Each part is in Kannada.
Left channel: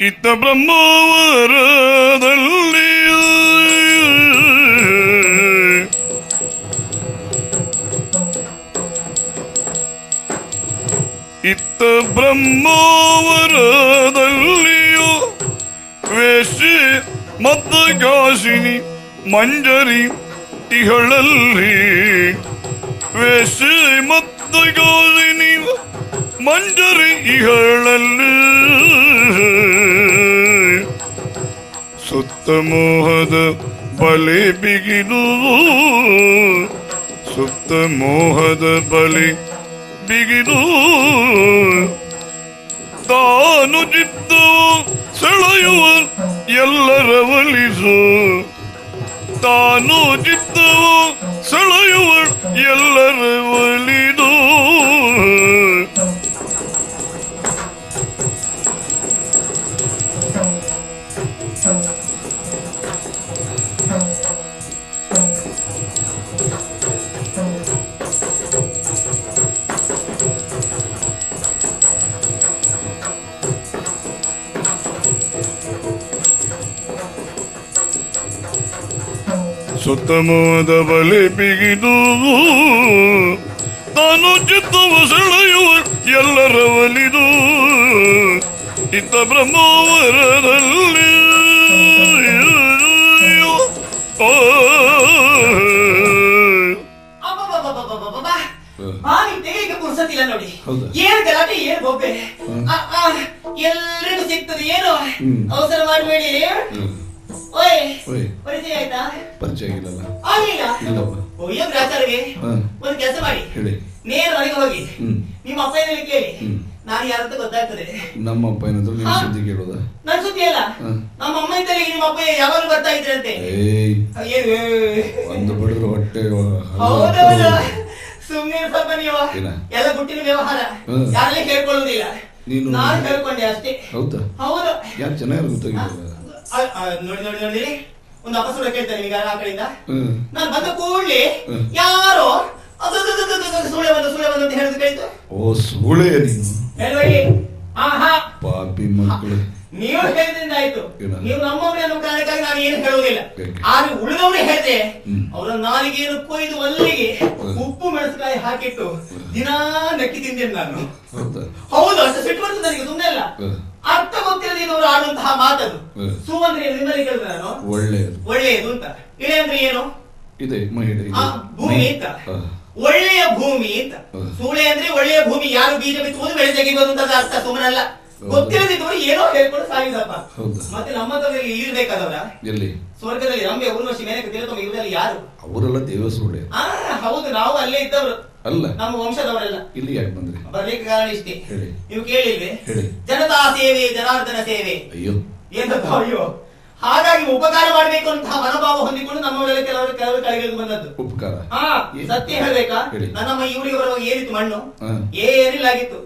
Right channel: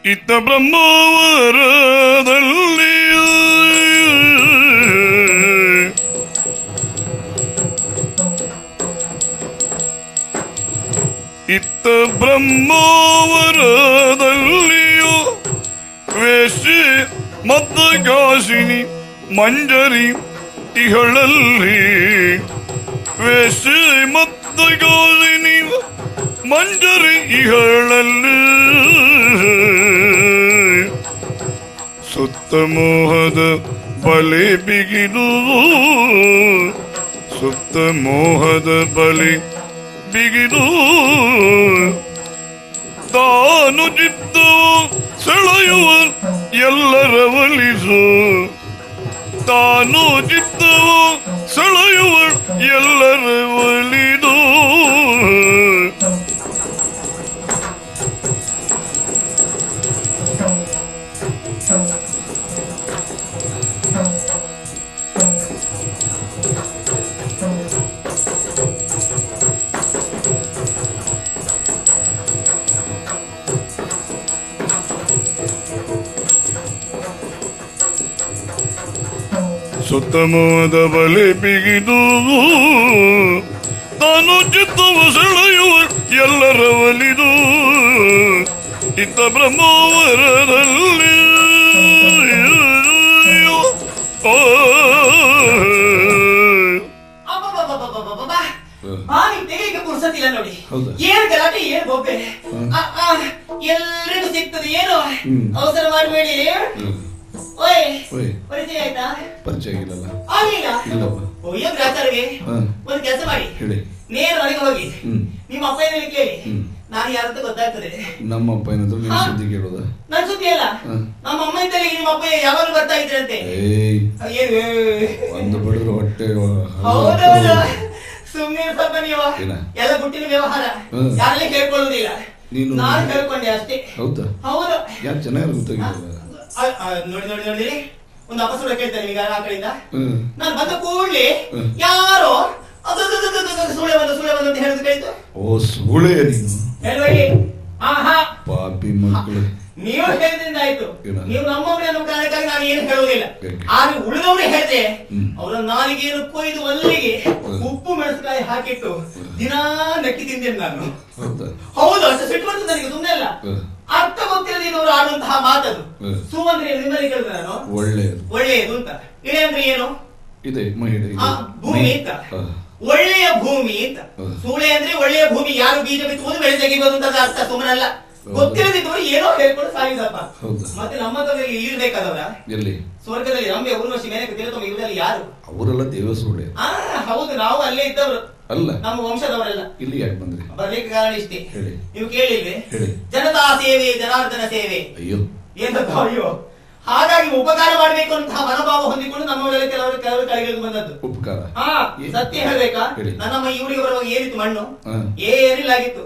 ಇತ ಬ್ರಹ್ಮಾವರದಲ್ಲಿ ಇತ್ತ ಬ್ರಹ್ಮಾವರದಲ್ಲಿಯೂ ವೇಷೆ ಮತ್ತ ಕಾಶಿನಿ ಮಂಜರಿ ಇಹಳಲ್ಲಿ ವೇಷೆ ಮತ್ತ ಕಾಶಿನಿ ಮಂಜರಿ ಇಹಳಲ್ಲಿ ಸುತ್ತ ಮೋಹದ ಬಲೆ ಬಿಗಿದು ಸುತ್ತ ಮೋಹದ ಬಲೆ ಬಿಗಿದು ತಾನು ಜಿದ್ದು ಸೆಳೆಯುವ ಎಲ್ಲರ ಒಲಿಸು ತಾನು ಜಿದ್ದು ಸೆಳೆಯುವ ಎಲ್ಲರ ಒಲಿದು ಸುತ್ತಮೋದ ಬಲೆ ಬಿಗಿದು ತಾನು ಜಿದ್ದು ಸೆಳೆಯುವ ಎಲ್ಲರ ಒಲಿದು ಇತ ಬ್ರಹ್ಮಾವರದಲ್ಲಿ ಎಲ್ಲರೂ ಸಿಗ್ತದೆ ಏನು ಅವಸರ ಮಾಡಬೇಡಿ. ಪರಿಚಯ ಇಲ್ಲ ಒಂದು ಕೆಲಸ ಮಾಡಿ ನೇರ ಒಳಗೆ ಹೋಗಿ ನಿಮ್ಮ ಅಪ್ಪ ಕೇಳಿ ನಾನು ಯಾರ ಗೊತ್ತಾಗ್ತದೆ. ನಮ್ಮ ಅಪ್ಪ ಕೇಳೋದ ನನ್ನ ಸುದ್ದಿ ಅಲ್ಲ ನಮ್ಮ ಅಮ್ಮಂದ ನಿಮ್ಮ ಅಪ್ಪ ಯಾವಾಗ ಗೊತ್ತಾಗ್ತದೆ ಸುಮ್ಮನೆ ಎಲ್ಲ ಬಿಟ್ಟಿನ ವ್ಯವಹಾರ ಯಾರಿಗೆ ಕೇಳ್ಕೊಳ್ಳೋದಿಲ್ಲ. ನಾನು ಕೇಳ್ಕೊಂಡೆ ಅಷ್ಟೇ. ಹೌದು ನೋಡಿ ಒಂದು ಅವಸರ ಕೇಳ್ತೇನೆ ಈಗ ಆ ಕಡೆಯಿಂದ ನಾನು ಬಂದ ಕೂಡಲೇ ಯಾರೋ ನೀವು ಹೇಳಿದ್ರಿಂದ ಆಯ್ತು. ನೀವು ನಮ್ಮ ಕಾರಣಕ್ಕಾಗಿ ನಾನು ಏನು ಹೇಳುವುದಿಲ್ಲ. ಆದ್ರೆ ಉಳಿದವನು ಹೇಳಿದೆ ಅವರ ನಾಲಿಗೆಯನ್ನು ಕೊಯ್ದು ಅಲ್ಲಿಗೆ ಉಪ್ಪು ಮೆಣಸಿನಕಾಯಿ ಹಾಕಿಟ್ಟು ದಿನಾ ನೆಟ್ಟಿದ್ದೇನೆ ನಾನು. ಹೌದು ಅಷ್ಟು ಸಿಟ್ಟು ನನಗೆ ಸುಮ್ಮನೆ ಅಲ್ಲ. ಅರ್ಥ ಗೊತ್ತಿಲ್ಲ ಇವರು ಆಡುವಂತಹ ಮಾತದು. ಸುಮ್ಮನೆ ನಿಮ್ಮಲ್ಲಿ ಹೇಳಿದ್ರೆ ನಾನು ಒಳ್ಳೆಯದು ಅಂತ. ಇಳೆಯಂದ್ರೆ ಏನು ಭೂಮಿ ಅಂತ. ಒಳ್ಳೆಯ ಭೂಮಿ ಅಂತ. ಸುಳ್ಳೆ ಅಂದ್ರೆ ಒಳ್ಳೆಯ ಭೂಮಿ. ಯಾರು ಬೀಜ ಬಿತ್ಕೊಂಡು ಬೆಳೆ ತೆಗೆಯುವಂತದ್ದು ಅರ್ಥ ಸುಮ್ಮನೆ ಅಲ್ಲ. ಗೊತ್ತಿಲ್ಲದಿದ್ರು ಏನೋ ಹೇಳ್ಕೊಂಡು ಸಾಗಿದಪ್ಪ. ಮತ್ತೆ ನಮ್ಮದ್ರಲ್ಲಿ ಇರ್ಬೇಕಾದ್ರ ಸ್ವರ್ಗದಲ್ಲಿ ನಮಗೆ ಊರ್ವಶಿ ಯಾರು ಅವರೆಲ್ಲ ದೇವಸುಳ್ಳೆ. ಹೌದು ನಾವು ಅಲ್ಲೇ ಇದ್ದವರು ನಮ್ಮ ವಂಶದವರೆಲ್ಲ ಬರ್ಲಿಕ್ಕೆ ಕಾರಣ ಇಷ್ಟೇ. ನೀವು ಕೇಳಿದ್ರೆ ಜನತಾ ಸೇವೆ ಜನಾರ್ದನ ಸೇವೆ ಏನಪ್ಪ ಅಯ್ಯೋ. ಹಾಗಾಗಿ ಉಪಕಾರ ಮಾಡಬೇಕು ಅಂತ ಮನೋಭಾವ ಹೊಂದಿಕೊಂಡು ನಮ್ಮ ಕೆಲವರು ಕೈಗೆ ಬಂದದ್ದು ಉಪಕಾರ. ಸತ್ಯ ಹೇಳ್ಬೇಕಾ ನನ್ನ ಇವರಿಗೆ ಬರುವ ಏರಿತು ಮಣ್ಣು ಏರಿಲಾಗಿತ್ತು.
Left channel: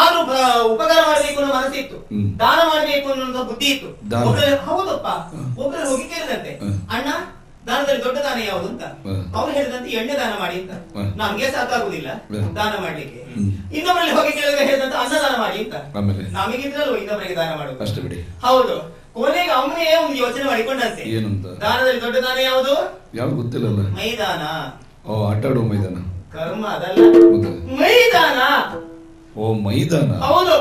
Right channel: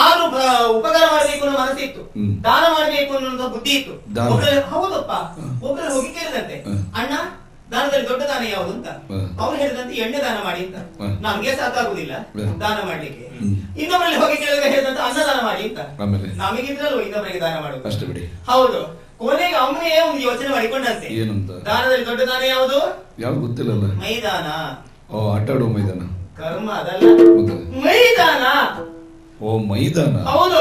ಆದ್ರೂ ಉಪಕಾರ ಮಾಡಬೇಕು ಅನ್ನೋ ಮನಸ್ಸಿತ್ತು, ದಾನ ಮಾಡಬೇಕು ಅನ್ನೋ ಬುದ್ಧಿ ಇತ್ತು. ಹೌದಪ್ಪ ಒಬ್ಬರು ಹೋಗಿದ್ದೇನಂತೆ ಅಣ್ಣ ದಾನದಲ್ಲಿ ದೊಡ್ಡ ದಾನ ಯಾವುದು ಅಂತ. ಅವ್ರು ಹೇಳಿದಂತೆ ಎಣ್ಣೆ ದಾನ ಮಾಡಿ ಅಂತ. ನಮ್ಗೆ ಸಾಕಾಗುದಿಲ್ಲ ದಾನ ಮಾಡ್ಲಿಕ್ಕೆ. ಇನ್ನೊಬ್ಬರಲ್ಲಿ ಹೋಗಿ ಹೇಳಿದಂತೆ ಅನ್ನದಾನ ಮಾಡಿ ಅಂತ. ನಮಗಿಂತಲೂ ಇನ್ನೊಬ್ಬರಿಗೆ ದಾನ ಮಾಡುದು. ಹೌದು ಕೊನೆಗೆ ಅವನೇ ಒಂದು ಯೋಚನೆ ಮಾಡಿಕೊಂಡಂತೆ ದಾನದಲ್ಲಿ ದೊಡ್ಡ ದಾನ ಯಾವುದು ಯಾವ್ದು ಗೊತ್ತಿಲ್ಲ. ಮೈದಾನ. ಆಟ ಆಡೋ ಮೈದಾನ. ಕರ್ಮ ಅದಲ್ಲ ಮೈದಾನ. ಮೈದಾನ. ಹೌದು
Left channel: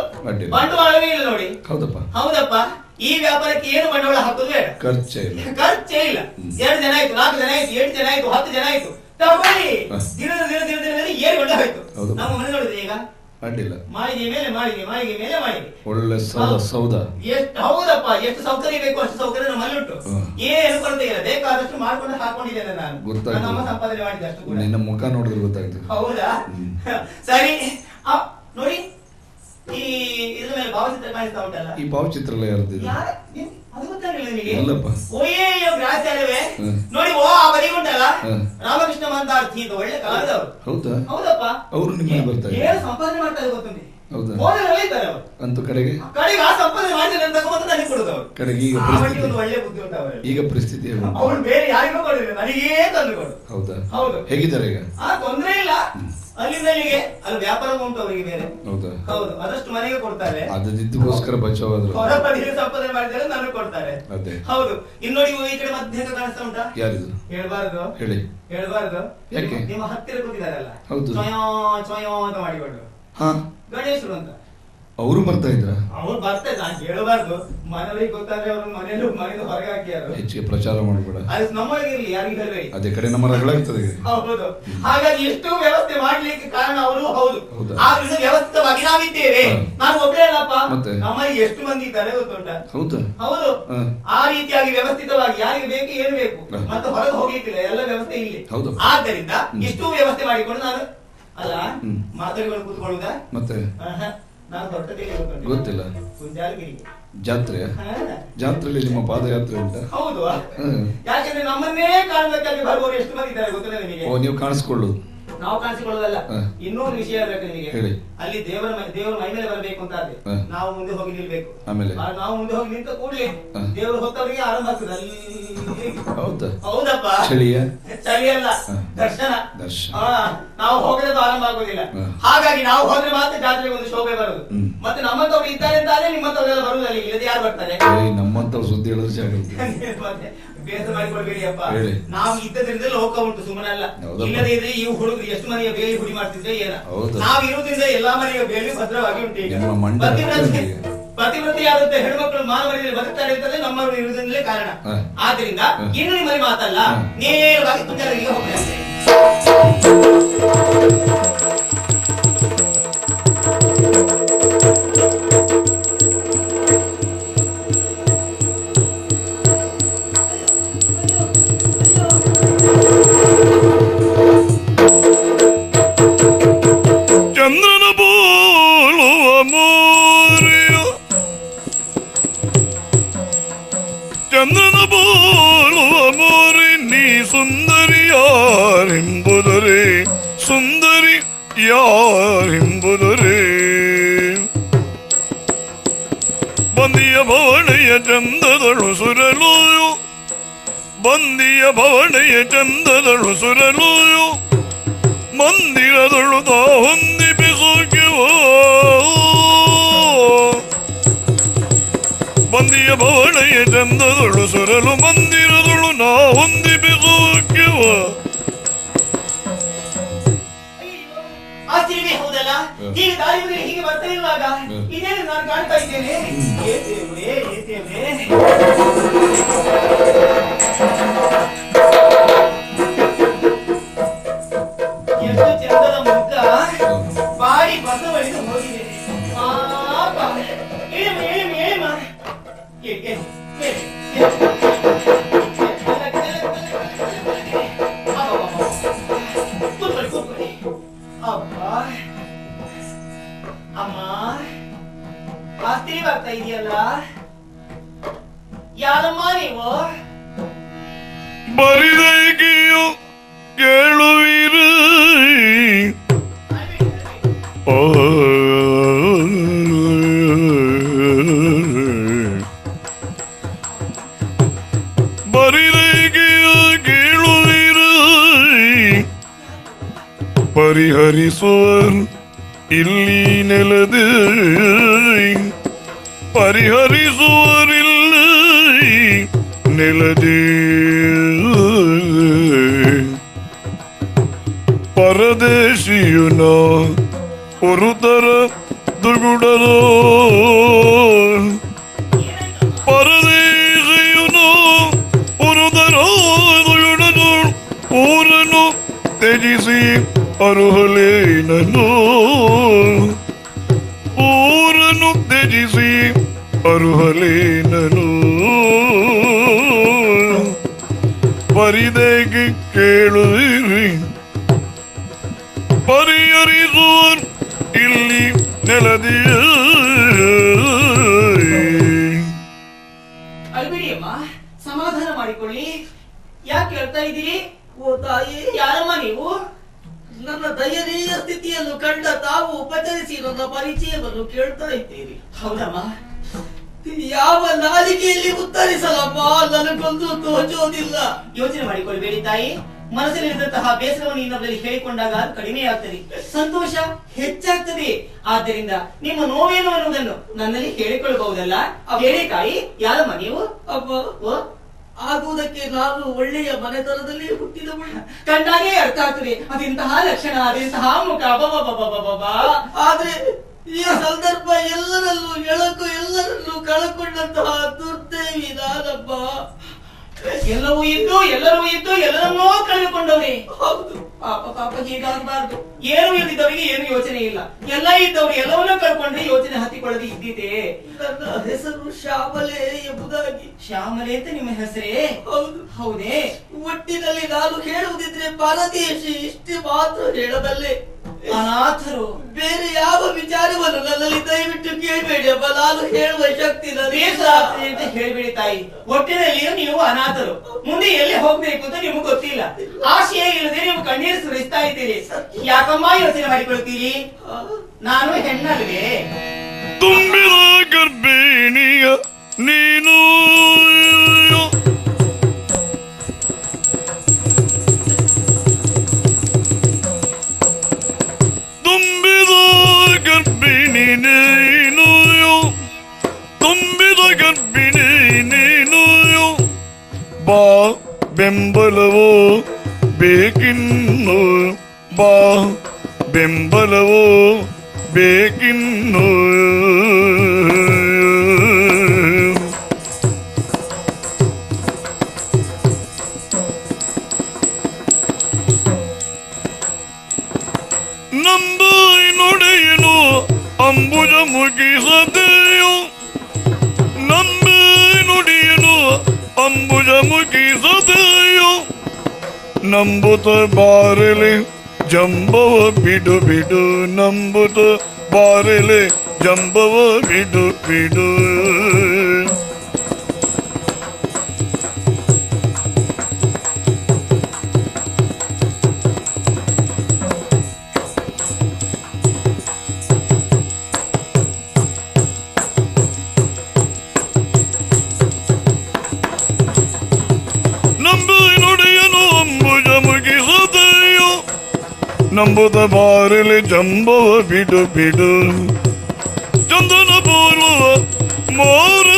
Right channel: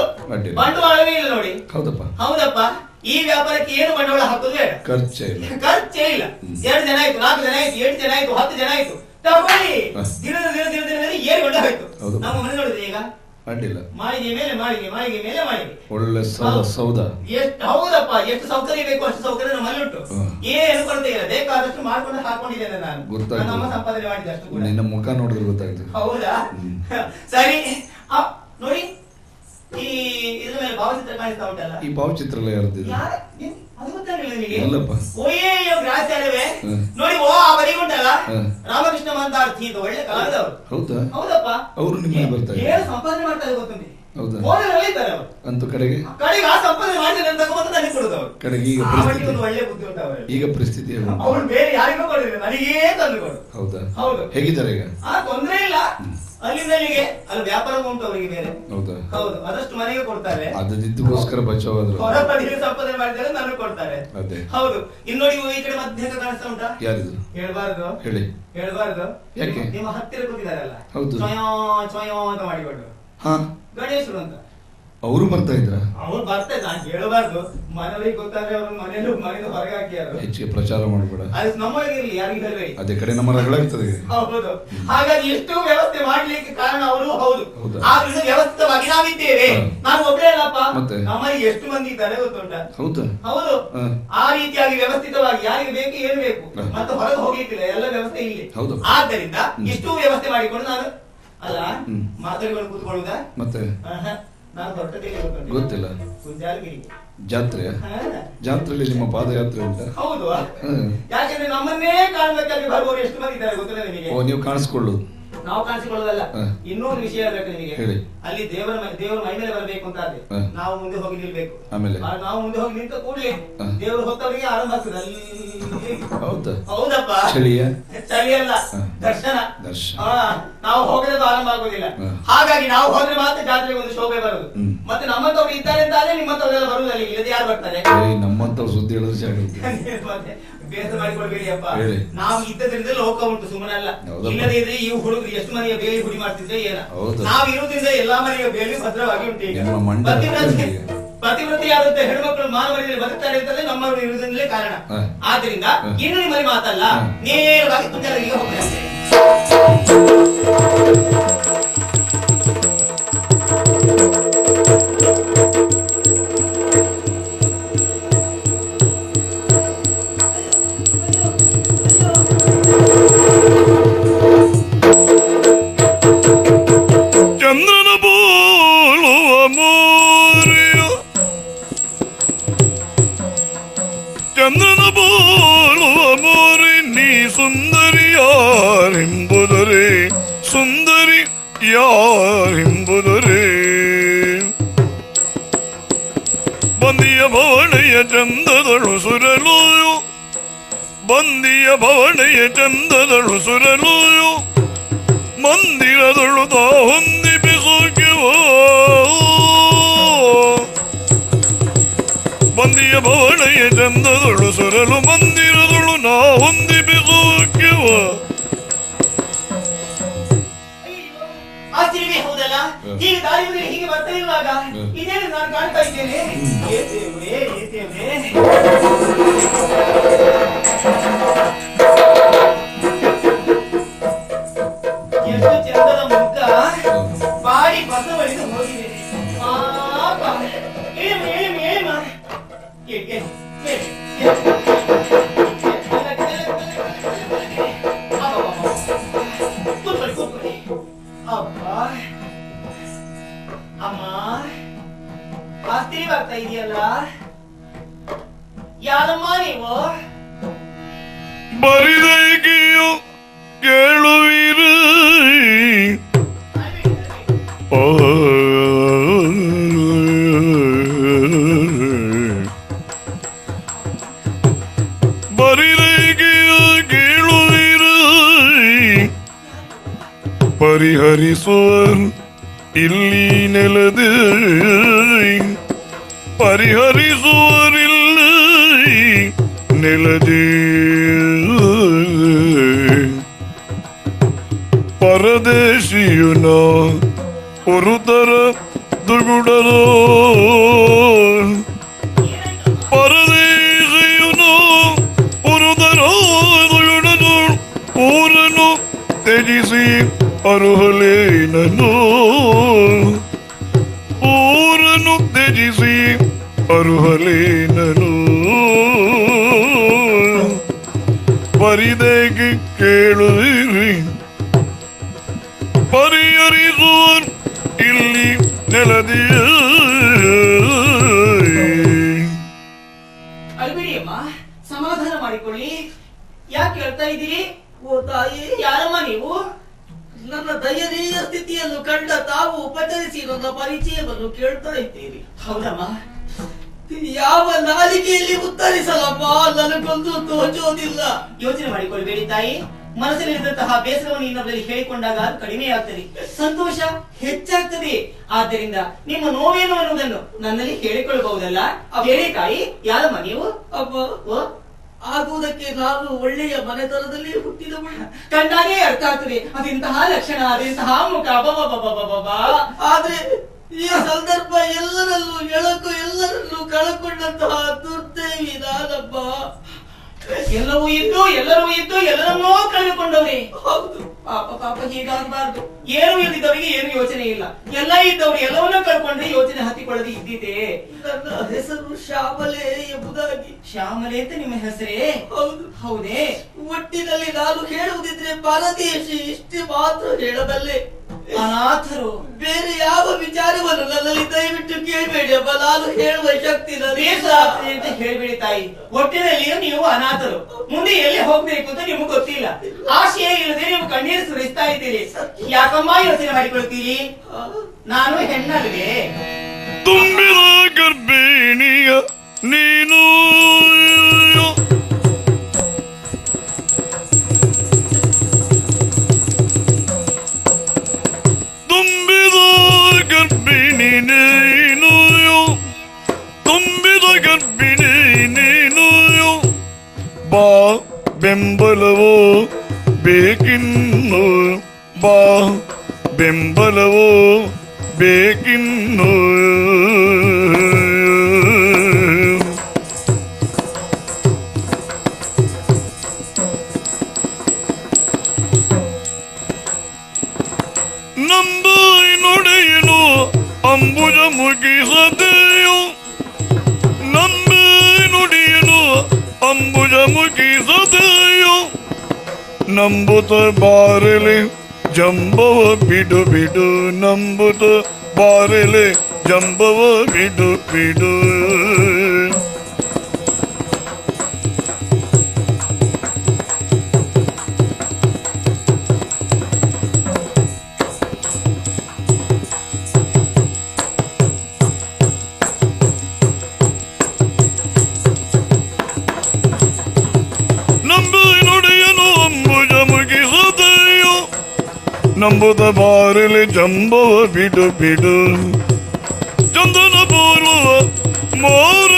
ಬಂಡವಾಳವೇ ಇಲ್ಲ ನೋಡಿ. ಹೌದಪ್ಪ ಈ ವ್ಯಾಪಾರಕ್ಕೆ ಏನು ಬಂಡವಾಳ ಹಾಕುದು ಖರ್ಚೇ ಇಲ್ಲ. 2 ಜನ ಆಯ್ತು, 4 ಜನ ಆಯ್ತು, 7 ಜನ ಆಯ್ತು, 10 ಜನ ಆಯ್ತು ತಗೊಳ್ಳಿ. ಏನು ಒಳ್ಳೆ ಹೋಯ್ತು. ನಾವು ಮನೆ ನೋಡಿದ್ರೆ ಈಗ ಮಾಡಿ ಒಳ್ಳೆ ಸೌದ. ಹೌದಪ್ಪ ಎಷ್ಟು ಸೌಕರ್ಯ ಬೇಕು ಅಷ್ಟು ಸೌಕರ್ಯ ಮನೆ ಉಂಟು. ಏನು ಕೊರತೆ ಇಲ್ಲ. ಬೇಕಾದಷ್ಟು ಮಾಡ್ಕೊಂಡು ಹಾಕೊಂಡಿದ್ದೇನೆ ನಾನು. ಸಂಪಾದನೆ ಮಾಡಿದೆ ಅಷ್ಟು. ಮುಖ ನೋಡಿ ಗೊತ್ತಾಯ್ತು. ಹೌದಾ ಸರಿ ನೋಡಿ ಈ ಇದ್ರ ಭಾವಚಿತ್ರ ಕಾಣಿಸ್ತಾ ಉಂಟಲ್ಲ. ಈ ಭಾವಚಿತ್ರ ನೋಡಿ ಓ ಬರೀ ಉಂಟಲ್ಲ ರಾಮಕೃಷ್ಣ ಅಂತ ಗೀತ ಒಳ್ಳೆ ಕಾಲದವರು. ಹೌದಪ್ಪ ಏನು ಸಂಪಾದನೆ ಮಾಡ್ತಾ ಇದ್ದಾರೆ ಅಂತೂ ಕಡೆಗೆ ಆ ಸಂಪಾದನೆ ಮಾಡಿದ್ರೆ ಕಡೆಗೆ ಒಳ್ಳೆ ಬುದ್ಧಿ ಉಂಟು ಅವರಿಗೆ. ಈಗ ಪರಿಸ್ಥಿತಿ ಅವ್ರು ಬೇರೆ ಯಾರಿಗೂ ಬರೋದಿಲ್ಲ, ನನಗೇ ತಂದು. ಹೌದಾ? ಹೌದು. ಹೇಗಿದ್ದಾರೆ ಈಗ? ತೊಂದರೆ ಇಲ್ಲ. ಅಲ್ಲಿಗೆ ಅಲ್ಲಿ ವ್ಯಾಪಾರ ಉಂಟು ಅವರಿಗೆ. ಹೌದು ಅದಷ್ಟು ಮನೆಗೆ ಕೊಡ್ತಾರೆ. ಅದಕ್ಕೋಸ್ಕರ ಸ್ವಚ್ಛವಾದ ಹೊರ ಬಳಿಗೆ ಸಂಪಾದನೆ ಮಾಡಿದ್ರೆ ನನಗೆ ಕೊಡ್ತಾರೆ. ಅದೇ ಹೌದು. ಇನ್ನು ನೀವು ಈ ಕಡೆ ಮಧ್ಯೆ ಕಾಣಿಸ್ತಾ ಉಂಟಾ? ಯಾರಿದು ಹೇಳ್ಬಾರ್ದು ಹೇಳಿ. ಹೇಳ್ಬಾರ್ದು. ಯಾಕೆ? ನಿಮ್ಮ ಹತ್ತಿರ ಕೂತಿದಾರಲ್ಲ, ಹೌದು. ಸ್ವಯಂ ಸ್ವಯಂ ಅಂತ ಮಾಡಿಬಿಡು. ಹಾ ಗಣೇಶರು ಅಂತ ಅವರು ಬರ್ತಾ ಇದ್ರ ಅವ್ರು ಬರ್ತಾರೆ. ನಾನು ಹೇಳ್ಬಾರ್ದು, ಮನೆಯಲ್ಲಿ ಗೊತ್ತಾದ್ರೆ ಅವ್ರ ಮನೆಯಲ್ಲೂ ಮನೆಯಿಂದ ಹೊರಗೆ ಹಾಕಿಯಾರು. ಹೆಚ್ಚಿಗೆ ಪ್ರಚಾರ ಮಾಡ್ಬೇಡ. ಅದು ನಮ್ಮೊಳಗಿರಲಿ, ಯಾರಿಗೂ ಹೇಳಿ. ಅದೇ ಕಡೆ ನಮ್ಮ ಆಗ್ತದೆ. ಹೌದು. ಹಾಗಾಗಿ ಇಷ್ಟು ವ್ಯವಸ್ಥೆ ಮಾಡ್ಲಿಕ್ಕೆ ಕಾರಣ ಅವರು. ಹೌದು. ಹೌದಾ? ಆದ್ರಿಂದ ವ್ಯವಸ್ಥೆವಾಗಿ ನಾವಿದ್ದೇವೆ. ಹಾ. ನಾನು ಒಬ್ಬರೇ ಅಲ್ಲಪ್ಪ, ಮತ್ತೆ? ನಮ್ಮಲ್ಲಿ ಎಷ್ಟು ಮಂದಿ ಇದ್ದಾರೆ ಗೊತ್ತುಂಟಾ? ಹೌದಾ? ಹೌದು. ಹಾ. ಆ ರೀತಿಯಾಗಿ ವ್ಯವಸ್ಥಿತವಾಗಿ ಯಾರಿಗೆ ಬೇಕು ಇರಬೇಕು, ಹಾ. ಮತ್ತೆ ಹೊರಗೆ ಹೋಗಿದ್ರೆ ಎಲ್ಲ ವ್ಯವಸ್ಥೆ ಇಲ್ಲಿ. ಹೌದು. ಆದ್ದರಿಂದ ಇಷ್ಟು ವ್ಯವಸ್ಥೆ ಮಾಡಿಕೊಂಡು ನಾನು ಅಲ್ಲ ಮಾತಾಡಿಕೊಂಡು ಕೂತ್ಕೊಳ್ಳುದ. ಮತ್ತೆ ನಾನು ಹೊರಟಲ್ಲಿ ಗೊತ್ತಿಲ್ಲ. ಜಾತ್ರೆ ಜಾತ್ರೆಯಲ್ಲಿ ನಿಮ್ಮ ಪಾದಯಾತ್ರೆ ಉಂಟಾ? ಹೌದು. ಯಾಕಂದ್ರೆ ನಮ್ಮನ್ನೇ ಕಾರಣಕ್ಕಾಗಿ ಬರುವ ಎಷ್ಟು ಮಂದಿ ಇದ್ದಾರೆ ಗೊತ್ತಿಲ್ಲ ನಿಮಗೆ. ಓ, ನೀವು ಕಾಣಿಸ್ಕೊಳ್ಳು. ನಾವು ಕಾಣಿಸಿಕೊಳ್ಳೋದಲ್ಲ. ಹಾ. ಇನ್ನೊಂದು ವಿಷಯ ಬೇಕು ನಿಮಗೆ. ಹೇಳಿ. ಅಲ್ಲಿ ದೇವರ ಮಹಿಳೆ ಬರಬೇಕು ಅಂತ ಆದ್ರೆ ಹಾ. ನಾವು ಮುಂದೆ ಹೋಗಿ ನಿಲ್ಬೇಕು. ಆಮೇಲೆ ನಾವು ಮುಂದೆ ಹೋಗಿ ನಿಂತ ಕೂಡಲೇ ಹಾ. ದೇವರು ಹೋಗ್ತಾಗೆ ಆರಂಭ ಆಗ್ತದೆ ಅಲ್ಲಿ. ಹೌದಾ? ಹೌದಪ್ಪ. ಸರಿಯಾ? ಸರಿಯಲ್ಲ. ಹಾ. ದರ್ಶನ. ದರ್ಶನ. ಹಾ. ನಾವು ಹೋಗದೆ ಆರಂಭ ಆಗುದಿಲ್ಲ. ಹಾ. ಹಾಗಾಗಿ ನಾವು ಹೋದ್ರೆ ಮಾತ್ರ ಜಾತ್ರೆಗೆ ಒಂದು ಶೋಭೆ ಬರೋದು. ಹ್ಮ್. ಮತ್ತೆ ನಮ್ಮಂತವ್ರು ಇದ್ದಾರೆ ಅಂತಾನೆ ನಿಮ್ಮಂತವ್ರೆಲ್ಲ ಬರುವುದಿಲ್ಲ. ಇಲ್ಲದೆ ಯಾರು ಬರ್ತಾರೆ? ನಮ್ಮಂತ ಸುದ್ದಿ ಹೇಳೋದು ಸರಿ. ಮತ್ತೆ ಬೇಸರ ಮಾಡಿಕೊಳ್ಬೇಡಿಯಪ್ಪ. ಹೇಳಿ. ನಾವು ಇದ್ದದ್ರಿಂದ ಲೋಕ ಉಂಟು, ಸುಮ್ಮನಲ್ಲ. ಹೌದಾ? ಇಲ್ಲದೆ ಇದ್ರೆ ಈ ಹುಡುಗ ಎಷ್ಟು ಮನೆಗೆ ಬೇರೆ ಹುಡಿ ಮಾಡ್ತಿದ್ರೆ ಏನ. ಹೌದಾ? ನಾವು ಇರುವುದರಿಂದ ಎಲ್ಲಾ ಮನೆಗೆ ಬೇರೆ ಭದ್ರವಾಗಿ ನಿಮ್ಮ ಮಂಡ್ಯ ಉಂಟು. ಪತಿವ್ರತೆಯಾದಂತೆ ಹೆಣ್ಮಕ್ಳು ಮಾನವರಿಗೆ ಬದುಕ್ತಾರೆ ಅಂತಂದ್ರೆ ನಮ್ಮವರು ಇರುವುದರಿಂದಲೇ ಕಾರಣ. ಹಾ. ಆದ್ರಿಂದ ಹಾ. ಇನ್ನು ನಿಮ್ಮಲ್ಲಿ ಮಾತಲ್ಲ, ಹಾ. ನೇರವಾಗಿ ಪೂಜಾರಿಗೆ ಹೋಗ್ತೇವೆ. ಚಂದನ ಬೋಳುವ ಮೋರಿಯ ಚಂದನ ಬೋಳುವ ಮೋರಿ ನೀ ಸುಂದರಿ ಯಾರೆಂಬುದರೇ ಸುಂದರಿ ಯಾರೆಂಬುದರೇ ಬದಿಯ ಬಾಡೆಯ ಚಂದಗಳು ಸುರಲೋಯು ಬಂದಿಯ ಬಾಡೆಯ ಚಂದಗಳು ಸುರಲೋಯು ಮಂದಿರದಳು ಹೊಂದಿಬಿಸುವ ಬಂದಿಯ ಬಾಡೆಯ ಚಂದಗಳು ಸುರಲು ಮಂದಿರದಳು ನಾ ಹೊಂದಿಬಿಸುವ ಆ ಸೀಮೆ ಹೌದಲ್ಲ, ಈ ದಾರಿಯಲ್ಲಿ ಹೀಗೆ ಬರ್ತಾ ಇರುವಾಗ ಇದೇನು ನಾನು ಕಾಣ್ತಾ ಇದ್ದೇನೆ? ಎಷ್ಟು ಚಂದದ ಮುಕ್ತ ಬಾಯಿ ಬಸವಳಿದು ಹೋಗಿದೆ. ಅಮ್ಮ ಆಸ್ತಿ ಬರ್ತಾ ಇದೆಯಲ್ಲ, ಯಾರಮ್ಮ ನೀವು? ಬರಿದೆಗಿಯು ಕೇಳುವಿರಿ ಬರಿದೆಗಿಯು ಕೇಳುವಿರಿ ಪರಿಹರಿಸುವರು ಇಲ್ಲಿ ನೆಲದೆ ಪರಿಹರಿಸುವರಿಲ್ಲಿ ನೆಲದೆ ಪರದೇಶಿಯುನ ಪುರುತರ ದುಗುಡಲೋ ಪರದೇಶಿಯುನ ಪುರುತರ ದುಗುಡಲೋ ಊರನ್ನು ತ್ಯಜಿಸಿ ಅರುಹಲೇನನು ಊರನ್ನು ತ್ಯಜಿಸಿ ಅರುಹಲೇನನು ಪರಿದೆಗೆ ಕೇಳದಿರಿ ಪರಿಹರಿಸುವರ್ ಇಲ್ಲಿ ನೆಲದಿಯ ಅಲ್ವೇಯಮ್ಮ, ಸಮಾಧಾನ ಮಾಡಿಕೊಳ್ಳಿ. ಯಾಕೆ ಹೇಳ್ತಾ ಇದ್ದೀರಿ? ಓ ತಾಯಿ, ಯಾರಮ್ಮ ನೀವು? ನನ್ನ ದಯನೀಯ ಸ್ಥಿತಿಯನ್ನು ಕಂಡ ತಾವು ಉಪಚರಿಸಿ ನನ್ನ ಪರಿಚಯವನ್ನು ಕೇಳ್ತಾ ಇದ್ದೀರಿ. ಹೌದಮ್ಮ, ಯಾವ ನಾಲಿಗೆಯಲ್ಲಿ ಉತ್ತರಿಸಲಮ್ಮ? ನನಗೊಂದು ತೋಚೋದಿಲ್ಲ. ಯೋಚನೆ ಮಾಡಿಕೊಳ್ಬೇಡಿ ತಾಯಿ. ಮನಸ್ಸಲ್ಲಿದ್ದಂತಹ ಬೇಸರವನ್ನು ಇನ್ನೊಬ್ಬರಿಗೆ ಹೇಳಿಕೊಂಡಾಗ ಕಡಿಮೆ ಆಗ್ತದೆ, ಸಂತೋಷ ಹೆಚ್ಚಾಗ್ತದೆ. ಆದ್ದರಿಂದ ನಿಮ್ಮ ನೋವೇನು ಅನ್ನೋದನ್ನು ನನ್ನಲ್ಲಿ ಹೇಳಿಕೊಳ್ಳಬಹುದಲ್ಲ. ಹೇಳಿ ತಾಯಿ, ಯಾರಮ್ಮ ನೀವು? ಆಗುವುದಕ್ಕೆ ನಾನು ಒಳ್ಳೆಯ ಮನೆತನದಲ್ಲಿ ಹುಟ್ಟಿದವ. ಕಣ್ಣಾಗೆ ಅರ್ಥ ಆಗ್ತದೆ ಅದಿಂತಹ ಲಕ್ಷಣ, ಅದಿಂತಹ ಮುಖ. ಆದ್ರೆ ಈ ಸಂದರ್ಭ ಎಲ್ಲರಲ್ಲೂ ಎಳಕು ಎಲ್ಲರಲ್ಲೂ ಕಳಕೊಂಡಂತಹ ದುರ್ದೈವಿ ನಾನಪ್ಪ. ಎಲ್ಲವೂ ಇದ್ದು ಎಲ್ಲವನ್ನೂ ಕಳೆದುಕೊಂಡವೇ. ಪಾಪ ಪಾಪ ಹೀಗಾಗಬಾರ್ದು. ಏನು ಇದ್ದಿದ್ದವರಿಗೆ ಏನು ಯೋಚನೆ ಇಲ್ಲ, ಎಲ್ಲ ಇದ್ದವರು ಎಲ್ಲವನ್ನೂ ಕಳ್ಕೊಂಡ್ರೆ ಯೋಚನೆ ಹಾಕಿಕೊಳ್ಳದೆ ಇದ್ದಿದೆ. ನನ್ನ ಹೆಸರು ಶ್ಯಾಮಲೆ ಎಂಬುದಾಗಿ. ಶ್ಯಾಮಲೆ ಅಂತ ನಿಮ್ಮ ಹೆಸರೇ? ಹೌದೇ? ಒಟ್ಟಿನಲ್ಲಿ ನಾನು ಹೇಳುವುದಿದ್ರೆ ಪರದೇಶಿ ಇಷ್ಟು ಮಾತ್ರ ಹೇಳಬಲ್ಲೆ. ಅನಾಥರು ಬೇರೆ ಯಾವ ವಿಚಾರವನ್ನು ನನ್ನಲ್ಲಿ ದಯವಿಟ್ಟು ಕೇಳಬೇಡಪ್ಪ. ನಾನು ಹೇಳುವ ಶಕ್ತಿ ಹೇಳ್ಬೇಡಿ ತಾಯಿ. ಒಟ್ಟಿನಲ್ಲಿ ನೀವು ಅನಾಥರು, ಮುಂದೆ ಎಲ್ಲಿ ಹೋಗ್ಬೇಕು ಅಂತ ನಿಮ್ಗೆ ಗೊತ್ತಿಲ್ಲ. ಆಶೆ ಇಲ್ಲದೆ ನೀವು ಕಣ್ಣೀರು ಸುರಿಸ್ತಾ ಇದ್ದೀರಿ. ಯಾಕಮ್ಮ ಯೋಚನೆ ಮಾಡಿಕೊಳ್ತೀರಿ? ನಾನು ಹೆಣ್ಣಲ್ವೇ? ತುಂಬಿದ ಗರ್ಭಿಣಿಯ ನೀನು, ತುಂಬಿದ ಗರ್ಭಿಣಿ ನೀನು, ತುಂಬಿದ ಗರ್ಭಿಣಿ ನೀನು. ಬಾ ಬೆಂಬಲವೋ ಬೇಕಿನ್ನು, ಬಾ ಬೆಂಬಲವೋ ಬೇಕಿನ್ನು. ನೊಡೆಯಲು ಅಂಬುಲ ಮುಗಿಸದೆಯೋ, ನಮ್ಮ ನುಡಿಯಲು ಅಂಬುಲ ಮುಗಿಸದೆಯೋ. ನಂಬುತ್ತ ಬಾರಲೆ ಜಂಬವ ಬಿಡು ಬಿಡು, ನಂಬುತ್ತ ಬಾರಲೆ ಜಂಬವ ಬಿಡು ಬಿಡು. ನಂಬುದ ಬಾರಲೆ ಜಂಬೋ ಬಿಡು ಬಿಡು. ಚಂದನ ಬೋಲು ಮೋರ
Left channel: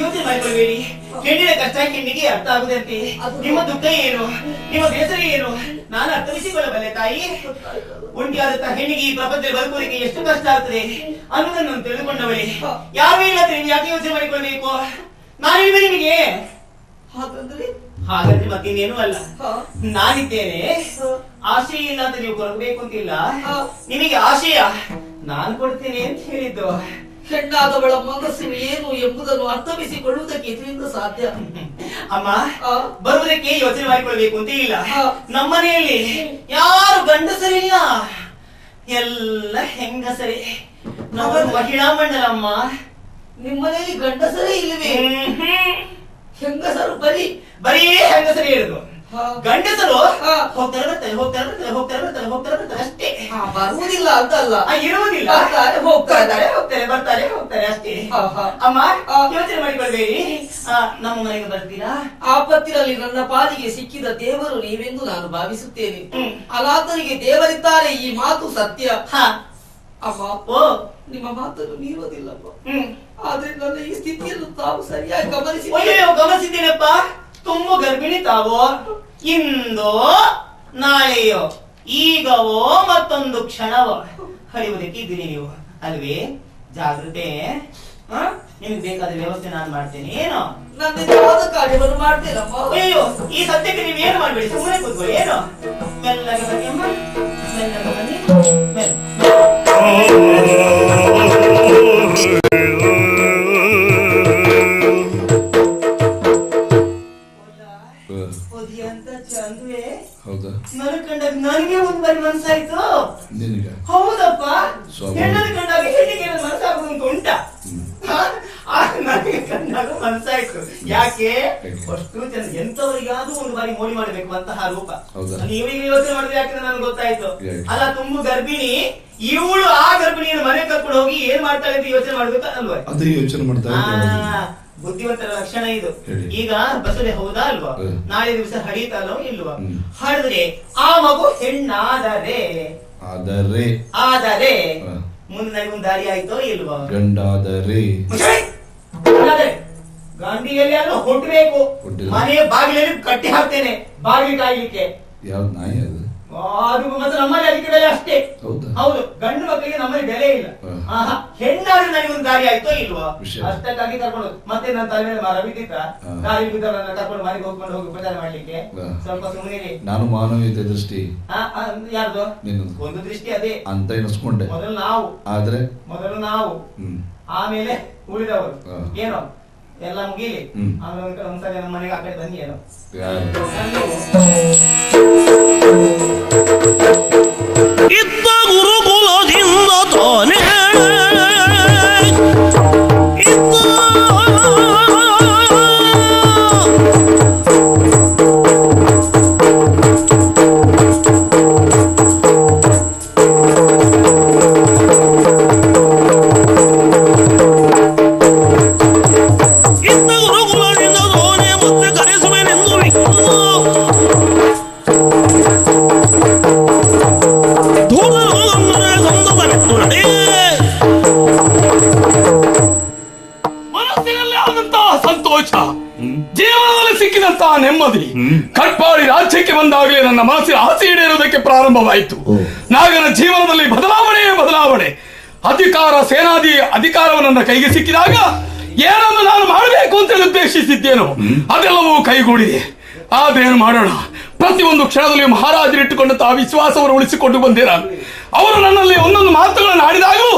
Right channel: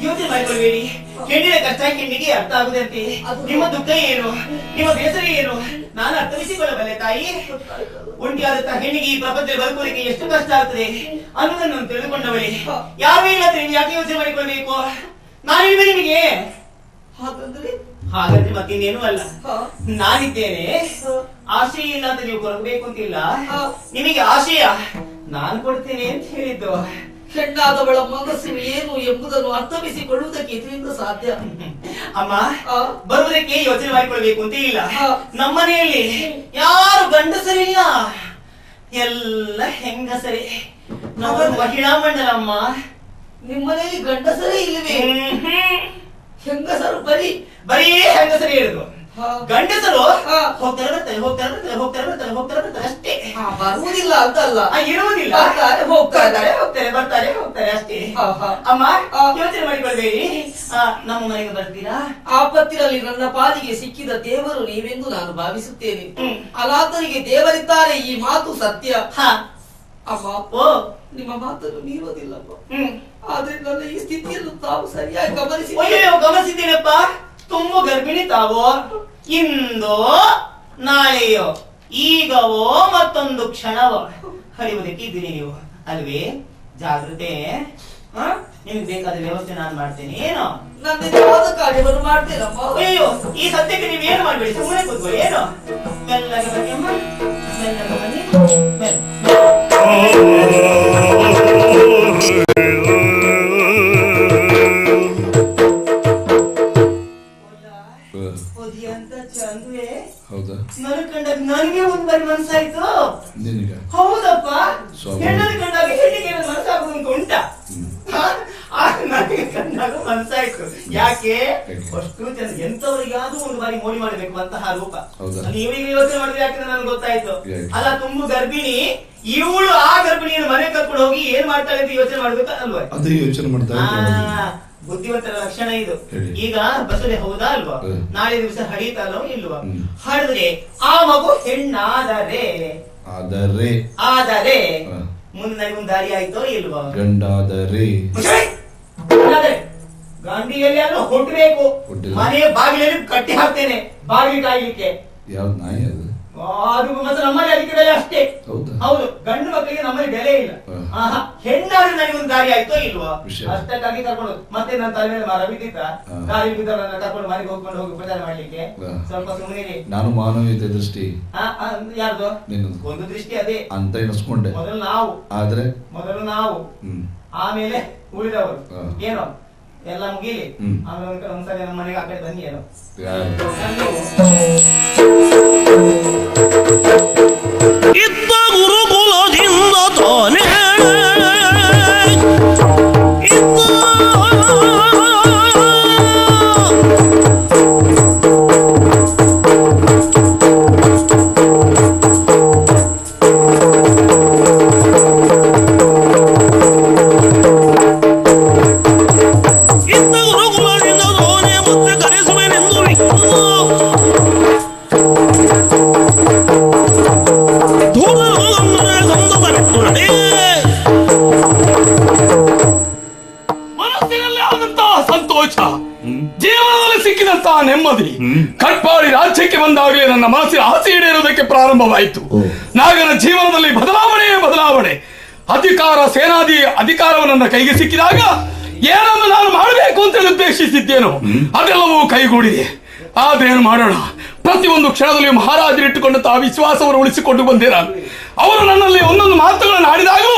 ಯೋಚನೆ ಮಾಡಿಕೊಳ್ಳಬೇಡಿ. ಹೇಳಿದ ಕಚ್ಚಾಕಿ ನಿಮಗೆ ಅರ್ಥ ಆಗುತ್ತಂತೆ. ನಿಮ್ಮ ದುಃಖ ಏನು, ನಿಮ್ಮ ಬೇಸರ ಏನು ನಾನು ಅರ್ಥೈಸಿಕೊಳ್ಳಬಲ್ಲೆ ತಾಯಿ. ಒಂಟಿಯಾದಂತಹ ಹೆಣ್ಣಿಗೆ ಈ ಪ್ರಪಂಚದಲ್ಲಿ ಬದುಕುವುದಕ್ಕೆ ಎಷ್ಟು ಕಷ್ಟ ಆಗ್ತದೆ ಅನ್ನೋದನ್ನು ತಿಳಿದುಕೊಂಡವಳೆ. ಯಾವೆಲ್ಲ ಯಾಕೆ ಯೋಚನೆ ಮಾಡಿಕೊಳ್ಳಬೇಕು? ನಾನಿದ್ದೆ ನಿಮಗೆ. ಹಾಗಾದ್ರೆ ಮತ್ತೆ ಏನು ಅಲ್ಲ, ನಾನಿದ್ದೇನೆ. ಆಸೆ ಇಲ್ಲ ಅಂತ ನೀವು ಬರಬೇಕು ಅಂತಿಲ್ಲ. ನಿಮಗೆ ಆಶೆಯ ನಾನು ಕೊಡ್ತೀನಿ ಅಂತ ಹೇಳಿದ್ದು. ಹೆಣ್ಣಾದವಳ ಮನಸ್ಸು ಏನು ಎಂಬುದನ್ನು ಅರ್ಥವಿಸಿಕೊಳ್ಳುವುದಕ್ಕೆ ಇದರಿಂದ ಸಾಧ್ಯ. ಅಮ್ಮ, ಬರುವುದಕ್ಕೆ ಯೋಚನೆ ಮಾಡಿಕೊಳ್ಳಬೇಕು ಅಂತಿಲ್ಲ. ನಮ್ಮನೆಯಲ್ಲಿ ಯಾರು ಗಂಡಸರಿಲ್ಲ, ಎಲ್ಲ ಹೆಂಗಸರೇ. ನಾವು ಮಹಿಳಾ ಮಂಡಲ ಅಮ್ಮ. ನಿಮ್ಮನೆಯಲ್ಲಿ ಗಂಡಸರೇ ಇಲ್ಲವೇ? ಹೆಂಗಸರು ಬರೀ ಹೆಂಗಸರೇ ಇರುದು. ಗಂಡಸರು ಹೋಗ್ತಾರೆ ಅಷ್ಟೇ. ಬರುವುದಿಲ್ಲ ಅಂತಲ್ಲ, ಇರುವುದಿಲ್ಲ, ಹೋಗ್ತಾರೆ ಬರ್ತಾರೆ ಅಷ್ಟೇ. ಅಮ್ಮ, ಯೋಚನೆ ಮಾಡಿಕೊಳ್ಳಬೇಡಿ. ನಮ್ಮ ಮನೆಗೆ ಬರ್ತೀರಾ? ಆಪತ್ತಿನಲ್ಲಿ ನನ್ನ ಪಾಲಿಗೆ ಸಿಕ್ಕಿದ ದೇವರು ನೀವೆಂದು ನಾನು ಭಾವಿಸುತ್ತೇನೆ. ಅಲಾತನಿಗೆ ದೇವರಿದ್ದಾರೆ, ಈ ಮಾತು ಸತ್ಯ. ಅಮ್ಮ, ನಿಮ್ಮ ಮಾತನ್ನು ಮೀರೋದಿಲ್ಲಪ್ಪ. ಆದ್ರೆ ನನ್ನ ಈ ಸ್ಥಿತಿಯನ್ನು ತಾವು ಸರಿಯಾಗಿ ಗಮನಿಸಿದ್ದೀರಪ್ಪ. ತುಂಬ ಗರ್ಭಿಣಿ ತಾವು. ಇಂದೋ ನಾಳೆಯೋ, ಈಗವೋ ಮತ್ತೊಂದು ಕ್ಷಣವೋ ಹರಿಯುವುದಕ್ಕಿದ್ರಿ ನೀವು ಅಲ್ವೇ? ಜಾಗ್ರತೆ. ನಿಮ್ಗೆ ಬೇಕಾದ ವ್ಯವಸ್ಥೆ ನಾನು ಮಾಡ್ತೇನೆ. ಏನೋ ಕಾರ್ಯವನ್ನು ಮಾಡ್ತೇನಮ್ಮ. ಅಯ್ಯೋ, ಈ ಸತ್ಯಕ್ಕೆ ನೀವು ಏನ್ ಮಾಡ್ಬೇಡಿ, ಸುಮ್ಮನೆ ಕೂತ್ಕೊಳ್ಳಿ. ಏನೋ ಮೆಲ್ಲಗೆ ಬನ್ನಿ, ಮೆಲ್ಲಗೆ ಬನ್ನಿ. ನನಗೆ ಒಂದು ಮನಸ್ಸಾಯ್ತು. ಹೌದಪ್ಪ, ಉಂಟ ನನಗೆ ಕಣ್ಣಾಗ ಮನಸ್ಸಾಯ್ತು. ಯಾಕೆ ಅಷ್ಟು ಜನ ಎಂತವರಿಗಾದ್ರೂ ಒಂದು ಬಾರಿ ಮೋಡಿ ಮಾಡ್ಬೇಕು ಅಂತ ರೂಪ. ನೀವೀಗ ಯೋಚನೆ ಮಾಡಿದ್ರೆ ಯಾಕೆ ನನಗೆ ಗೊತ್ತಾಯ್ತು. ಅಲ್ಲ, ತುಂಬ ಗರ್ಭಿಣಿ ಇವಳು ಆ ಗರ್ಭಿಣಿಯ ಮನೆ ಕರ್ಕೊಂಡು ಹೋಗಿ ಏನ್ ಮಾಡ್ತಾರೆ ಅಂತ ಯೋಚನೆ ಮಾಡುತ್ತಾ ಅಲ್ವಾ? ಅದೇ ಯೋಚನೆ ಮಾಡ್ತಾ ಇದ್ದೆ. ಬುದ್ಧಿವಂತರ ಲಕ್ಷಣ ಇದು. ಹೇಳಿ. ಈಗ ಬಸಳೆ ಹೌದಾ ಅಲ್ವಾ? ಹೌದು. ನಾಳೆ ದಿವಸ ಹಡಿತಾರೋ ಇಲ್ವಾ? ಹಡದೆ ಆ ಮಗು ಹೆಣ್ಣಾದರೆ ಆದರೆ ಮುಂದೆ ದಾರಿ ಆಯ್ತೋ ಇಲ್ವಾ? ಗಂಡಾದರೆ ಗಾಂಧಿಯಲ್ಲಿ ಅಲ್ಲ ಕೊಡ್ಬೇಕು. ಮನೆಯ ಬಾಗಿಲಲ್ಲಿ ಕಟ್ಟಿ ಹಾಕ್ತೇನೆ ಬಾಗಿಲಾಗಿಕ್ಕೆ. ಯಾವ ನಾಯಿ ಅದು? ಅದು ಮತ್ತೆ ನಮ್ಮನೆ ಅಲ್ಲಿದೆ ಅಷ್ಟೇ. ಹೌದು, ಗಂಡು ಮಕ್ಕಳಿಗೆ ನಮ್ಮಲ್ಲಿ ಬೆಲೆ ಇಲ್ಲ. ಹೆಣ್ಣಾದ್ರೆ ನನಗೆ ಒಂದು ದಾರಿ ಆಯ್ತೋ ಇಲ್ವಾ? ಅಷ್ಟೇ ದಾರಿ ಕರ್ಕೊಂಡು ಮತ್ತೆ ನನ್ನ ತಲೆ ರವಿದಿದ್ದ ದಾರಿ ಕರ್ಕೊಂಡು ಬಾರಿಗೆ ಹೋಗ್ಕೊಂಡು ಹೋಗಿ ಪ್ರಚಾರ ಮಾಡ್ಲಿಕ್ಕೆ ಸ್ವಲ್ಪ ಸುಮ್ಮನೆ. ನಾನು ಮಾನವೀಯತೆ ದೃಷ್ಟಿ ಯಾರು ನೀನು ಒಂದು ದೃಷ್ಟಿ ಅದೇ ಅಂತ ಎನಿಸ್ಕೊಂಡೆ. ಮೊದಲು ನಾವು ಆಮೇಲೆ ಉಳಿದವರು ಏನೋ ಎಲ್ಲ ಮುಗಿಲಿ. ಆಮೇಲೆ ಒಂದ್ಸರಿ ನಮ್ಮ ಮನೆಗೆ ಹಾಕಿ ತಂದಿ ಏನೋ ಪ್ರಾರಂಭವಾಯಿತು. ನಾಗನ ಜೀವನದಲ್ಲಿ ಬದಲಾವಣೆ. ಅಧಿಕಾರವನ್ನು ನನ್ನ ಕೈಗೆ ಸಿಕ್ಕಿದಾಗ ಏನನ್ನು ನಾನು ಮಾಡಬೇಕು ಅಂತ ಉದ್ದೇಶಿಸಿದ್ದೇನೋ ಅದೆಲ್ಲವೂ ಕೈಗೂಡಿದೆ. ಆದ್ರೆ ಏನು ಮಾಡೋಣ, ಪ್ರತಿಯೊಂದು ಕ್ಷಣದಲ್ಲಿ ಮಹಾರಾಜರು ಇಟ್ಟುಕೊಂಡಂತಹ ವಿಶ್ವಾಸವನ್ನು ಉಳಿಸಿಕೊಂಡು ಬಂದಿರ. ಅವರು ನನ್ನಲ್ಲಿ ಒಂದೊಂದು ಮಾತುಗಳನ್ನು ಆಡಿದಾಗೂ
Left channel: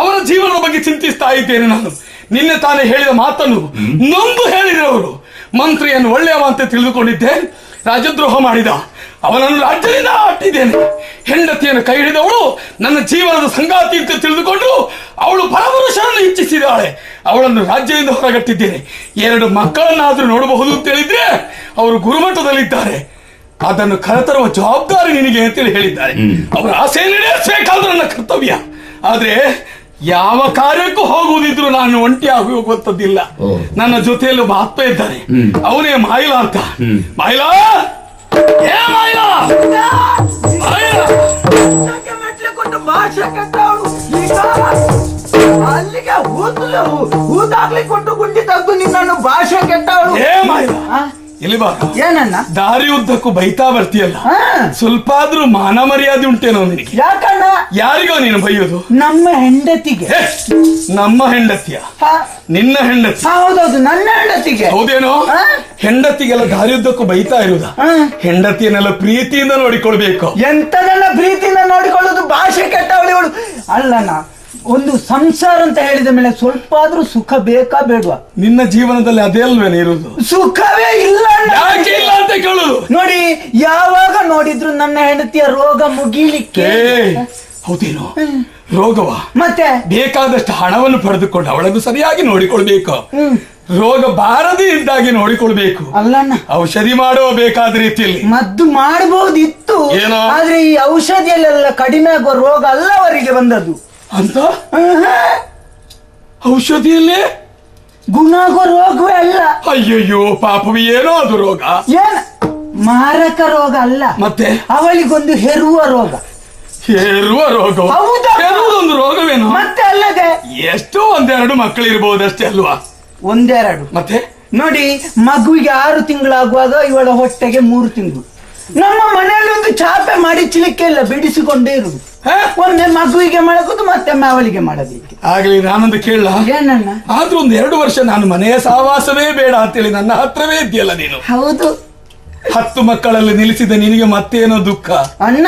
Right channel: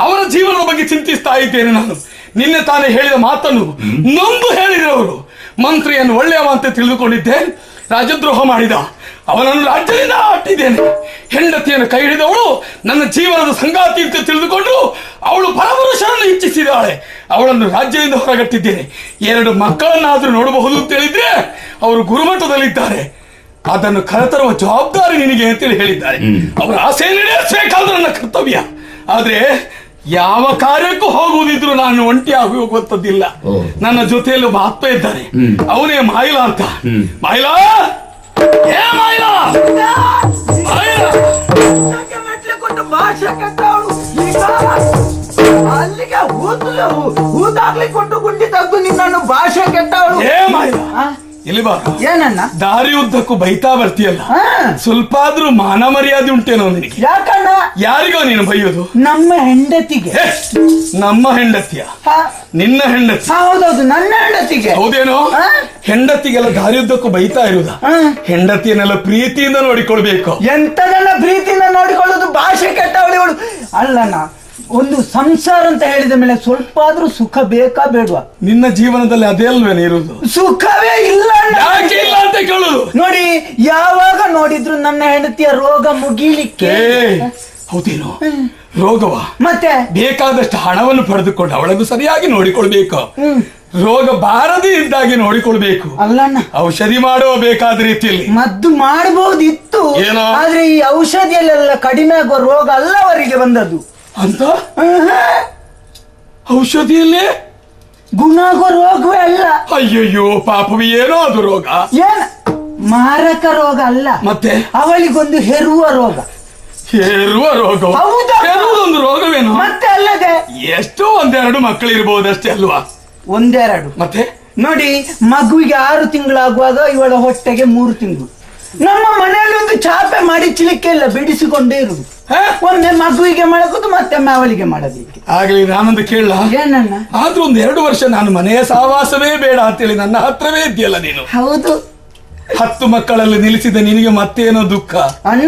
ಅವರ ಜೀವನ ಬಗ್ಗೆ ಚಿಂತಿಸ್ತಾ ಇದ್ದೇನೆ. ನಾನು ನಿನ್ನೆ ತಾನೇ ಹೇಳಿದ ಮಾತನ್ನು ನೊಂದು ಹೇಳಿದವರು. ಮಂತ್ರಿಯನ್ನು ಒಳ್ಳೆಯವ ಅಂತ ತಿಳಿದುಕೊಂಡಿದ್ದೆ, ರಾಜದ್ರೋಹ ಮಾಡಿದ. ಅವನನ್ನು ರಾಜ್ಯದಿಂದ ಅಟ್ಟಿದ್ದೇನೆ. ಹೆಂಡತಿಯನ್ನು ಕೈ ಹಿಡಿದವಳು ನನ್ನ ಜೀವನದ ಸಂಗಾತಿ ಅಂತ ತಿಳಿದುಕೊಂಡು ಅವಳು ಪರಪುರುಷರನ್ನು ಇಚ್ಛಿಸಿದ್ದಾಳೆ. ಅವಳನ್ನು ರಾಜ್ಯದಿಂದ ಹೊರಗಟ್ಟಿದ್ದೇನೆ. 2 ಮಕ್ಕಳನ್ನಾದ್ರೂ ನೋಡಬಹುದು ತಿಳಿದ್ರೆ ಅವರು ಗುರುಮಠದಲ್ಲಿದ್ದಾರೆ. ಅದನ್ನು ಕರೆತರುವ ಜವಾಬ್ದಾರಿ ನಿನಗೆ ಅಂತ ಹೇಳಿದ್ದಾರೆ. ಅವರ ಆಸೆ ನಡೆಸಬೇಕಾದ್ರೆ ನನ್ನ ಕರ್ತವ್ಯ. ಆದ್ರೆ ಯಾವ ಕಾರ್ಯಕ್ಕೂ ಹೋಗುವುದಿದ್ರು ನಾನು ಒಂಟಿ ಆಗಿ ಹೋಗುವಂತದ್ದಿಲ್ಲ. ನನ್ನ ಜೊತೆಯಲ್ಲಿ ಒಬ್ಬ ಆಪ್ತ ಇದ್ದಾನೆ, ಅವನೇ ಮಾಯಿಲಾ ಅಂತ. ಮಾಯಿಲಾ ದಾರಿ ಉದ್ದಕ್ಕೂ ಬೈತಾ ಬರ್ತೀಯಲ್ಲ, ಸ್ವಲ್ಪ ಆದ್ರೂ ಮಾನ ಮರ್ಯಾದೆ ಉಂಟೇನೋ ಅವನಿಗೆ? ಯಾರಿಗೋ ನೀನು ಬೈಯೋದು? ನಮ್ಮ ಹೆಂಡತಿಗೆ. ನಮ್ಮ ಹೆಂಡತಿಯ? ನಿನ್ನ ಹೆಂಡತಿ? ನನ್ನ ಹೆಂಡತಿಗೆ. ಹೌದೇನೋ? ಹೆಂಡತಿಗೆಲ್ಲ ದಾರಿ ಉದ್ದಕ್ಕೂ ಬೈತಾ ಇರುವುದ? ಹೆಂಡತಿಯನ್ನೆಲ್ಲ ಪ್ರೀತಿಯಿಂದ ನೋಡಿಕೊಳ್ಬೇಕು. ಎಂತನೆಲ್ಲ ಪ್ರೀತಿಯಿಂದ ನೋಡಿಕೊಳ್ಳೋದು? ಭಾಷೆ ಕೆಟ್ಟವಳು ಅಲ್ಲನ. ಒಂದು ಸಂಸಾರ ಅಂತ ಹೇಳಿದ ಮೇಲೆ ಸ್ವಲ್ಪ ಆದ್ರೂ ಸುಖ ಬೇಕಾ ಬೇಡ? ನಿನ್ನ ಜೀವನದಲ್ಲಿ ಅದೇ ಅಲ್ವೇ ಇರುವುದು? ಸುಖವೇ ಇಲ್ಲ. ಯಾಕೆ ಇಲ್ಲ ಅಂತ ಕೇಳುದು? ನೋಡಿ, ಯಾವಾಗ ನೋಡಿದ್ರು ನನ್ನ ಹೆಂಡತಿಯ ರೋಗ ಮುಗಿಲಿಕ್ಕೆ. ಹೌದೇನೋ? ರೋಗವ? ಮತ್ತೆ ಬೇಕಾದಷ್ಟು ಹಣವನ್ನು ಪಡೆದುಕೊಂಡು ಅವಳನ್ನು ಸರಿಯಾಗಿ ನೋಡಿಕೊಳ್ಬೇಕು. ರೋಗ ಬಾರದೇ ಇದ್ದಾಗಿ ನೋಡಿಕೊಳ್ಬೇಕು. ಔಷಧಿ ಮಾಡುವ ಬೇಕಾದ ರೀತಿಯಲ್ಲಿ ಮದ್ದು ಮಾಡಬಹುದಿತ್ತು. ಏನೋ? ಆದ್ರೆ ಈ ಔಷಧಿಯಲ್ಲೆಲ್ಲ ಕಡಿಮೆ ಆಗುವ ರೋಗ ಅಲ್ಲ ಅವರಿಗೆ ಬಂದದ್ದು ಅಂತ. ಔಷಧಿಯಲ್ಲೇ ಗುಣ ಆಗುವ ರೋಗವೇ ಅಲ್ಲ. ಅಯ್ಯಯ್ಯೋ ಪಾಪು, ಏನೋ ಅದು ರೋಗ. ಮಾರಕ ರೋಗ ಅಲ್ಲ, ಮತ್ತೆ ಅವಳಿಗೊಂದು ಹೆರುವ ರೋಗ. ಹೆರುವ ರೋಗ? ಒಂದು ರೋಗವೇನು? ಮತ್ತೆ ಅಲ್ಲದೆ ಎಷ್ಟು 1-2 ಮಕ್ಕಳು ಇರ್ಬೋದು ಅಷ್ಟೇ ಅಲ್ವಾ? 1-2 ಮತ್ತೆ ನೋಡಿ, ಮಗುವಿಗೆ 6 ತಿಂಗಳಾಗುವಾಗ ಇವಳ ಹೊಟ್ಟೆಗೆ 3 ತಿಂಗಳು. ನಮ್ಮ ಮನೆಯಲ್ಲಿ ಚಾಪೆ ಮಡಿಚಲಿಕ್ಕೆಲ್ಲ ಬಿಡಿಸಿಕೊಂಡೇ ಇರುವುದು. ಒಂದೇ ಮಗುವಿಗೆ ಮಾಡೋದು, ಮತ್ತೆ ಅವಳಿಗೆ ಮಾಡೋದಿಕ್ಕೆ. ಹಾಗೆ ನಾನೊಂದು ಕೇಳ, ಏನನ್ನ? ಆದ್ರೂ 1-2 ವರ್ಷ ನಾನು ಮನೆಯ ಸಹವಾಸವೇ ಬೇಡ ಅಂತೇಳಿ ನನ್ನ ಹತ್ರವೇ ಇದೆಯಲ್ಲ ನೀನು. ಹೌದು, 10 ಮಕ್ಕಳಲ್ಲಿ ನಿಲ್ಲಿಸಿದ ನಿನಗೆ ಮತ್ತೇನೋ ದುಃಖ ಅಣ್ಣ.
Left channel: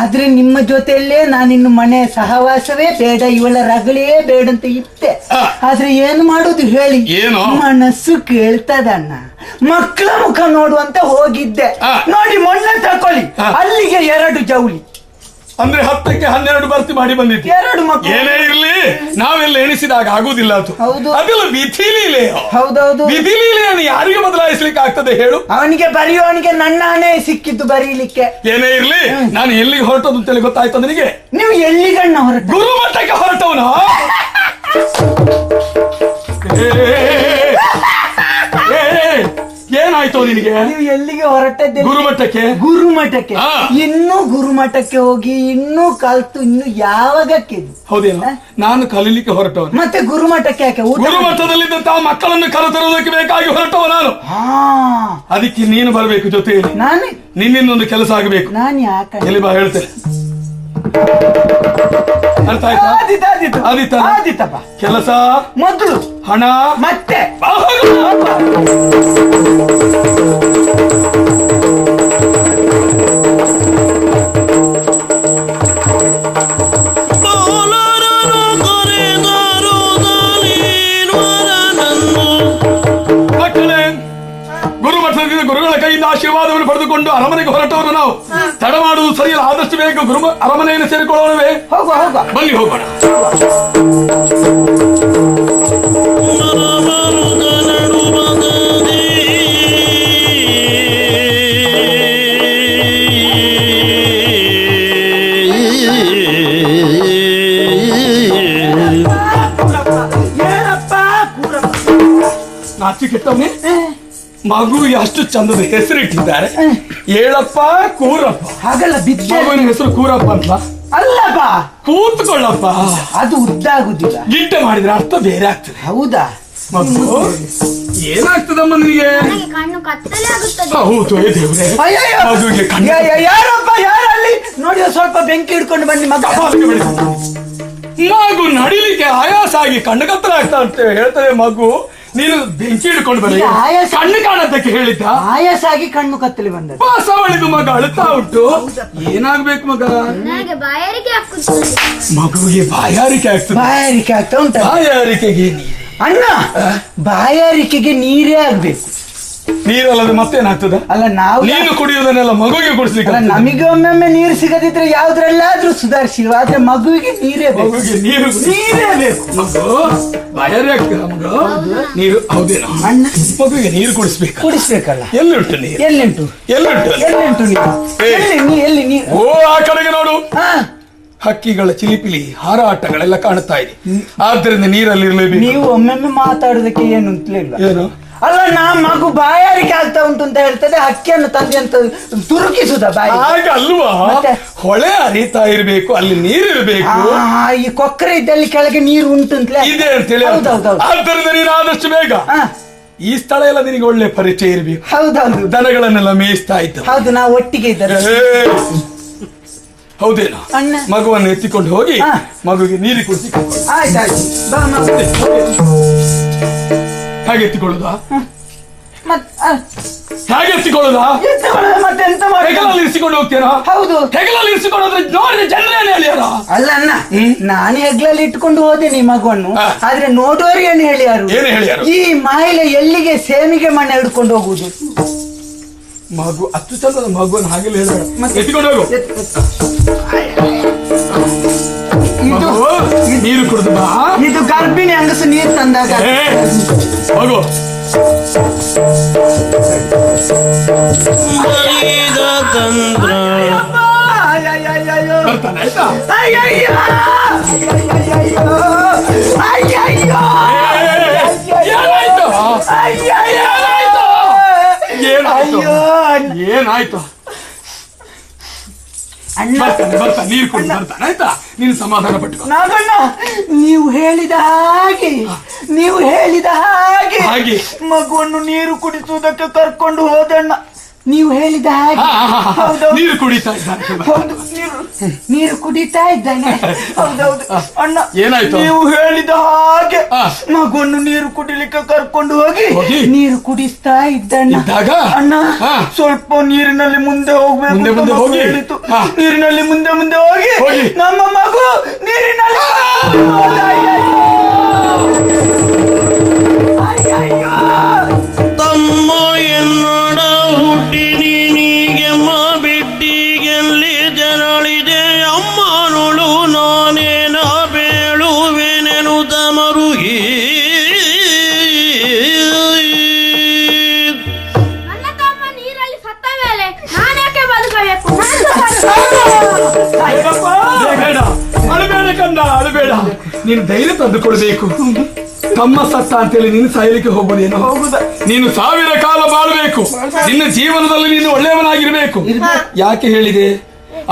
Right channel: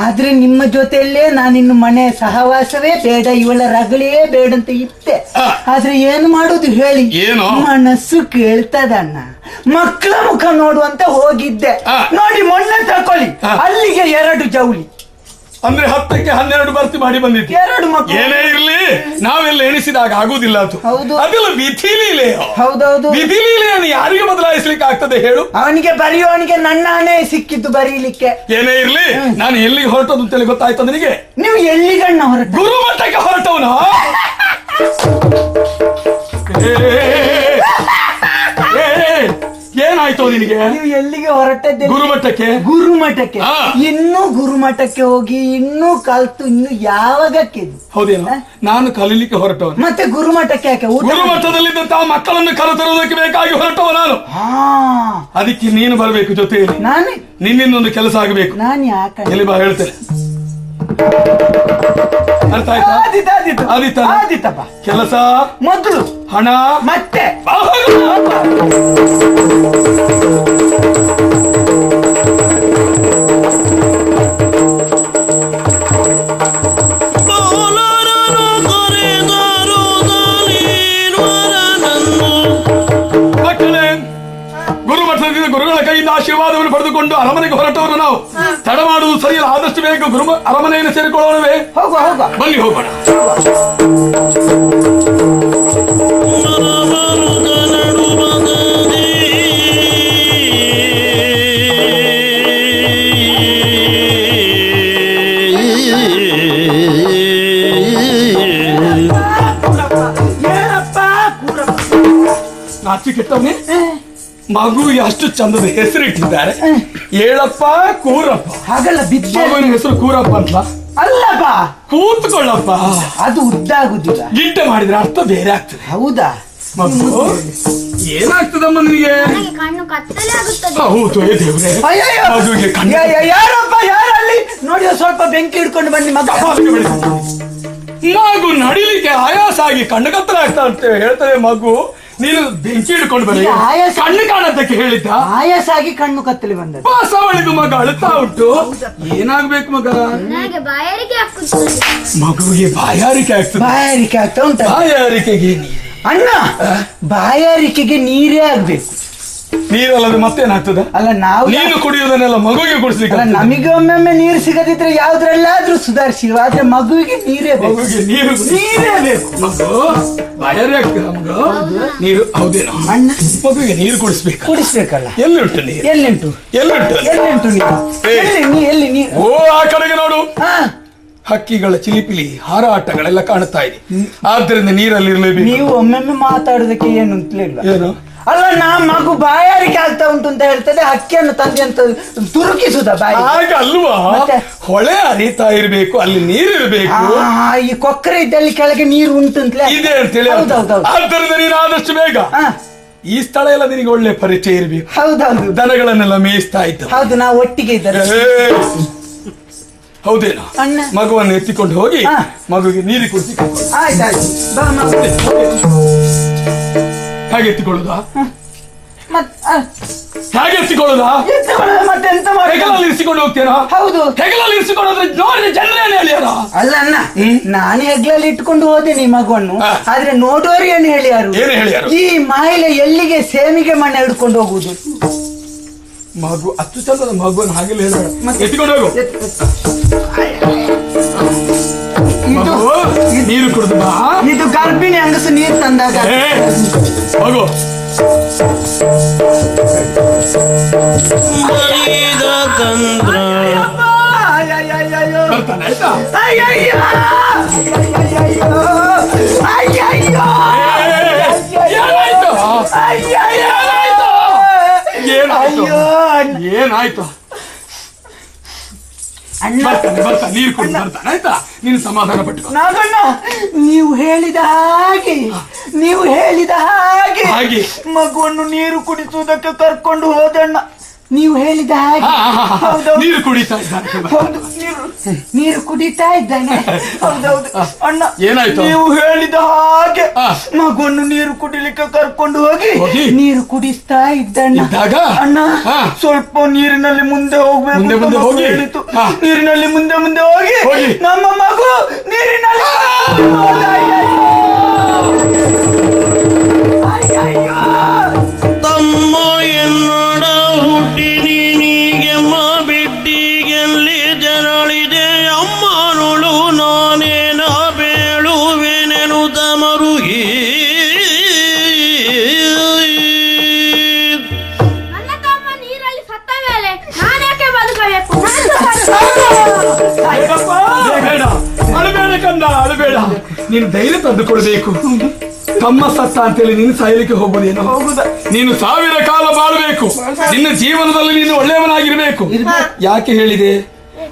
ಆದ್ರೆ ನಿಮ್ಮ ಜೊತೆಯಲ್ಲೇ ನಾನಿನ್ನು ಮನೆಯ ಸಹವಾಸವೇ ಬೇಡ, ಇವಳ ರಗಲೇ ಬೇಡ ಅಂತ ಇತ್ತೆ. ಆದ್ರೆ ಏನ್ ಮಾಡುದು ಹೇಳಿ? ಮನಸ್ಸು ಕೇಳ್ತದಣ್ಣ. ಮಕ್ಕಳ ಮುಖ ನೋಡುವಂತ ಹೋಗಿದ್ದೆ. ನೋಡಿ, ಮೊನ್ನೆ ತಕೊಳ್ಳಿ, ಅಲ್ಲಿಗೆ 2 ಜೌಳಿ. ಅಂದ್ರೆ 10ಕ್ಕೆ 12 ಬರ್ತಿ ಮಾಡಿ ಬಂದಿದ್ದೆ. 2 ಮಕ್ಕಳು. ಏನೇ ಇರ್ಲಿ, ನಾವೆಲ್ಲ ಎಣಿಸಿದಾಗ ಆಗುದಿಲ್ಲ ಅದು. ಅದು ವಿಧಿ. ಹೌದೌದು, ವಿಧಿ ಯಾರಿಗೆ ಬದಲಾಯಿಸ್ಲಿಕ್ಕೆ ಆಗ್ತದೆ ಹೇಳು? ಅವನಿಗೆ ಬರೆಯುವವನಿಗೆ ನನ್ನ ಹಣೆ ಸಿಕ್ಕಿದ್ದು ಬರೀಲಿಕ್ಕೆ. ಏನೇ ಇರ್ಲಿ, ನಾನು ಎಲ್ಲಿಗೆ ಹೊರಟೋದು ಗೊತ್ತಾಯ್ತು ನನಗೆ. ನೀವು ಎಲ್ಲಿಗಣ್ಣ ಹೊರಟ? ಗುರುಮಠಕ್ಕೆ ಹೊರಟವನ. ಏನಾಯ್ತು ಅವರಿಗೆ? ನೀವು ಎಲ್ಲಿಗೆ ಹೊರಟದ್ದೆ? ಗುರುಮಠಕ್ಕೆ. ಗುರುಮಠಕ್ಕೆ. ಹಾ. ಇನ್ನೂ ಗುರುಮಠಕ್ಕೆ ಹೋಗಿ ಇನ್ನೂ ಕಲ್ತು ಇನ್ನು ಯಾವಾಗಕ್ಕೆ ಇದು? ಹೌದೇನು? ನಾನು ಕಲೀಲಿಕ್ಕೆ ಹೊರಟವನು. ಮತ್ತೆ ಗುರುಮಠಕ್ಕೆ ಯಾಕೆ ಊಟ? ಗುರುಮಠದಲ್ಲಿ ತಾವು ಮಕ್ಕಳನ್ನು ಕಲಿತುಕೊಳ್ಳೋದಕ್ಕೆ ಬೇಕಾಗಿ ಹೊರಟವ ನಾನು. ಹಾ, ಅದಕ್ಕೆ ನೀನು ಬರಬೇಕು ಜೊತೆ. ನಾನೇ ನಿನ್ನಿಂದೊಂದು ಕೆಲಸ ಆಗಬೇಕು. ನಾನು ಯಾಕೆ ಹೇಳಿ ಬಾ, ಹೇಳ್ತೇನೆ. ಅರ್ಥ ಆಯ್ತಾ? ಆದೀತಾ? ಕೆಲಸ, ಮೊದಲು ಹಣ, ಮತ್ತೆ ಗುರುಮಠದಲ್ಲಿ ಗುರುಗಳ ಕೈಯಿಂದ ಆಶೀರ್ವಾದವನ್ನು ಪಡೆದುಕೊಂಡು ಅರಮನೆಗೆ ಹೊರಟವರು ನಾವು. ತಡ ಮಾಡುವುದು ಸರಿ. ಆದಷ್ಟು ಬೇಗ ಗುರು ಅರಮನೆಯನ್ನು ಸೇರಿಕೊಳ್ಳೋಣವೇ? ಹೋಗುವ ಹೋಗುವ. ಬನ್ನಿ ಹೋಗೋಣ. ನಾಚಿಕೆಟ್ಟವನೇ ಮಗುವಿಗೆ ಅಷ್ಟು ಚಂದದ ಹೆಸರು ಇಟ್ಟಿದ್ದಾರೆ. ಏಳಪ್ಪ ಕೂರಪ್ಪ. ಹಾಗಲ್ಲ ಬಿದ್ದೆ. ಮಗುವಿನ ಹೆಸರು ಕೂರಪ್ಪ ಅಂತ. ಅಲ್ಲಪ್ಪ, ಕೂತ್ಕೊಳ್ಳಪ್ಪ. ಅದು ಉದ್ದಾಗುದಿಲ್ಲ. ಗೀಟೆ ಮಾಡಿದ್ರೆ ಅರ್ಥ ಬೇರೆ ಆಗ್ತದೆ. ಹೌದಾ? ಮಗು ಏನಾಗ್ತದಮ್ಮ ನಿನಗೆ? ಕಣ್ಣು ಕತ್ತಲೆ ಆಗುತ್ತದೆ. ಹೌದು, ಏ ದೇವ್ರೇ. ಅಯ್ಯಯ್ಯೋ. ಮಗುವಿಗೆ ಕಣ್ಣು. ಯಾರಪ್ಪ, ಯಾರಲ್ಲಿ ನೋಡಿ ಸ್ವಲ್ಪ ಬೆಂಕಿ ಇಟ್ಕೊಂಡು ಬನ್ನಿ ಮಗ. ಮಗು ನಡೀಲಿಕ್ಕೆ ಆಯಾಸ ಆಗಿ ಕಣ್ಣು ಕತ್ತಲೆ ಆಗ್ತಾ ಅಂತ ಹೇಳ್ತಾರೆ. ಮಗು ನೀನು ಬೆಂಕಿ ಹಿಡ್ಕೊಂಡು ಬನ್ನಿ. ಆಯಾಸ. ಕಣ್ಣು ಕಾಣೋದಕ್ಕೆ ಹೇಳಿದ್ದ. ಆಯಾಸ ಆಗಿ ಕಣ್ಣು ಕತ್ತರಿ ಬಂದ. ಪಾಸವಳಿದು ಮಗ ಅಳುತ್ತಾ ಉಂಟು. ಏನಾಗ್ಬೇಕು ಮಗ? ನನಗೆ ಬಾಯಾರಿಕೆ ಆಗ್ತದೆ. ಮಗುವಿಗೆ ಬಾಯಾರಿಕೆ ಆಗ್ತದೆ. ಬಾಯಾರಿಕೆ ಆಗ್ತಾ ಉಂಟಾ? ಬಾಯಾರಿಕೆಗೆ ಅಣ್ಣ, ಬಾಯಾರಿಕೆಗೆ ನೀರೇ ಆಗ್ಬೇಕು. ನೀರೆಲ್ಲ ಮತ್ತೇನಾಗ್ತದೆ? ಅಲ್ಲ ನಾವು ನೀರು ಕುಡಿಯೋದನ್ನೆಲ್ಲ ಮಗುವಿಗೆ ಕುಡಿಸ್ಲಿಕ್ಕೆ ಅಲ್ಲ, ನಮಗೆ ಒಮ್ಮೊಮ್ಮೆ ನೀರು ಸಿಗದಿದ್ರೆ ಯಾವ್ದ್ರಲ್ಲಾದ್ರೂ ಸುಧಾರಿಸಿವ, ಆದ್ರೆ ಮಗುವಿಗೆ ನೀರೇ ಬೇಕು. ಮಗುವಿಗೆ ನೀರು ನೀರೇ ಬೇಕು. ಮಗು ಬಾಯಾರಿ ಆಗ್ತದೆ. ಅವನು ನೀರು ಹೌದೇನೋ? ಅಣ್ಣ, ಮಗುವಿಗೆ ನೀರು ಕುಡಿಸ್ಬೇಕು. ಕುಡಿಸ್ಬೇಕಲ್ಲ. ಎಲ್ಲಿಂಟು ನೀರು? ಎಲ್ಲಿಂಟು? ಎಲ್ಲಿಂಟು? ಎಲ್ಲಿಂಟು ನೀರು? ಎಲ್ಲಿ ನೀರು? ಓ, ಆ ಕಡೆ ನೋಡು. ಹಾ, ಹಕ್ಕಿಗಳ ಚಿಲಿಪಿಲಿ ಹಾರಾಟಗಳೆಲ್ಲ ಕಾಣ್ತಾ ಇದೆ. ಆದ್ರಿಂದ ನೀರಲ್ಲಿ ಇರಲೇಬೇಕು. ನೀವು ಒಮ್ಮೊಮ್ಮೆ ಮಾತಾಡೋದಕ್ಕೆ ಏನು ಅಂತಲೇ ಇಲ್ಲ. ಏನು? ಅಲ್ಲ, ಮಗು ಬಾಯಾರಿಕೆ ಆಗ್ತಾ ಉಂಟು ಅಂತ ಹೇಳ್ತದೆ, ಅಕ್ಕಿಯನ್ನು ತಂದೆ ಅಂತ ತುರುಕಿಸುದ ಬಾಯಿ. ಹಾಗಲ್ವಾ? ಮತ್ತೆ? ಹೊಳೆ ಹರಿತಾ ಇರ್ಬೇಕು, ಅಲ್ಲಿ ನೀರು ಇರ್ಬೇಕು. ಈ ಕೊಕ್ಕರೆ ಇದ್ದಲ್ಲಿ ಕೆಳಗೆ ನೀರು ಉಂಟು ಅಂತ ಇದೆ ಅಂತೇಳಿ. ಹೌದೌದು. ಆದ್ರಿಂದ ನೀನು ಆದಷ್ಟು ಬೇಗ ಈ ಸ್ಥಳ ಎಲ್ಲ ನಿನಗೆ ಒಳ್ಳೆ ಪರಿಚಯ ಇರಬೇಕು. ಹೌದೌದು. ದನಗಳನ್ನೆಲ್ಲ ಮೇಯಿಸ್ತಾ ಇದ್ದ. ಹೌದು, ನಾವು ಒಟ್ಟಿಗೆ ಇದ್ದೇವೆ. ಹೌದೇನೋ? ಅಣ್ಣ. ಮಗುವನ್ನು ಎತ್ತಿಕೊಂಡು ಹೋಗಿ ಹಾ. ಮಗುವಿಗೆ ನೀರು ಕುಡಿಸಿ. ಆಯ್ತಾಯ್ತು. ಹಾಗೆ ಎತ್ತಿಕೊಳ್ಳುದ? ಮತ್ತೆ ಹಾಗೆ ಎತ್ತಿಕೊಳ್ಳುದ? ಮತ್ತೆ ಎಂತ ಮಾಡುದು? ಹೆಗಲಲ್ಲಿ ಇರಿಸಿಕೊಂಡು ಹೋಗ್ತೀರಾ? ಹೌದು. ಹೆಗಲಲ್ಲಿ ಇರಿಸಿಕೊಳ್ಳೋದ್ರೆ ನೋಡಿ ಚಂದ್ರನೇ ಅಲ್ಲ. ಅಲ್ಲ ಅಣ್ಣ, ನಾನು ಹೆಗ್ಲಲ್ಲಿ ಇಟ್ಕೊಂಡು ಹೋದೆ ಈ ಮಗುವನ್ನು. ಹಾ. ಆದ್ರೆ ನೋಡುವವರು ಏನ್ ಹೇಳ್ಯಾರು? ಏನ್ ಹೇಳ್ಯಾರು? ಈ ಮಾಯಿಗೆ ಎಲ್ಲಿಗೆ ಸೇವಿಗೆ ಮಾಡಿ ಹಿಡ್ಕೊಂಡು ಹೋಗುದು? ಮಗು ಅಷ್ಟು ಚಂದ ಮಗುವನ್ನು ಹಾಗೆ ಎತ್ತಿಕೊಂಡು ಹೋಗು. ಮಗು ನೀರು ಕುಡಿದ? ಇದು ಗರ್ಭಿಣಿ ಅನಸು ನೀರು ತಂದಾಗ. ಹೋಗು. ಏನಾಯ್ತು? ನೀರು ಕುಡಿದ ಆಯ್ತಾ? ನೀನು ಸಮಾಧಾನ ಪಟ್ಟು. ನೀವು ಹೇಳಿದ ಹಾಗೆ ಮಗುವನ್ನು ನೀರು ಕುಡಿಸುವುದಕ್ಕೆ ಕರ್ಕೊಂಡು ಹೋದಣ್ಣ. ನೀವು ಹೇಳಿದ ಹಾಗೆ. ಹೌದು. ನೀರು ಕುಡಿತಾ ಹೌದು, ನೀರು ಕುಡಿತಾ ಇದ್ದಾನೆ. ಹೌದೌದು. ಅಣ್ಣ, ಏನಾಯ್ತು? ನೀವು ಹೇಳಿದ ಹಾಗೆ ಹಾ. ಮಗುವನ್ನು ನೀರು ಕುಡಿಲಿಕ್ಕೆ ಕರ್ಕೊಂಡು ಹೋಗಿ ಹೋಗಿ? ನೀರು ಕುಡಿಸ್ತಾ ಇದ್ದಾನೆ. ಇದ್ದಾಗ? ಅಣ್ಣ, ಹಾ. ಸ್ವಲ್ಪ ನೀರಿನಲ್ಲಿ ಮುಂದೆ ಹೋಗ್ಬೇಕು ಮುಂದೆ ಅಂತ ಹೋಗಿ? ಹೇಳಿತು. ಹಾ. ನೀರಿನಲ್ಲಿ ಮುಂದೆ ಹೋಗಿ ಹೋಗಿ? ನಮ್ಮ ಮಗು ನೀರಿನಲ್ಲಿ ನನ್ನ ತಮ್ಮ ನೀರಲ್ಲಿ ಸತ್ತ ಮೇಲೆ ನಾನೇಕೆ ಬದುಕಬೇಕು? ಅಳಬೇಡ ಕಣ್ಣ, ಅಳಬೇಡ. ನೀನು ಧೈರ್ಯ ಸಾಯಲಿಕ್ಕೆ ಹೋಗಬೇಡೇನು? ನೀನು ಸಾವಿರ ಕಾಲ ಬಾಳಬೇಕು. ನಿನ್ನ ಜೀವನದಲ್ಲಿ ನೀನು ಒಳ್ಳೆಯವನಾಗಿರ್ಬೇಕು. ಯಾಕೆ ಹೇಳಿದೆ?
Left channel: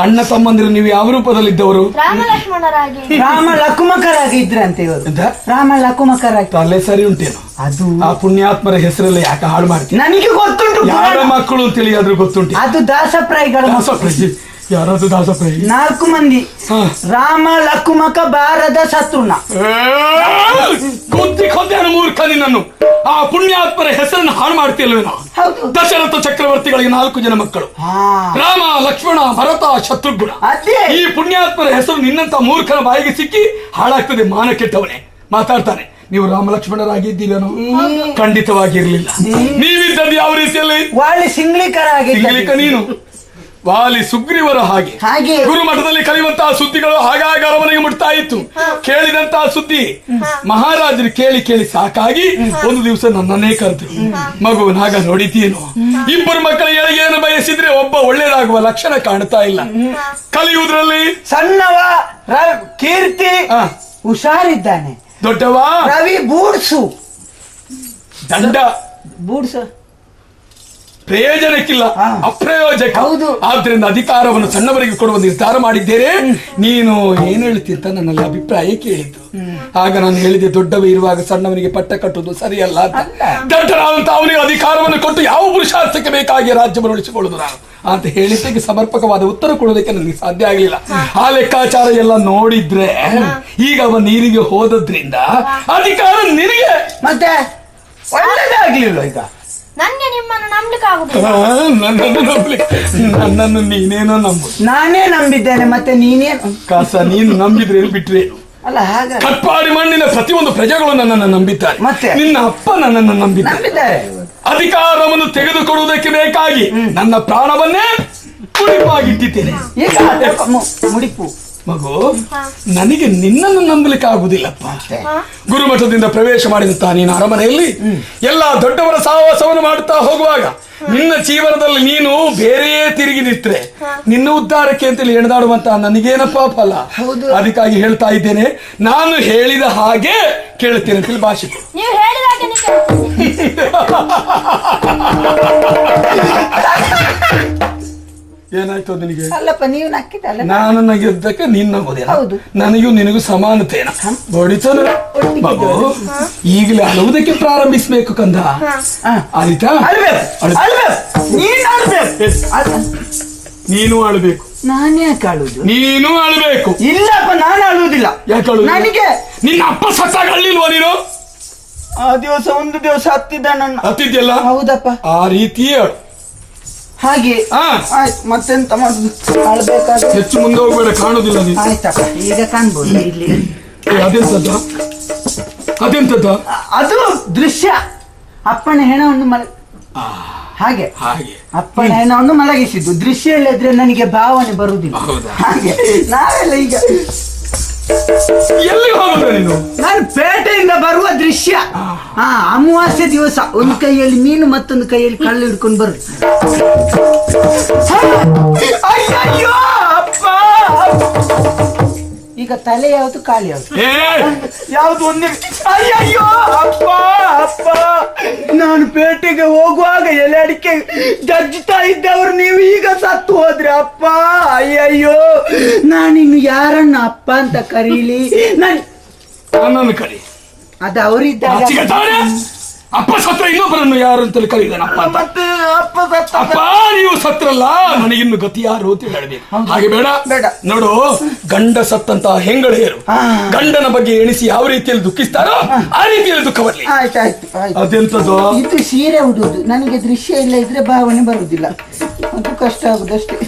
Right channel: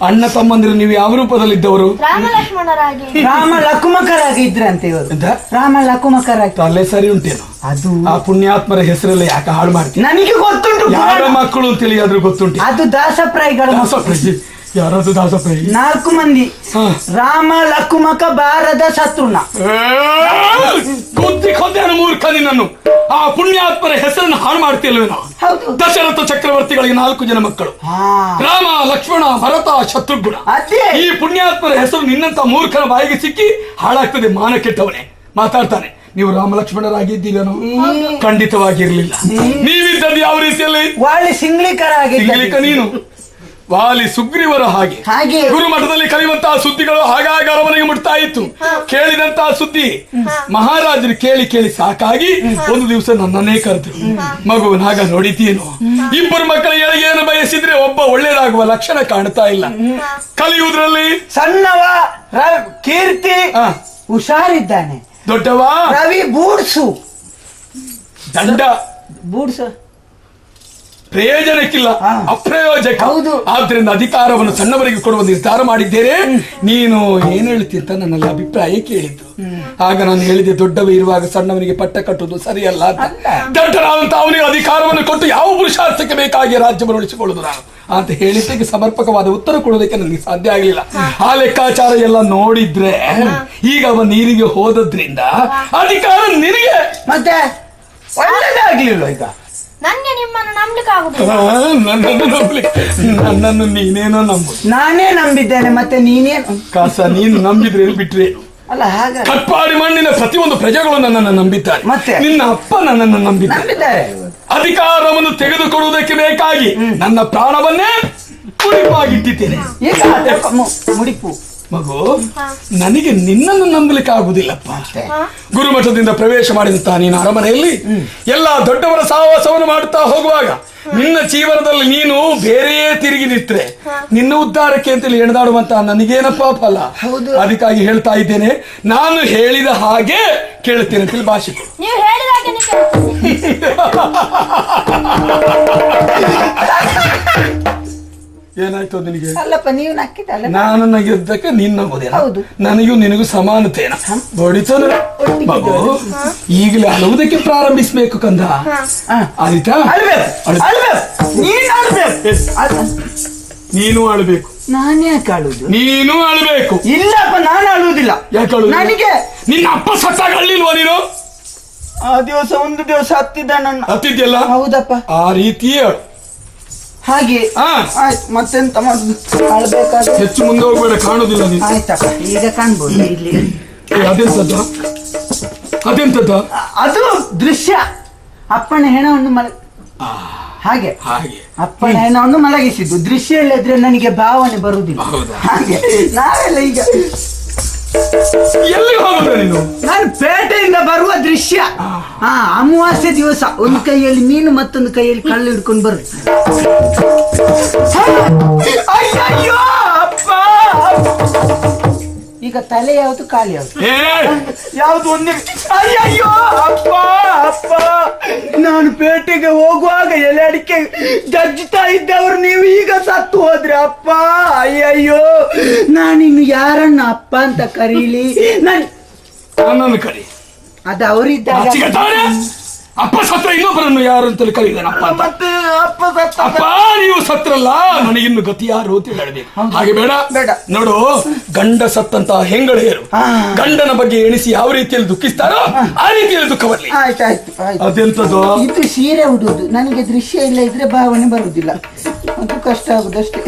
ಅಣ್ಣ ತಮ್ಮಂದಿರು ನೀವು ಯಾವ ರೂಪದಲ್ಲಿದ್ದವರು? ರಾಮ ಲಕ್ಷ್ಮಣರಾಗಿ. ರಾಮ ಲಕುಮಕರಾಗಿದ್ರಂತೆ ಇವತ್ತು. ರಾಮ ಲಕುಮಕರಾಗಿ ತಲೆ ಸರಿ ಉಂಟೇನು? ಅದು ಆ ಪುಣ್ಯಾತ್ಮರ ಹೆಸರಲ್ಲಿ ಯಾಕೆ ಹಾಳು ಮಾಡಿ? ನನಗೆ ಗೊತ್ತುಂಟು. ಯಾರ ಮಕ್ಕಳು ತಿಳಿಯಾದ್ರೂ ಗೊತ್ತುಂಟು. ಅದು ದಾಸಪ್ರಾಯಿಗಳು ದಾಸಪ್ರಸಿ. ಯಾರಾದ್ರೂ ದಾಸಪ್ರೈ? 4 ಮಂದಿ. ಹಾ. ರಾಮ ಲಕುಮಕ ಬಾರದ ಶತ್ರುನ. ಮೂರ್ಖ ನೀನನ್ನು. ಆ ಪುಣ್ಯಾತ್ಮರ ಹೆಸರನ್ನು ಹಾಳು ಮಾಡ್ತಿಲ್ವೇನೋ? ದಶರಥ ಚಕ್ರವರ್ತಿಗಳಿಗೆ 4 ಜನ ಮಕ್ಕಳು, ರಾಮ ಲಕ್ಷ್ಮಣ ಭರತ ಶತ್ರುಘ್ನ. ಅದೇ ಈ ಪುಣ್ಯಾತ್ಮರ ಹೆಸರು ನಿನ್ನಂತ ಮೂರ್ಖರ ಬಾಯಿಗೆ ಸಿಕ್ಕಿ ಹಾಳಾಗ್ತದೆ. ಮಾನ ಕೆಟ್ಟವನೇ ಮಾತಾಡ್ತಾನೆ. ನೀವು ರಾಮ ಲಕ್ಷ್ಮಣರಾಗಿದ್ದೀರೇನು? ಖಂಡಿತವಾಗಿರಲಿಲ್ಲ. ನೀವಿದ್ದಲ್ಲಿ ಯಾವ ರೀತಿಯಲ್ಲಿ? ವಾಲಿ ಸಿಂಗ್ಲಿಕರಾಗಿದ್ದ ನೀನು ವಾಲಿ ಸುಗ್ರೀವರ ಹಾಗೆ ಹಾಗೆ. ಗುರುಮಠದಲ್ಲಿ ಕರೆಯುವಂತಹ ಸುದ್ದಿಗಳು ಹಾಗಾಗಿ ಅವರಿಗೆ ಮುಟ್ತಾ ಇತ್ತು. ಕೇಳಿದಂತಹ ಸುದ್ದಿ ಮಹಾರಾಜರು ಕೇಳಿ ಕೇಳಿ ಸಾಕಾಗಿ ಒಂದು ದಿವಸ ನನ್ನನ್ನೇ ಕರೆದ್ರು. ಮಗು ನಾಗ ನೋಡಿದ್ದೀನು, ಇಬ್ಬರು ಮಕ್ಕಳ ಏಳಿಗೆಯನ್ನು ಬಯಸಿದ್ರೆ ಒಬ್ಬ ಒಳ್ಳೆಯದಾಗುವ ಲಕ್ಷಣ ಕಾಣ್ತಾ ಇಲ್ಲ. ಕಲಿಯುವುದರಲ್ಲಿ ಸಣ್ಣವ ಕೀರ್ತಿ ಹುಷಾರಿದ್ದಾನೆ. ದೊಡ್ಡವ ರವಿ ಬೂಡ್ಸು ದಂಡ ಬೂಡ್ಸ ಪ್ರಯೋಜನಕ್ಕಿಲ್ಲ, ಅಪ್ರಯೋಜಕ. ಹೌದು. ಆದ್ರಿಂದ ಅಧಿಕಾರವನ್ನು ಸಣ್ಣವರಿಗೆ ಕೊಡುವ ನಿರ್ಧಾರ ಮಾಡಿದ್ದೇನೆ. ನೀನು ಏನ್ ಹೇಳ್ತಿದ್ದ ನನ್ನ ಅಭಿಪ್ರಾಯ ಕೇಳಿದ್ದು. ಆಗ ನಾನು ಹೇಳಿದೆ, ದೊಡ್ಡವರು ಇರುವಾಗ ಸಣ್ಣವರಿಗೆ ಪಟ್ಟ ಕಟ್ಟುವುದು ಸರಿಯಲ್ಲ. ದಡ್ಡ ಅಂತ ಅವರಿಗೆ ಅಧಿಕಾರವನ್ನು ಕೊಟ್ಟು ಯಾವ ಪುರುಷಾರ್ಥಕ್ಕೆ ಬೇಕಾಗಿ ರಾಜ್ಯವನ್ನು ಉಳಿಸಿಕೊಳ್ಳುವುದ ಅಂತ ಹೇಳಿದ್ದಕ್ಕೆ ಸಮರ್ಪಕವಾದ ಉತ್ತರ ಕೊಡೋದಕ್ಕೆ ನನಗೆ ಸಾಧ್ಯ ಆಗಿಲ್ಲ. ಆ ಲೆಕ್ಕಾಚಾರ ಎಲ್ಲ ನೋಡಿದ್ರೆ ಈಗ ಅವನು ನೀರಿಗೆ ಹೋದ್ರಿಂದ ಅಧಿಕಾರ ನಿನಗೆ. ಮತ್ತೆ ಒಳ್ಳೆದಾಗಿಲ್ಲ ಈಗ. ನನಗೆ ನಿಮ್ಮನ್ನು ನಂಬಿಕಾಗುವುದು. ನನ್ನನ್ನು ನೀನೇನೋ ನಂಬು. ನಾನೇ ನಂಬಿದ್ದೇನೆ, ಮತ್ತೆ ನೀನೇ ಕಾಸ ನೀನು ನಂಬಿದ್ರೆ ಬಿಟ್ರೆ ಅಲ್ಲ. ಹಾಗೆ ಕಪ್ಪಾಡಿ ಮಾಡಿದ ಪ್ರತಿಯೊಂದು ಪ್ರಜೆಗಳನ್ನು ನನ್ನನ್ನು ನಂಬಿದ್ದಾರೆ. ಮತ್ತೆ? ನಿನ್ನ ಅಪ್ಪ ನನ್ನನ್ನು ನಂಬಿದ್ದಾರೆ. ನಂಬಿದ್ದಾರೆ. ಅಧಿಕಾರವನ್ನು ತೆಗೆದುಕೊಳ್ಳುವುದಕ್ಕೆ ಬೇಕಾಗಿ ನನ್ನ ಪ್ರಾಣವನ್ನೇ ಮುಡಿಪಾಗಿಟ್ಟಿದ್ದೇನೆ. ಮುಡಿಪು ಮಗು, ನನಗೆ ನಿನ್ನನ್ನು ನಂಬಲಿಕ್ಕೆ ಆಗುದಿಲ್ಲಪ್ಪ. ಗುರುಮಠದಿಂದ ಪ್ರವೇಶ ಮಾಡಿದಂತ ನೀನು ಅರಮನೆಯಲ್ಲಿ ಎಲ್ಲ ದೊಡ್ಡವರ ಸಹವಾಸವನ್ನು ಮಾಡುತ್ತಾ ಹೋಗುವಾಗ ನಿನ್ನ ಜೀವನದಲ್ಲಿ ನೀನು ಬೇರೆಯೇ ತಿರುಗಿ ನಿಂತ್ರೆ ನಿನ್ನ ಉದ್ಧಾರಕ್ಕೆ ಅಂತ ಹೇಳಿದಾರುವಂತ ನನಗೇನಪ್ಪ ಅಲ್ಲ. ಅದಕ್ಕಾಗಿ ಹೇಳ್ತಾ ಇದ್ದೇನೆ, ನಾನು ಹೇಳಿದ ಹಾಗೆ ಕೇಳ್ತೇನೆ ಅಂತ ಭಾಷೆ. ನೀವು ಹೇಳಿದಾಗ ಏನಾಯ್ತು ನಿನಗೆ? ಅಲ್ಲಪ್ಪ ನೀನ್ ಹಾಕಿದ್ದಲ್ಲ. ನಾನು ನಗಿದ್ದಕ್ಕೆ ನೀನು ನಂಬೋದೇ? ಹೌದು. ನನಗೂ ನಿನಗೂ ಸಮಾನತೆ ಬಡಿಸಲು. ಮಗು ಈಗಲೇ ಅಳುವುದಕ್ಕೆ ಪ್ರಾರಂಭಿಸ್ಬೇಕು ಕಂದ. ಆಯ್ತಾ? ನೀನು ಅಳಬೇಕು. ನಾನೇ ಕಾಡುದು. ನೀನು ಅಳಬೇಕು. ಇಲ್ಲಪ್ಪ ನಾನು ಅಳುವುದಿಲ್ಲ. ನನಗೆ ನೀನು ಅಪ್ಪ ಸತ್ತಾಗಲಿಲ್ವ ನೀನು? ಆ ದಿವಸ ಒಂದು ದಿವಸ ಹತ್ತಿದ್ದಾನ. ಹತ್ತಿದ್ಯಲ್ಲ? ಹೌದಪ್ಪ. ಆ ರೀತಿಯ ಹಾಗೆ ಮತ್ತೆಂತ ಹೆಚ್ಚು ಮುಂದೆ ಹೋಗಬೇಡ, ಕಾಣುದಿಲ್ಲ ನೀನು. ಆಯ್ತಪ್ಪ, ಈಗ ಕಾಣ್ಬೋದು ಇಲ್ಲಿ. ಅದೆಂತದ? ಅದು ದೃಶ್ಯ. ಅಪ್ಪನ ಹೆಣವನ್ನು ಹಾಗೆ ಅಪ್ಪನ ಹೆಣವನ್ನು ಮಲಗಿಸಿದ್ದು ದೃಶ್ಯ ಇಲ್ಲದ್ರೆ ನನಗೆ ಭಾವನೆ ಬರುವುದಿಲ್ಲ. ಹಾಗೆ ನಾವೆಲ್ಲ ಈಗ ಎಲ್ಲಿ ಹೋಗ್ಬೇಡ ನೀನು? ನಾನು ಪೇಟೆಯಿಂದ ಬರುವ ದೃಶ್ಯ. ಅಮಾವಾಸ್ಯೆ ದಿವಸ ಒಂದು ಕೈಯಲ್ಲಿ ಮೀನು ಮತ್ತೊಂದು ಕೈಯಲ್ಲಿ ಕಳ್ಳು ಹಿಡ್ಕೊಂಡು ಬರು. ಈಗ ತಲೆ ಯಾವುದು ಕಾಲು ಯಾವುದು ಯಾವ್ದು ಒಂದೇ. ಅಯ್ಯಯ್ಯೋ ಅಪ್ಪ ಅಪ್ಪ, ನಾನು ಪೇಟೆಗೆ ಹೋಗುವಾಗ ಎಲ್ಲ ಅಡಿಕೆ ಜಜ್ಜಿತಾ ಇದ್ದವ್ರು ನೀವು ಈಗ ಸತ್ತು ಹೋದ್ರೆ ಅಪ್ಪ. ಅಯ್ಯಯ್ಯೋ, ನಾನು ಇನ್ನು ಯಾರನ್ನ ಅಪ್ಪ ಅಂತ ಕರೀಲಿ? ನನ್ನನ್ನು ಕರಿ. ಅದು ಅವರಿದ್ದಾರೆ. ಅಪ್ಪ ಸತ್ರ ಇನ್ನೊಬ್ಬರನ್ನು ಯಾರು ಅಂತ ಕರೀತಾರೆ. ಅಪ್ಪ ನೀವು ಸತ್ರಲ್ಲ, ನನಗಿನ್ನು ಗತಿ ಯಾರು ಅಂತ ಹೇಳಿ. ಹಾಗೆ ಬೇಡ. ನೋಡು, ಗಂಡ ಸತ್ತಂತ ಹೆಂಗಳೆಯರು ಗಂಡನ ಬಗ್ಗೆ ಎಣಿಸಿ ಯಾವ ರೀತಿಯಲ್ಲಿ ದುಃಖಿಸ್ತಾರೋ ಆ ರೀತಿಯಲ್ಲಿ ದುಃಖ ಬರಲಿ. ಅದೆಂತದ್ದು? ಇದು ಸೀರೆ ಉಡುವುದು. ನನಗೆ ದೃಶ್ಯ ಇಲ್ಲ ಇದ್ರೆ ಭಾವನೆ ಬರುವುದಿಲ್ಲ. ಅದು ಕಷ್ಟ ಆಗುದಷ್ಟೇ.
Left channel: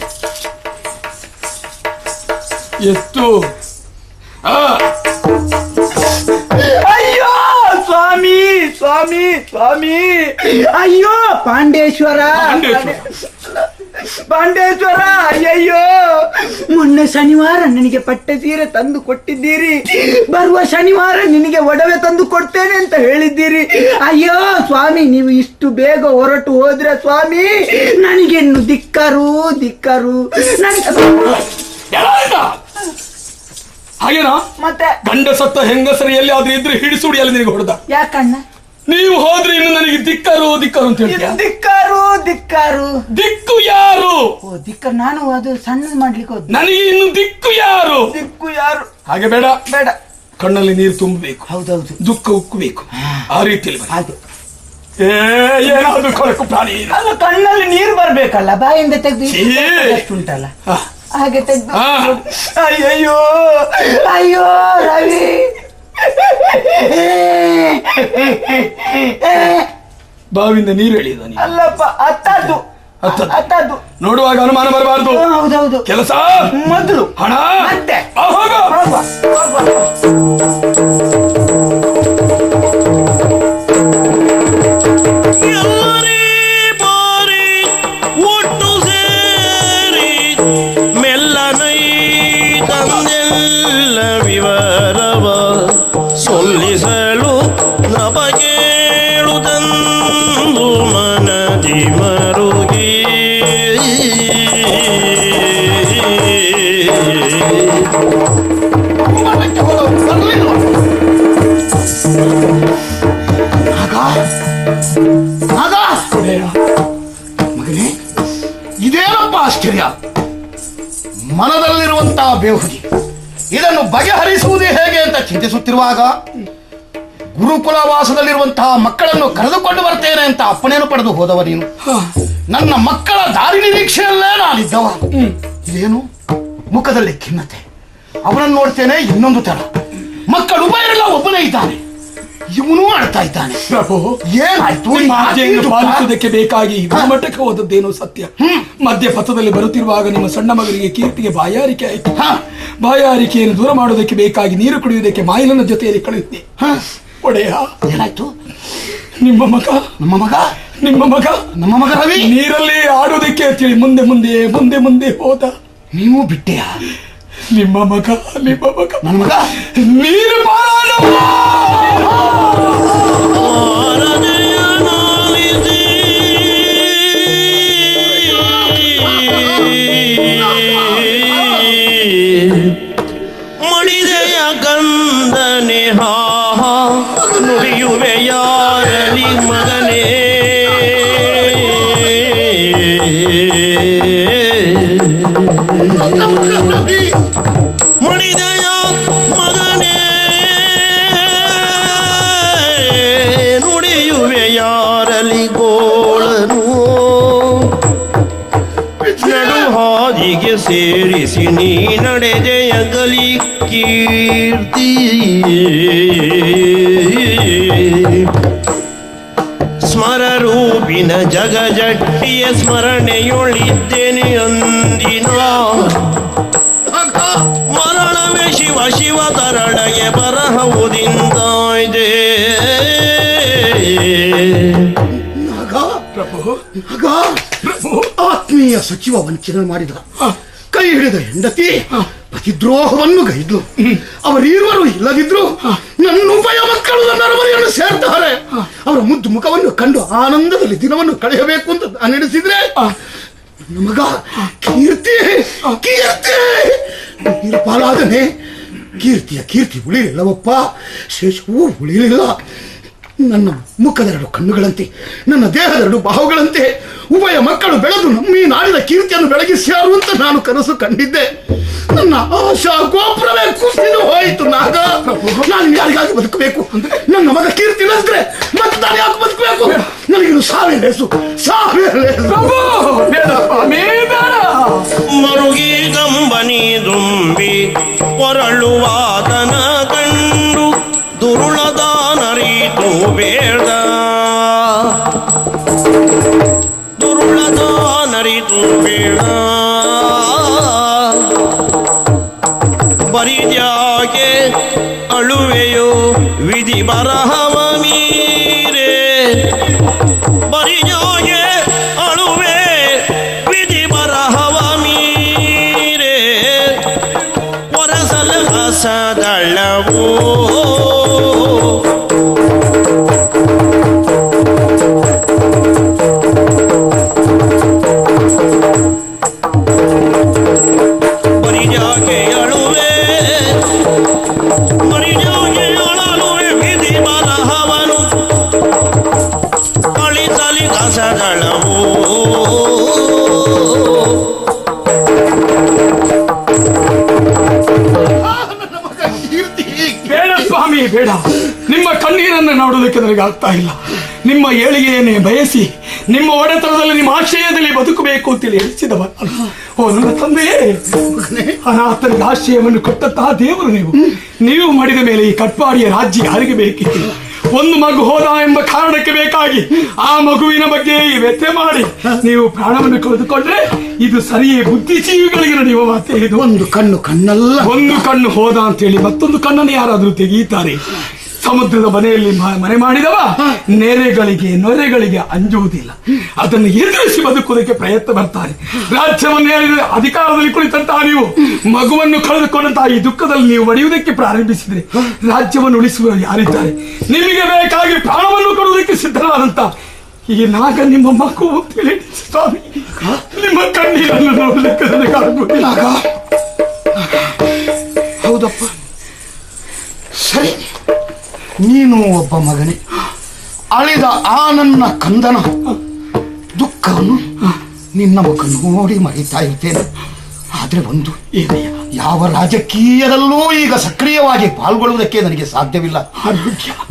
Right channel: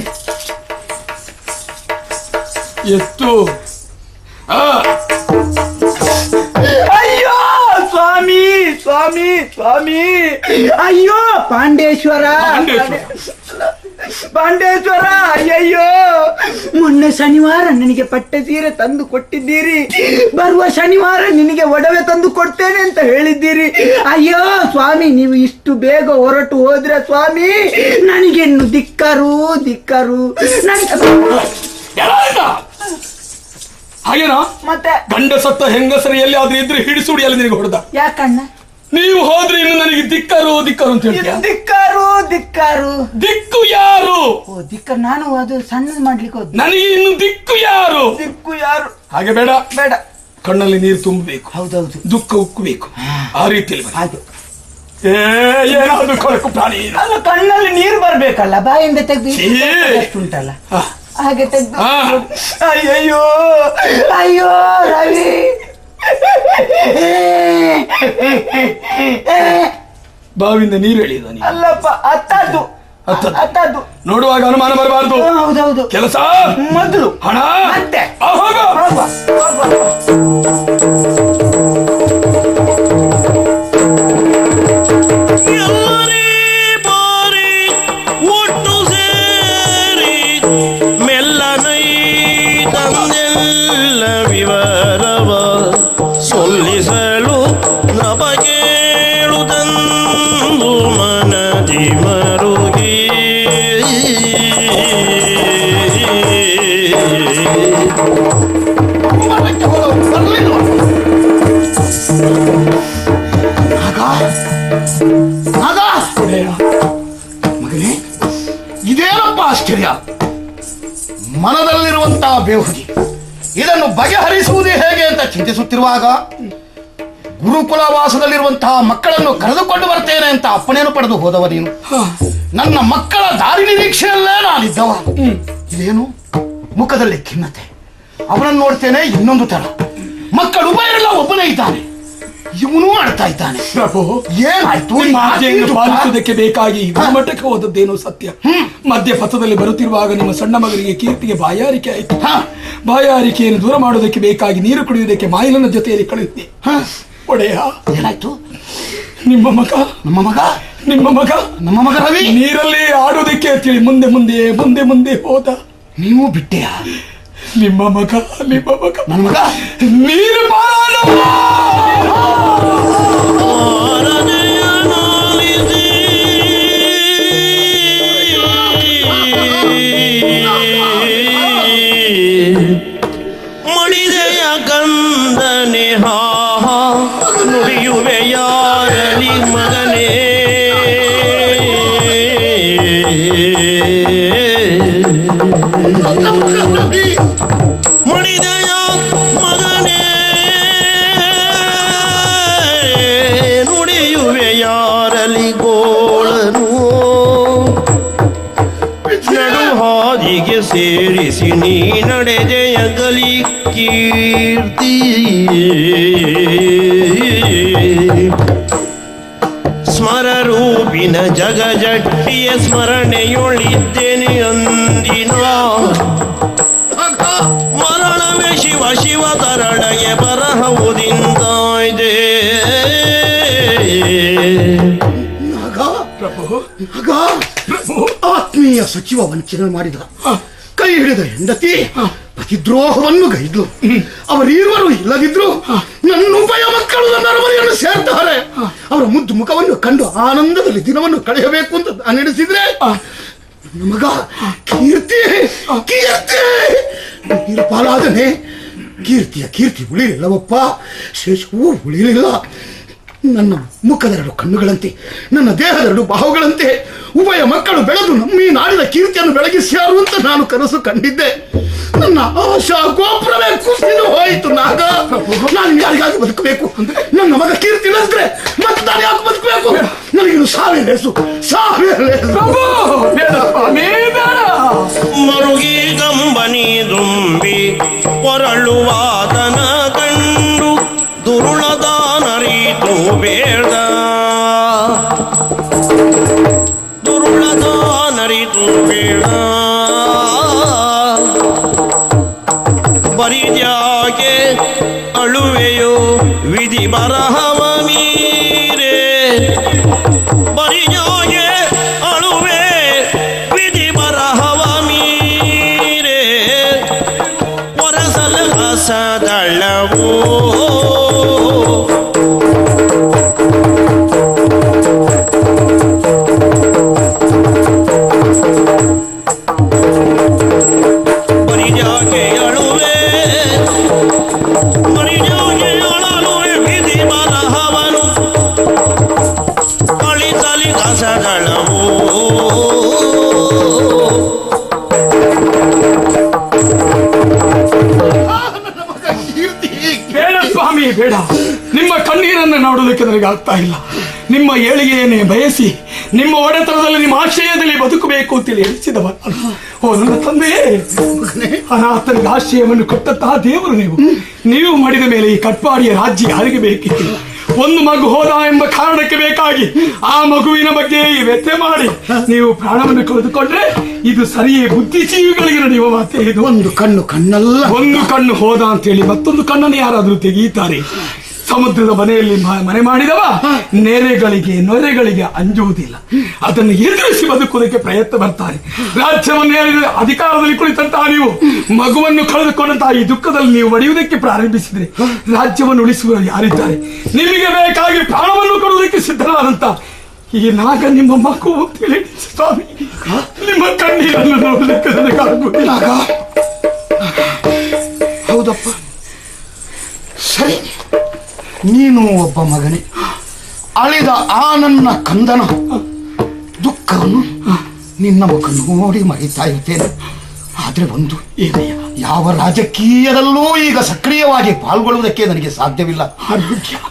ಎಷ್ಟು ಅಯ್ಯೋ ಸ್ವಾಮಿ ಸ್ವಾಮಿ ಸ್ವಾಮಿ, ಅಯ್ಯೋ ಪಾಂಡೇಶ್ವರ ಪಾಂಡೇಶ್ವರ. ಅಯ್ಯಯ್ಯೋ, ಮೊನ್ನೆ ಶನಿವಾರ ನನಗೆ ಪಟ್ಟತೀರ ತಂದು ಕೊಟ್ಟಿದ್ದೀರಿ, ಬರುವ ಶನಿವಾರ ನಿನಗೆ ಒಡವೆ ತಂದು ಕೊಡ್ತೇನೆ ಅಂತ ಹೇಳಿದ್ದೀರಿ. ಅಯ್ಯೋ ಸ್ವಾಮಿ, ನೀವು ಇಷ್ಟು ಬೇಗ ಹೊರಟು ಹೋದ್ರೆ ಸ್ವಾಮಿ ನನಗೆ ದಿಕ್ಕರು ದಿಕ್ಕರು. ಹಾಗೇನಾ? ಮತ್ತೆ ಗಂಡ ಸತ್ತ ಹೆಂಗಸರ ಎಲ್ಲಿ ಆದ್ರೂ ಇದ್ರೆ ಹಿಡಿಸುಡಿ ಅಲ್ಲಿ ಹೊಡೆದ. ಯಾಕಣ್ಣ? ನೀವು ಹೋದ್ರೆ ನನಗೆ ದಿಕ್ಕರು ದಿಕ್ಕರು ಅಂತ ಹೇಳ್ತೀರಾ? ದಿಕ್ಕಾರು ದಿಕ್ಕು ಯಾರು? ನಾನು ಅದು ಸಣ್ಣ ಮಾಡ್ಲಿಕ್ಕೆ ಹೋದೆ. ನನಗೆ ಇನ್ನು ದಿಕ್ಕು ಯಾರು? ದಿಕ್ಕು ಯಾರು? ಹಾಗೆ ಬೇಡ, ಬೇಡ. ಕಣ್ಣಲ್ಲಿ ನೀರು ತುಂಬಬೇಕು, ಹೌದೌದು, ದುಃಖ ಉಕ್ಕಬೇಕು. ಆ ರೀತಿ ಹಾಗೆ ಏನಾದ್ರು ಕೊರಕು ಪ್ರಾಣಿ ಅದು ಕಣ್ಣಲ್ಲಿ ನೀರು ಬರ್ಬೇಕಲ್ಲ, ಬಾಯಿಂದ ತೆಗೆದು ಇದೆ. ಉಂಟಲ್ಲ ಆ, ಹಾಗೆ ತೆಗೆದು. ಆ, ಅಯ್ಯಯ್ಯೋ ಅಯ್ಯೋ ರವಿ. ಬಾವಿಯಿಂದ ನೀರು ಹೇಳಿದ ಅಲ್ಲಪ್ಪ ಅತ್ತದ್ದು ಅತ್ತದ್ದು ನೋಡುವಾಗ ಅನುಮಾನ ಬರಬಾರ್ದು. ಹೌದೌದು. ಕೆಲಸ ಮೊದಲು ಹಣ ಮತ್ತೆ. ಆವಾಗ ಇದೇನಪ್ಪ ಆಶ್ಚರ್ಯ! ಮನದಲ್ಲಿರುವಂತಹ ಬೇಹುರಿ ಇದನ್ನು ಬಗೆಹರಿಸುವುದೇ ಹೇಗೆ ಅಂತ ಚಿಂತಿಸುತ್ತಿರುವಾಗ ಗುರುಕುಲವಾಸದಲ್ಲಿರುವಂತಹ ಮಕ್ಕಳನ್ನು ಕರೆದುಕೊಂಡು ಬರ್ತೇನೆ ಅಂತ ಅಪ್ಪಣೆಯನ್ನು ಪಡೆದು ಹೋದವರೇನು? ನನ್ನ ಮಕ್ಕಳ ದಾರಿ ನಿರೀಕ್ಷೆಯಲ್ಲೇ ನಾನಿದ್ದವ. ಏನು ಮುಖದಲ್ಲಿ ಖಿನ್ನತೆ, ಅವನನ್ನು ನೋಡ್ತೇನೆ ಇನ್ನೊಂದು ತರ. ಮಕ್ಕಳು ಒಬ್ಬನೇ ಇದ್ದಾನೆ, ಇವನು ಆಡ್ತಾ ಇದ್ದಾನೆ. ಪ್ರಭು, ಏನಾಯ್ತು? ನಿಮ್ಮ ಆಜ್ಞೆಯನ್ನು ಪಾಲಿಸುವುದಕ್ಕೆ ಬೇಕಾಗಿ ಮಠಕ್ಕೆ ಹೋದದ್ದೇನು ಸತ್ಯ. ಮಧ್ಯ ಪಥದಲ್ಲಿ ಬರುತ್ತಿರುವಾಗ ನಿಮ್ಮ ಸಣ್ಣ ಮಗನಿಗೆ ಕೀರ್ತಿಗೆ ಬಾಯಾರಿಕೆ ಆಯಿತು. ಬಾಯಾರಿಕೆಯನ್ನು ದೂರ ಮಾಡುವುದಕ್ಕೆ ಬೇಕಾಗಿ ನೀರು ಕುಡಿಯುವುದಕ್ಕೆ ಮಾಯನ ಜೊತೆಯಲ್ಲಿ ಕಳೆದಿದ್ದೆ. ಒಡೆಯ, ಏನಾಯ್ತು? ನಿಮ್ಮ ಮಗ ನಮ್ಮ ಮಗ ನಿಮ್ಮ ಮಗ ನಮ್ಮ ಮಗ ರವಿ ನೀರಲ್ಲಿ ಆಡುವುದಕ್ಕೆ ತಿಳಿ ಮುಂದೆ ಮುಂದೆ ಮುಂದೆ ಮುಂದೆ ಹೋದ. ನೀವು ಬಿಟ್ಟೆಯಾ? ನಿಮ್ಮ ಮಗ ನಮ್ಮ ಮಗ ನೀರು ಮಾಡು. ಮುಡಿದೆಯ ಗಂಧನೆ ನುಡಿಯುವೆ ಯಾರಲಿ ಮನೆ ಮುಡಿದೆಯ ಮನೆ ನುಡಿಯುವೆ ಯಾರಲಿ ಗೋಳನು ಹಾದಿಗೆ ಸೇರಿಸಿ ನೀ ನಡೆದೆಯ ಗಲಿ ಕೀರ್ತಿ ಸ್ಮರರೂಪಿನ ಜಗಜಟ್ಟಿಯ ಸ್ಮರಣೆಯೊಳಿದ್ದೇನೆ ಅಂದಿನ ಮರಳವೆ ಶಿವ ಶಿವ ತರಳೆಯ ಬರಹವುದಿಂದಾಯ್ದೆ. ಆತ್ಮೀಯ ಸಚಿವ ವಂಚನೆ ಮಾಡಿದ, ಕೈ ಹಿಡಿದ ಹೆಂಡತಿ ದ್ರೋಹವನ್ನು ಗೈದ್ಲು. ಅವರಿರುವರು ಇಲ್ಲದಿದ್ರು ನನ್ನ ಉಭಯ ಮಕ್ಕಳು ನನ್ನ ಸೇರ್ತಾರೆ. ಅವರ ಮುದ್ದು ಮುಖವನ್ನು ಕಂಡು ಆನಂದದಲ್ಲಿ ದಿನವನ್ನು ಕಳೆಯಬೇಕು ಅಂತ ನಾನು ಹಿಡಿದಿದ್ರೆ ಮಗ ಕೀರ್ತಿ ಕೀರ್ತಿ ಪಾರಾಧನೆ ಕೀರ್ತಿ ಉಳಿಯಿಲ್ಲವಪ್ಪ, ಶೇಷವೂ ಉಳಿಯಲಿಲ್ಲ. ನನ್ನ ಮುಖದೆರಡು ಕಣ್ಣುಗಳಂತೆ, ನನ್ನ ದೇಹದೆರಡು ಬಾಹುಗಳಂತೆ ಉಭಯ ಮಕ್ಕಳು ಬೆಳೆದು ಈ ನಾಡಿನ ಕೀರ್ತಿಯನ್ನು ಬೆಳಗಿಸಿಯಾರು ಅಂತ ನಾನು ಕನಸು ಕಂಡಿದ್ದೆ. ನನ್ನ ಆಶಾ ಗೋಪುರವೇ ಕುಸಿದು ಹೋಯಿತು. ನಾನು ಯಾರಿಗಾಗಿ ಬದುಕಬೇಕು? ನನ್ನ ಮಗ ಕೀರ್ತಿ ಇಲ್ಲಂದ್ರೆ ಮತ್ತೆ ಯಾಕೆ ಬದುಕಬೇಕು? ನನಗಿನ್ನು ಸಾವಿರ ಮರುಗಿ ಕಂಬನಿ ದುಂಬಿ ಹೊರಳುವ ಗಂಡು ದುರುಳದ ನರಿದು ಬೇಡ, ದುರುಳದ ನರಿದು ಬೇಡ. ಬರಿದ್ಯಾಗೆ ಅಳುವೆಯೋ ವಿಧಿ ಬರಹವ ಮೀರೆ, ಬರಿಯಾಗೆ ಪಾಶಗಳವು ಬೇಡ ಸ್ವಾಮಿ ಬೇಡ. ನಿಮ್ಮ ಕಣ್ಣೀರನ್ನು ನೋಡೋದಕ್ಕೆ ನನಗೆ ಆಗ್ತಾ ಇಲ್ಲ. ನಿಮ್ಮ ಏಳಿಗೆಯನ್ನೇ ಬಯಸಿ ನಿಮ್ಮ ಒಡೆತನದಲ್ಲಿ ನಿಮ್ಮ ಆಶಯದಲ್ಲಿ ಬದುಕಬೇಕು ಅಂತ ಹೇಳಿಸಿದವ ನನ್ನ ತಂದೆ. ಅನಾಥರ ಆಶಯವನ್ನು ಕೊಟ್ಟಂತಹ ದೇವರು ನೀವು ಮಾಡಿದ ಮೇಲೆ ಈ ಕಟ್ಪಾಡಿಯ ರಾಜ್ಯ ಹರಿಬೇಕಿಲ್ಲ. ಒಂದು ಮಗು ಹೋದ ಎಂಬ ಕಾರಣಕ್ಕೆ ಬೇಕಾಗಿ ಆ ಮಗುವಿನ ಬಗ್ಗೆ ವ್ಯತ್ಯೆ ಮಾಡಿ ನೀವು ಪ್ರಾಣವನ್ನು ಕಳೆದುಕೊಂಡ್ರೆ ಇದು ಸರಿಯೇ. ಬುದ್ಧಿಜೀವಿಗಳಿಗೆ ನಡೆಯುವ ಅಂತ ಹೇಳಿದ ಒಂದು ಕಣ್ಣು ಕಣ್ಣಲ್ಲ, ಒಂದು ಕಣ್ಣು ಹೋದ ಅಂತ ಹೇಳಿ ಮತ್ತೊಂದು ಕಣ್ಣನ್ನು ಯಾರಾದ್ರೂ ತೆಗೆಯುತ್ತಾರೆ. ಸಮುದ್ರದ ಮನೆಯಲ್ಲಿ ಮನೆ ಮಾಡಿದವ ನೊರೆಗಳಿಗೆ ಅಂಜುವುದಿಲ್ಲ. ಅದನ್ನು ಎದುರಿಸಿ ಬದುಕುವುದಕ್ಕೆ ಪ್ರಯತ್ನ ಮಾಡ್ತಾರೆ. ರಾಜ್ಯದ ಮೇಲೆ ಅಧಿಕಾರದಲ್ಲಿ ಕುಳಿತಂತಹ ನೀವು ಮಗುವನ್ನು ಕಳೆದುಕೊಂಡಂತಹ ಈ ದುಃಖದಲ್ಲಿ ನೀವು ಒಡೆಯುವುದಕ್ಕೆ ಪ್ರಾರಂಭಿಸಿದರೆ ರಾಜ್ಯವನ್ನು ಉಳಿಸುವ ಯಾರಿದ್ದಾರೆ? ನಿಮಗೆ ಬೇಕಾಗಿ ಪ್ರಾಣವನ್ನು ಕೊಡುವುದಕ್ಕೆ ಸಿದ್ಧವಾದಂತ ಈ ನಾಗ ನಿಮ್ಮ ಮಗು ಅಂತ ಹೇಳಿ ಸ್ವಾಮಿ, ನಿಮ್ಮ ಕಣ್ಣೀರನ್ನು ನೋಡಲಿಕ್ಕೆ ನನಗಾಗುವುದಿಲ್ಲ. ಹೌದಪ್ಪ, ಸರಿ, ನೀನು ಒಬ್ಬ ಮಗನೇ. ಅಳಿದ ಆ ನನ್ನ ಕಂದನ ದುಃಖವನ್ನು ನಿನ್ನ ಮುಖ ನೋಡಿ ಮರೀತಾ ಇದ್ದೇನೆ. ಆದರೆ ಒಂದು, ಯಾವ ರಾಜಕೀಯದಲ್ಲೂ ಈಗ ಸಕ್ರಿಯವಾಗಿ ಪಾಲ್ಗೊಳ್ಳುವುದಕ್ಕೆ ನನಗೆ ಸಾಧ್ಯವಿಲ್ಲ.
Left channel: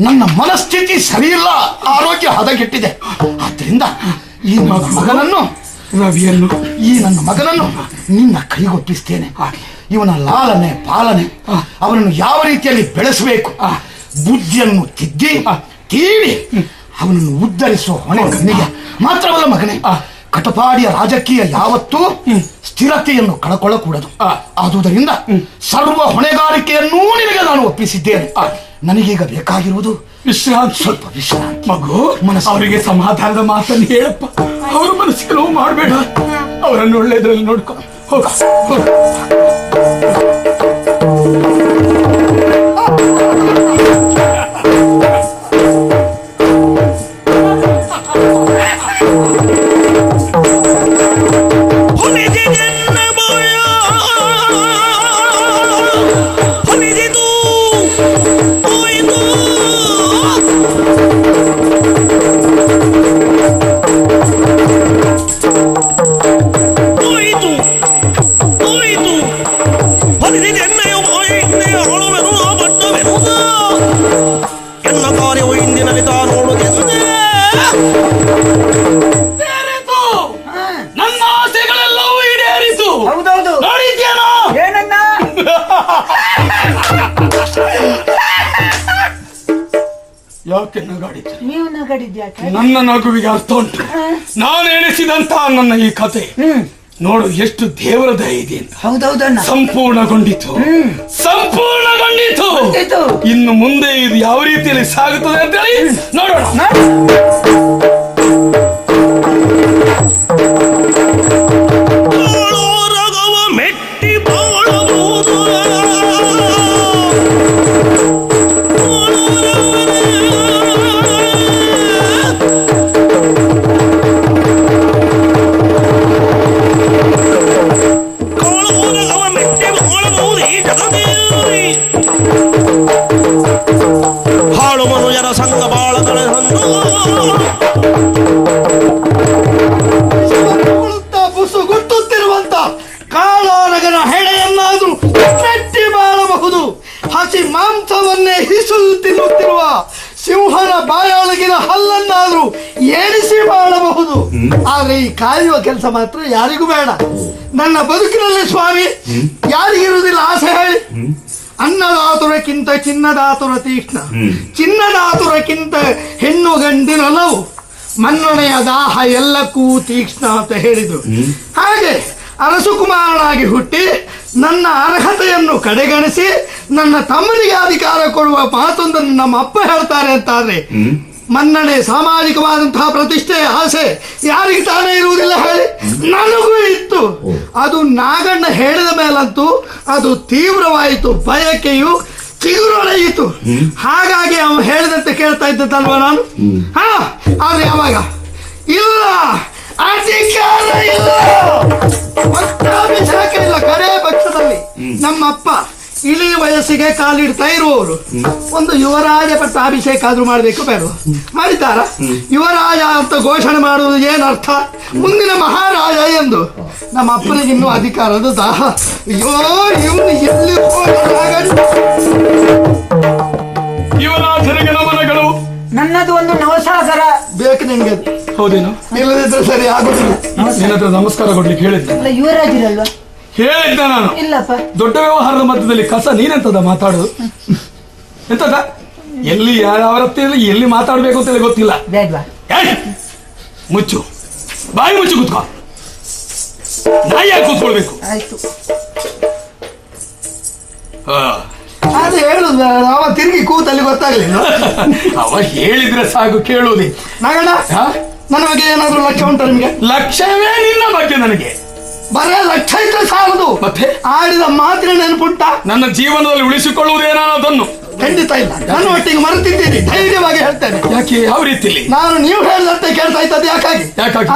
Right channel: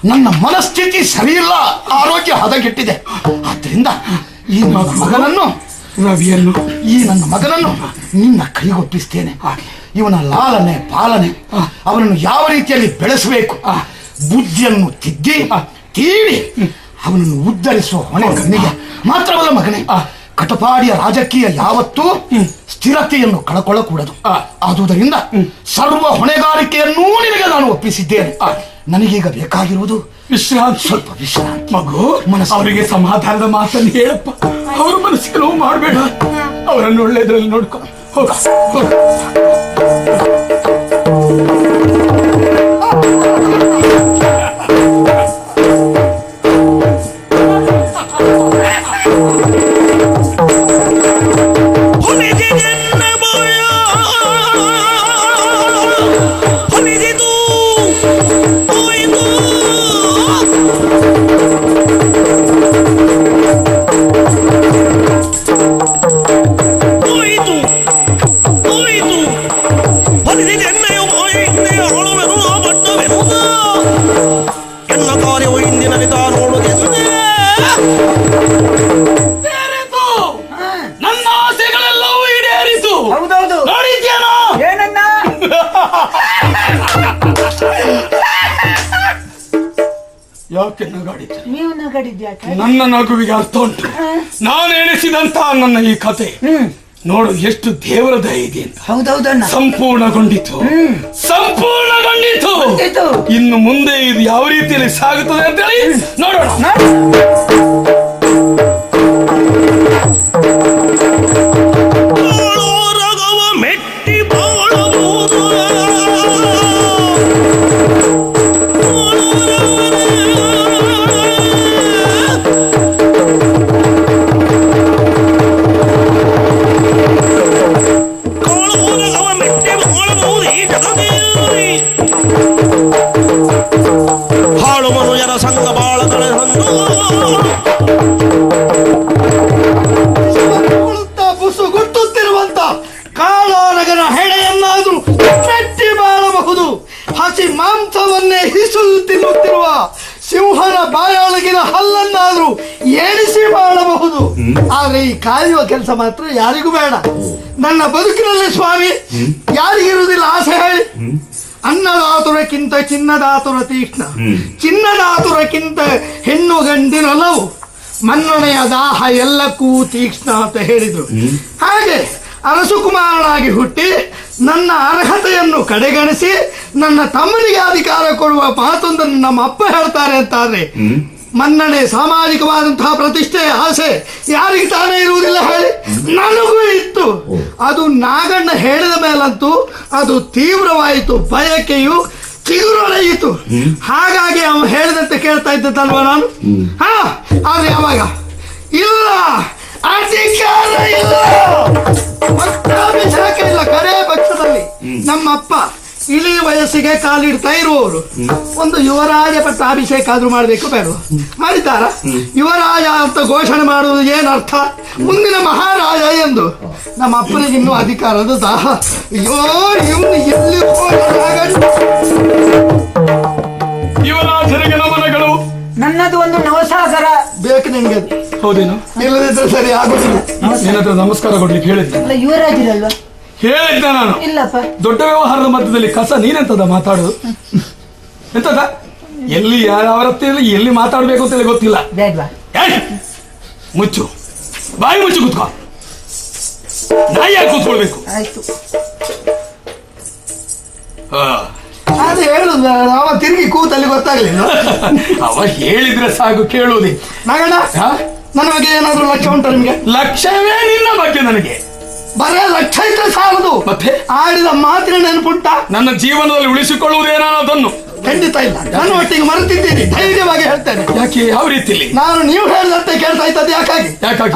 ನನ್ನ ಮನಸ್ಥಿತಿ ಸರಿಯಿಲ್ಲ, ಆರೋಗ್ಯ ಹದಗೆಟ್ಟಿದೆ. ಆದ್ರಿಂದ ಈ ನನ್ನ ಮಗನನ್ನು ನಿನ್ನ ಕೈಗೆ ಒಪ್ಪಿಸ್ತೇನೆ. ಇವನ ಲಾಲನೆ ಪಾಲನೆ, ಅವರನ್ನು ಯಾವ ರೀತಿಯಲ್ಲಿ ಬೆಳೆಸಬೇಕು, ಬುದ್ಧಿಯನ್ನು ತೀವಿ ಅವನನ್ನು ಉದ್ಧರಿಸುವ ಹೊಣೆ ಮಾತ್ರವಲ್ಲ ಮಗನೇ. ಕಟಪಾಡಿಯ ರಾಜಕೀಯ ಯಾವತ್ತೂ ಸ್ಥಿರತೆಯನ್ನು ಕಳಕೊಳ್ಳಕೂಡದು. ಆದುದರಿಂದ ಸರ್ವ ಹೊಣೆಗಾರಿಕೆಯನ್ನೂ ನಿನಗೆ ನಾನು ಒಪ್ಪಿಸಿದ್ದೇನೆ. ನನಗೀಗ ಬೇಕಾಗಿರುವುದು ವಿಶ್ರಾಂತಿ, ಸ್ವಲ್ಪ ವಿಶ್ರಾಂತಿ. ಮಗು ಅವರಿಗೆ ಸಮಾಧಾನದ ಮಾತನ್ನು ಹೇಳಪ್ಪ. ಅವ್ರ ಮನಸ್ಸಿಗೆ ನೋವು ಮಾಡಬೇಡ. ಅವರನ್ನು ಒಳ್ಳೆಯದ್ರಲ್ಲಿ ನೋಡ್ಕೊ. ಹೋಗ ನನ್ನ ನಗುವಿಗೆ ಅರ್ಥ ಉಂಟು. ನಾನು ಎಣಿಸಿದಂತ ನನ್ನ ಈ ಕಥೆ ನೋಡು ಎಷ್ಟು ದೇವರ ಧೈರ್ಯ. ಸಂಪೂರ್ಣಗೊಂಡಿತು. ಇನ್ನು ಮುಂದೆ ಇದು ಯಾವ ರೀತಿಯಲ್ಲಿ ಸಾಗುತ್ತದೆ ಅಂದ್ರೆ ನೋಡೋಣ. ಕಾಯುವ ಕೆಲಸ ಮಾತ್ರ ಯಾರಿಗೂ ಬೇಡ. ನನ್ನ ಬದುಕಿನಲ್ಲಿ ಸ್ವಾಮಿ ಯಾರಿಗಿರುವುದಿಲ್ಲ ಆಸೆ. ಅನ್ನದಾತುರಕ್ಕಿಂತ ಚಿನ್ನದಾತುರ ತೀಕ್ಷ್ಣ, ಚಿನ್ನದಾತುರಕ್ಕಿಂತ ಹೆಣ್ಣು ಗಂಡಿರಲವು, ಮನ್ನೊಡೆಯ ದಾಹ ಎಲ್ಲಕ್ಕೂ ತೀಕ್ಷ್ಣ ಅಂತ ಹೇಳಿದರು. ಹಾಗೆ ಅರಸುಕುಮಾರನಾಗಿ ಹುಟ್ಟಿ ನನ್ನ ಅರ್ಹತೆಯನ್ನು ಕಡೆಗಣಿಸಿ ನನ್ನ ತಮ್ಮನಿಗೆ ಅಧಿಕಾರ ಕೊಡುವ ಮಾತೊಂದನ್ನು ನಮ್ಮ ಅಪ್ಪ ಹೇಳ್ತಾರೆ ಅಂತಾದ್ರೆ ಮನ್ನಡೆ ಸಾಮಾಜಿಕವಾದಂತಹ ಪ್ರತಿಷ್ಠೆ ಆಸೆ ಯಾರಿಗೆ ತಾನೇ ಇರುವುದಿಲ್ಲ ಹೇಳಿ? ನನಗೂ ಇತ್ತು. ಅದು ನಾಗಣ್ಣ ಹೇಳಿದ ಮೇಲಂತೂ ಅದು ತೀವ್ರವಾಯಿತು, ಬಯಕೆಯು ತೀವ್ರವಾಯಿತು. ಹಾಗಾಗಿ ಅವನು ಹೇಳಿದಂತೆ ಕೇಳ್ತಾ ಇದ್ದಲ್ವ ನಾನು. ಆದ್ರೆ ಯಾವಾಗ ಇಲ್ಲ ಅಧಿಕಾರ ಇಲ್ಲ, ಗಳೆಯ ಪಕ್ಷದಲ್ಲಿ ನಮ್ಮಪ್ಪ ಇಳಿ ವಯಸ್ಸಿಗೆ ಕಾಲಿಡ್ತಾ ಇರುವವರು ಒಂದು ಯುವರಾಜ ಪಟ್ಟಾಭಿಷೇಕ ಆದ್ರೂ ಮಾಡಬೇಕು ಬೇಡ ಮಾಡಿದ್ದಾರ. ಯುವರಾಜ ಅಂತ ಘೋಷಣೆ ಮಾಡುವುದು ಇನ್ನು ಅಧಿಕಾರದ ದಾಹ. ಅಯ್ಯೋ ಇವ್ನು ಎಲ್ಲಿ ಹೋದ? ನನ್ನದು ಒಂದು ನವಸಾಗರ. ಬೇಕು ನಿಂಗೆ. ಹೌದಿಲ್ಲ? ಇಲ್ಲದಿದ್ರೆ ಸರಿ ಆಗುದಿಲ್ಲ. ನಮಸ್ಕಾರ ಕೊಡ್ಲಿಕ್ಕೆ ಹೇಳಿದ್ದೆ. ಅಲ್ಲ, ಇವರಾಗಿರಲ್ವಾ? ಹೇಳಿದ್ದೆ ನಾನು. ಇಲ್ಲಪ್ಪ. ದೊಡ್ಡ ವ್ಯವಹಾರದ ಮಧ್ಯದಲ್ಲಿ ಕಸ ನೀನೆಂತದ ಮಾತಾಡುದು ಎಂತದ? ಎಲ್ಲಿ ಯಾವ ಎಲ್ಲಿ ಮಾತಾಡ್ಬೇಕು ಅಂತ ಗೊತ್ತಿಲ್ಲ. ಬೇಡ್ವಾ? ಏಯ್! ಮುಚ್ಚು, ಬಾಯಿ ಮುಚ್ಚು, ಕೂತ್ಕೋ. ನಾಯಿ ಕೂತ್ಕೊಳ್ಬೇಕು. ಆಯ್ತು. ಅದು ಹೇಳುದು ಅವ ತಿರುಗಿ ಕೂತಲ್ಲಿ ಗೊತ್ತಾಗಿಲ್ಲ. ಅವ ಹೇಳಿದ್ರೆ ಸಾಕು, ಕೇಳುವುದೇ. ನಾಗಣ್ಣ ನನ್ನ ಬಗ್ಗೆ ಏನಾದ್ರು ಲಕ್ಷ ಉಂಟು ನಿಮಗೆ? ಲಕ್ಷವೇ ಇಲ್ಲ ಬಗ್ಗೆ ನನಗೆ. ಬರ ಲಕ್ಷ ಇದ್ರೆ ಸಾಲದು. ಮತ್ತೆ ಆಯ್ಲ ಮಾತ್ರ ನೆನ್ಪುಂಟ. ನನ್ನ ಜೀವನದಲ್ಲಿ ಉಳಿಸಿಕೊಳ್ಳುವುದೇನೋ ಅದನ್ನು ಖಂಡಿತ ಇಲ್ಲ. ನನ್ನ ಒಟ್ಟಿಗೆ ಮರೆತಿದ್ದೀನಿ, ಧೈರ್ಯವಾಗಿ ಹೇಳ್ತೇನೆ. ಯಾಕೆ? ಯಾವ ರೀತಿ? ನಾನು ನೀವು ಹೇಳಿದಂತೆ ಕೆಲಸ ಆಯ್ತದೆ. ಯಾಕಾಗಿ?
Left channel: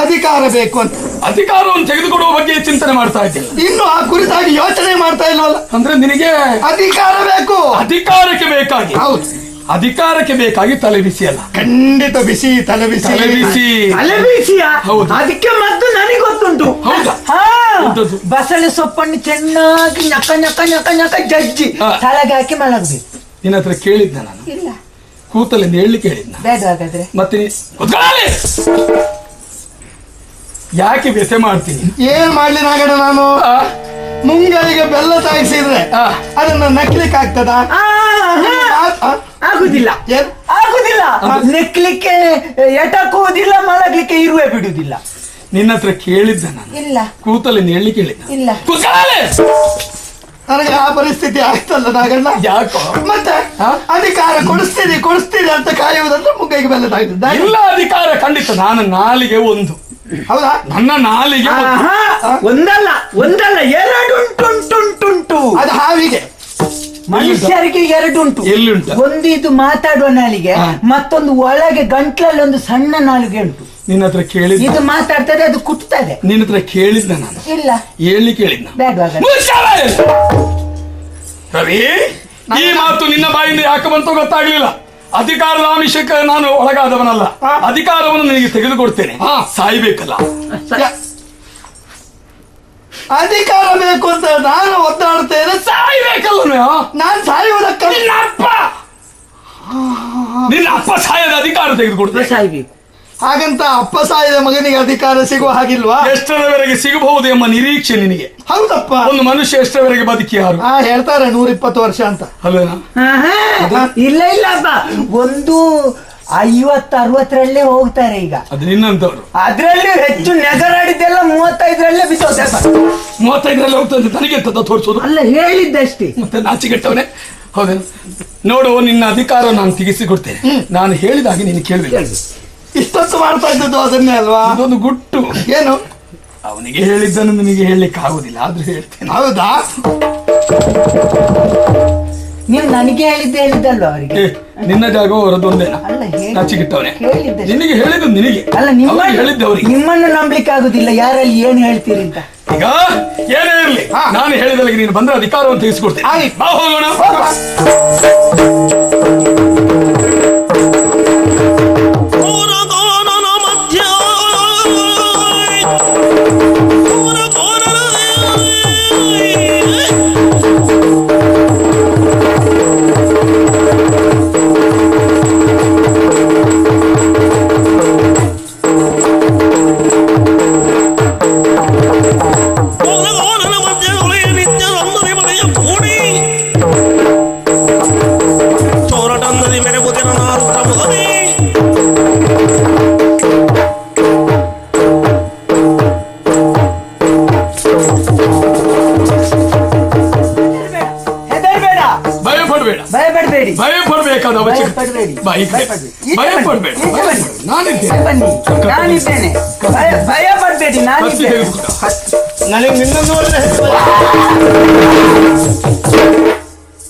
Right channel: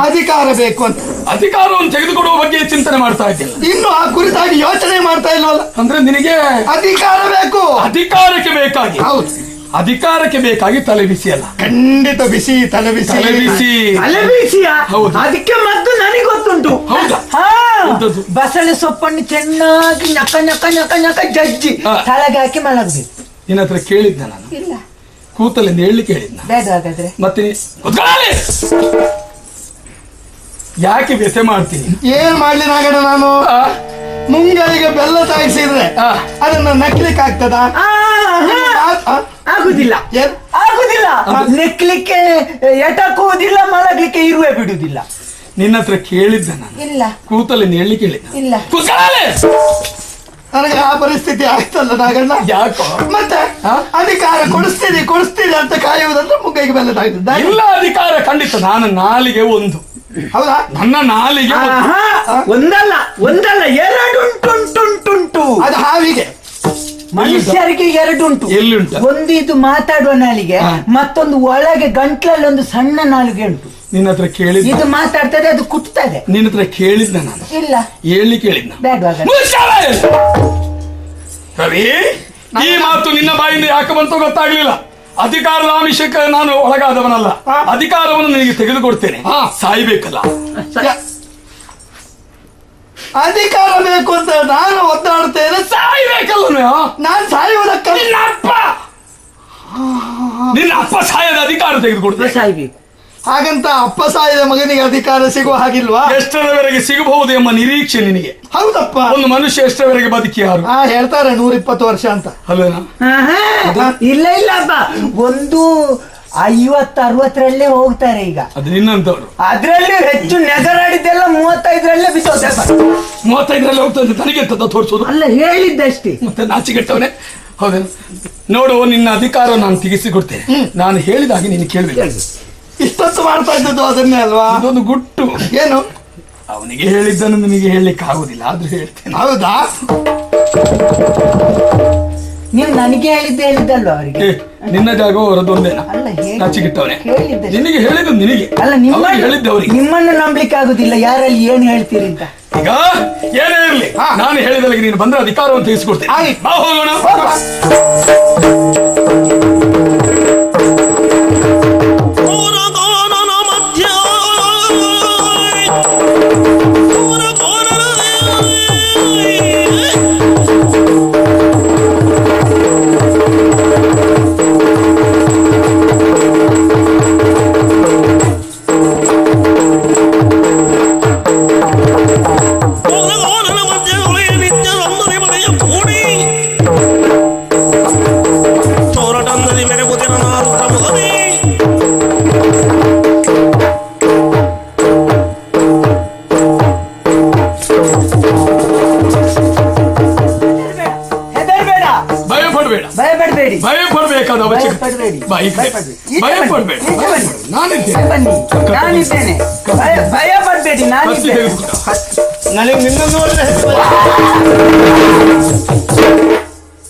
ಅಧಿಕಾರ ಬೇಕು ಅಂತ. ಅಧಿಕಾರವನ್ನು ತೆಗೆದುಕೊಳ್ಳುವ ಬಗ್ಗೆ ಚಿಂತನೆ ಮಾಡ್ತಾ ಇದ್ದೇನೆ. ಇನ್ನು ಆ ಕುರಿತಾಗಿ ಯೋಚನೆ ಮಾಡ್ತಾ ಇಲ್ಲವಲ್ಲ. ಅಂದ್ರೆ ನಿನಗೆ ಅಧಿಕಾರ ಬೇಕು. ಅಧಿಕಾರಕ್ಕೆ ಬೇಕಾಗಿ, ಹೌದು, ಅಧಿಕಾರಕ್ಕೆ ಬೇಕಾಗಿ ತಲೆ ಬಿಸಿ ಅಲ್ಲ. ಖಂಡಿತ ಬಿಸಿ, ತಲೆ ಬಿಸಿ. ತಲೆ ಬಿಸಿ. ಅಲ್ಲೇ ಬಿಸಿಯಾ? ಹೌದು. ಅದಕ್ಕೆ ಮತ್ತು ನನಗೆ ಗೊತ್ತುಂಟು. ಹೌದಾ? ಹಾ, ಹೌದೌದು. ಬಸಳೆ ಸೊಪ್ಪನ್ನು ಚೆನ್ನಾಗಿ ನಕ ನಕ ನಕ ನಕ ಜಜ್ಜಿ ಹಾ. ಕೆಳಗೆ ಹಾಕಿ ಮಲಗಿ. ನಿನ್ನ ಹತ್ರ ಕೇಳಿದ್ದ ನಾನು. ಇಲ್ಲ, ಕೂತಲ್ಲಿ ಹೇಳಲಿಕ್ಕೆ ಹೇಳಿದ್ದ. ಬೇಗ ಹಾಗಾದ್ರೆ. ಮತ್ತೆ ಕುತ್ಕೊಳ್ಳಿ. ಯಾಕೆ ಬೆಸೆ ಮಾಡ್ತೀನಿ? ಏನ್ ಮಾಡಿದಾಗ ನಾನು ಮುಂಗಾರಿಗೆ ಬೆಲ್ಲ ಸಾಗಿಸಿದ್ರೆ ಅದನ್ನ ನೆಕ್ಲಿಕ್ಕೆ ಆಗ್ತದ? ಆಗುದಿಲ್ಲ, ಏನ್? ಆಗುದಿಲ್ಲ. ನೆಕ್ಲಿಕ್ಕೆ ಎಟಕುವುದಿಲ್ಲ, ಮಲಗಲಿಕ್ಕೆ ಇರುವೆ ಬಿಡುವುದಿಲ್ಲ. ನಿನ್ನ ಹತ್ರ ಕೇಳಿದ್ದ ನಾನು. ಇಲ್ಲ, ಕೂತಲ್ಲಿ ಹೇಳಿಕ್ಕೆ ಹೇಳಿದ್ದ. ಇಲ್ಲ. ಕುತ್ಕೊಳ್ಳಿ. ನನಗೆ ಆ ಪರಿಸ್ಥಿತಿ ಆಗ್ತದ ನಾಗಣ್ಣ. ಯಾಕೋ? ಮತ್ತೆ ಅಧಿಕಾರ ಕೊಡಿಸ್ತೀರಿ ಅಂತ ಕಾಯುವುದನ್ನು ಮುಗಿಗೆ ಬಂದ. ಎಲ್ಲ ಅಧಿಕಾರ ಖಂಡಿತ. ನಾನು ನಾಲಿಗೆ ಒಂದು. ಹೌದಾ? ನನ್ನ ನಾಲಿಗೆ ಆಹಾ, ಒಂದಲ್ಲ ಎರಡು ಉಂಟುಂಟುಂಟುಂಟು. ಅದು ಹಾವಿಗೆ. ಮನುಷ್ಯರಿಗೆ ಎರಡು ಉಂಟು. ಎಲ್ಲಿ ಉಂಟು? ಒಂದು ಇದು ಮಾತಾಡುವ ನಾಲಿಗೆ, ಮತ್ತೊಂದು ಒಳಗೆ ಗಂಟಲಲ್ಲಿ ಒಂದು ಸಣ್ಣ ನಾಲಿಗೆ ಉಂಟು. ನಿನ್ನ ಹತ್ರ ಕೇಳಿದ್ದ. ಇದು ಮಾತಾಡ್ತಾರೆ, ಅದು ಕುಟ್ತದೆ. ನಿನ್ನ ಹತ್ರ ಕೇಳಿದ್ದ ನಾನು. ಇಲ್ಲ, ಹೇಳಿಕ್ಕೆ ಹೇಳಿದ್ದ. ಬೇಗ ರವಿ, ಈ ಮಾತು ನಿನ್ನ ಬಾಯಿಂದ ಯಾಕೆ ಬಂತು ಗೊತ್ತಾಗಲಿಲ್ಲ. ಅಧಿಕಾರದ ಆಮಿಷಕ್ಕೆ ನಾನು ಒಳಗಾದವನಲ್ಲ. ಅಧಿಕಾರವನ್ನು ನಿನಗೆ ತೆಗೆದುಕೊಡ್ತೇನೆ. ಸಾಯ್ಬೇಕಲ್ಲ. ಅಧಿಕಾರ ಬೇಕು ಅಂತ ನಾನು ಒತ್ತಾಡ್ತೇನೆ. ಸಾಯ್ಬೇಕಲ್ಲ. ನಾನು ಸಾಯುವುದಕ್ಕೆ ನಿನ್ನ ಅಪ್ಪ ಸಾಯದ ಅಧಿಕಾರ ತೆಗೆದುಕೊಡ್ತೇನೆ. ಹಾಗಂತ ಅಪ್ಪ ಸಾಯದ ಮಗನಿಗೆ ಅಧಿಕಾರ ಸಿಗುವ ಹಾಗಿಲ್ವಾ? ಎಷ್ಟರವರೆಗೆ ಸಿಗಬಹುದು ಎಂಬ ನಿರೀಕ್ಷೆ ನಿನಗೆ. ಹೌದಪ್ಪ. ಒಂದು ಮನುಷ್ಯ ಎಷ್ಟರವರೆಗೆ ಬದುಕಿ ಹೇಳ್ತಾರೆ 120 ವರ್ಷ ಅಂತ. ಇಲ್ಲ ಇಲ್ಲಪ್ಪ, ಒಂದು 50-60ರಲ್ಲೇ ಹೋಗ್ತಾರೆ ಈಗ. ಅದು ನಿನ್ನಂತವ್ರು. ಅದ್ರಲ್ಲೇ ಹೆಚ್ಚು ನೆಗರಾಡಿದೆಲ್ಲ 35ರಲ್ಲೇ ಬಿತ್ತೋದೆ. 35ರಲ್ಲಿ ಹೋಗ್ತದೆ. ನನಗೆ ತೋರಿಸೋದು ಅಲ್ಲ, ಹೇಳಿದ್ದಷ್ಟೇ. ಮತ್ತೆ ನಾಚಿಕೆಟ್ಟವನೇ. ಹೌದು, ನೋಡು, ನಿನ್ನ ಅಧಿಕಾರ ನಾನು ತಿಳಿಸಿಕೊಡ್ತೇನೆ. ನಾನು ಹೇಳಿದಾಗ ನೀನು ಕೇಳಬೇಕು. ಇಷ್ಟೊತ್ತು ಮಾಡ್ತಾ ಇದ್ದದ್ದು ಅದನ್ನೇ ಅಲ್ವಾ? ಅದೊಂದು ಗುಟ್ಟು. ಏನು? ಅವನಿಗೆ ಹೇಳಿದ್ದನ್ನು ನಿನಗೆ ಹೇಳಲಿಕ್ಕೆ ಆಗುದಿಲ್ಲ, ಆದ್ರೂ ಹೇಳ್ತೇನೆ. ಹೌದಾ? ನೀವು ನನಗೆ ಹೇಳಿದ್ದಲ್ವ ಅವರಿಗೆ? ನಿನ್ನ ಜಾಗ ಹೊರದೋದೆ. ಅಲ್ಲ, ನಾಚಿಕೆಟ್ಟವನೇ. ಹೇಳಿದ್ದೆ. ನಿನಗೆ ಹೇಳಿದ್ದು ನಿನಗೆ. ಅಲ್ಲ, ಹೇಳಿದ್ದವ್ರಿಗೆ. ನಿಮ್ಮನ್ನು ನಂಬಲಿಕ್ಕೆ ಆಗುದಿಲ್ಲ. ಯಾರಲ್ಲಿ ಏನು ಹೇಳ್ತೀರಿ ಅಂತ. ಈಗ ಏನೇ ಇರಲಿ, ನಾನು ಹೇಳಿದಾಗ ನೀನು ಬಂದ್ರೆ ಅಧಿಕಾರವನ್ನು ತಿಳಿಸ್ಕೊಡ್ತೇನೆ. ಬಾ ಹೋಗೋಣ.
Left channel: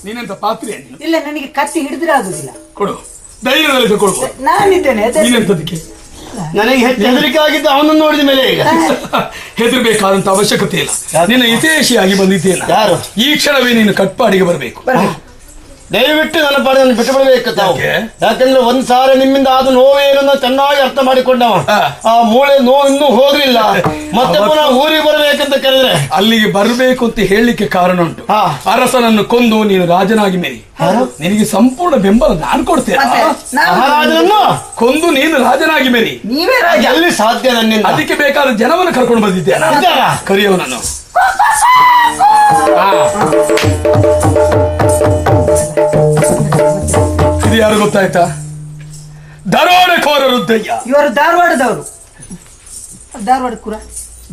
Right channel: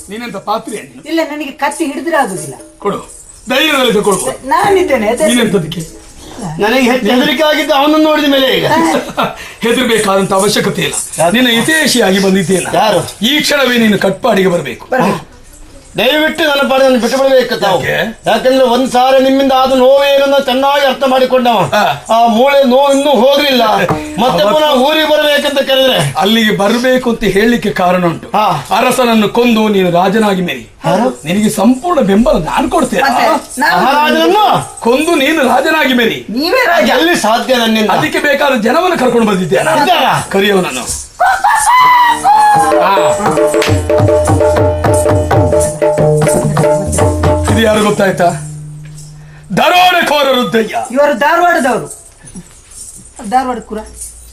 ನೀನಂತ ಪಾತ್ರೆ ಇಲ್ಲ, ನನಗೆ ಕತ್ತಿ ಹಿಡಿದ್ರೆ ಆಗುದಿಲ್ಲ. ಕೊಡು, ಧೈರ್ಯದಲ್ಲಿ ಕೊಡು. ನಾನಿದ್ದೇನೆ. ನನಗೆ ಹೆದರಿಕಾಗಿದ್ದು ಅವನು ನೋಡಿದ್ರೆ ಹೆದರ್ಬೇಕಾದಂತ ಅವಶ್ಯಕತೆ ಇಲ್ಲ. ನಿನ್ನ ಹಿತೈಷಿಯಾಗಿ ಬಂದಿದ್ದೇನೆ. ಈ ಕ್ಷಣವೇ ನೀನು ಕಟ್ಪಾಡಿಗೆ ಬರಬೇಕು. ದಯವಿಟ್ಟು ನನ್ನ ಬಾಳನ್ನು ಬಿಟ್ಟುಬರಬೇಕು ತಾವು. ಯಾಕಂದ್ರೆ ಒಂದ್ ಸಾರಿ ನಿಮ್ಮಿಂದ ಆದ ನೋವೇನನ್ನ ಚೆನ್ನಾಗಿ ಅರ್ಥ ಮಾಡಿಕೊಂಡವ. ಆ ಮೂಳೆ ನೋವು ಇನ್ನೂ ಹೋಗ್ಲಿಲ್ಲ. ಮತ್ತೆ ಊರಿಗೆ ಬರಬೇಕಂತ ಕೇಳಿದೆ. ಅಲ್ಲಿಗೆ ಬರಬೇಕು ಅಂತ ಹೇಳಿಕ್ಕೆ ಕಾರಣ ಉಂಟು. ಅರಸನನ್ನು ಕೊಂದು ನೀನು ರಾಜನಾಗಿ ಮೇರಿ ನಿನಗೆ ಸಂಪೂರ್ಣ ಬೆಂಬಲ ನಾನು ಕೊಡ್ತೇನೆ. ಕೊಂದು ನೀನು ರಾಜನಾಗಿ ಮೇರಿ ನೀವೇ ರಾಜ. ಎಲ್ಲಿ ಸಾಧ್ಯ ನನ್ನಿಂದ? ಅದಕ್ಕೆ ಬೇಕಾದ ಜನವನ್ನು ಕರ್ಕೊಂಡು ಬಂದಿದ್ದೆ. ಕರೆಯುವ ನಾನು ಯಾರು ಗೊತ್ತಾಯ್ತಾ? ದರೋಡೆಕೋರ ರುದ್ರಯ್ಯ. ಇವರು ಧಾರವಾಡದವರು. ಧಾರವಾಡ ಕೂಡ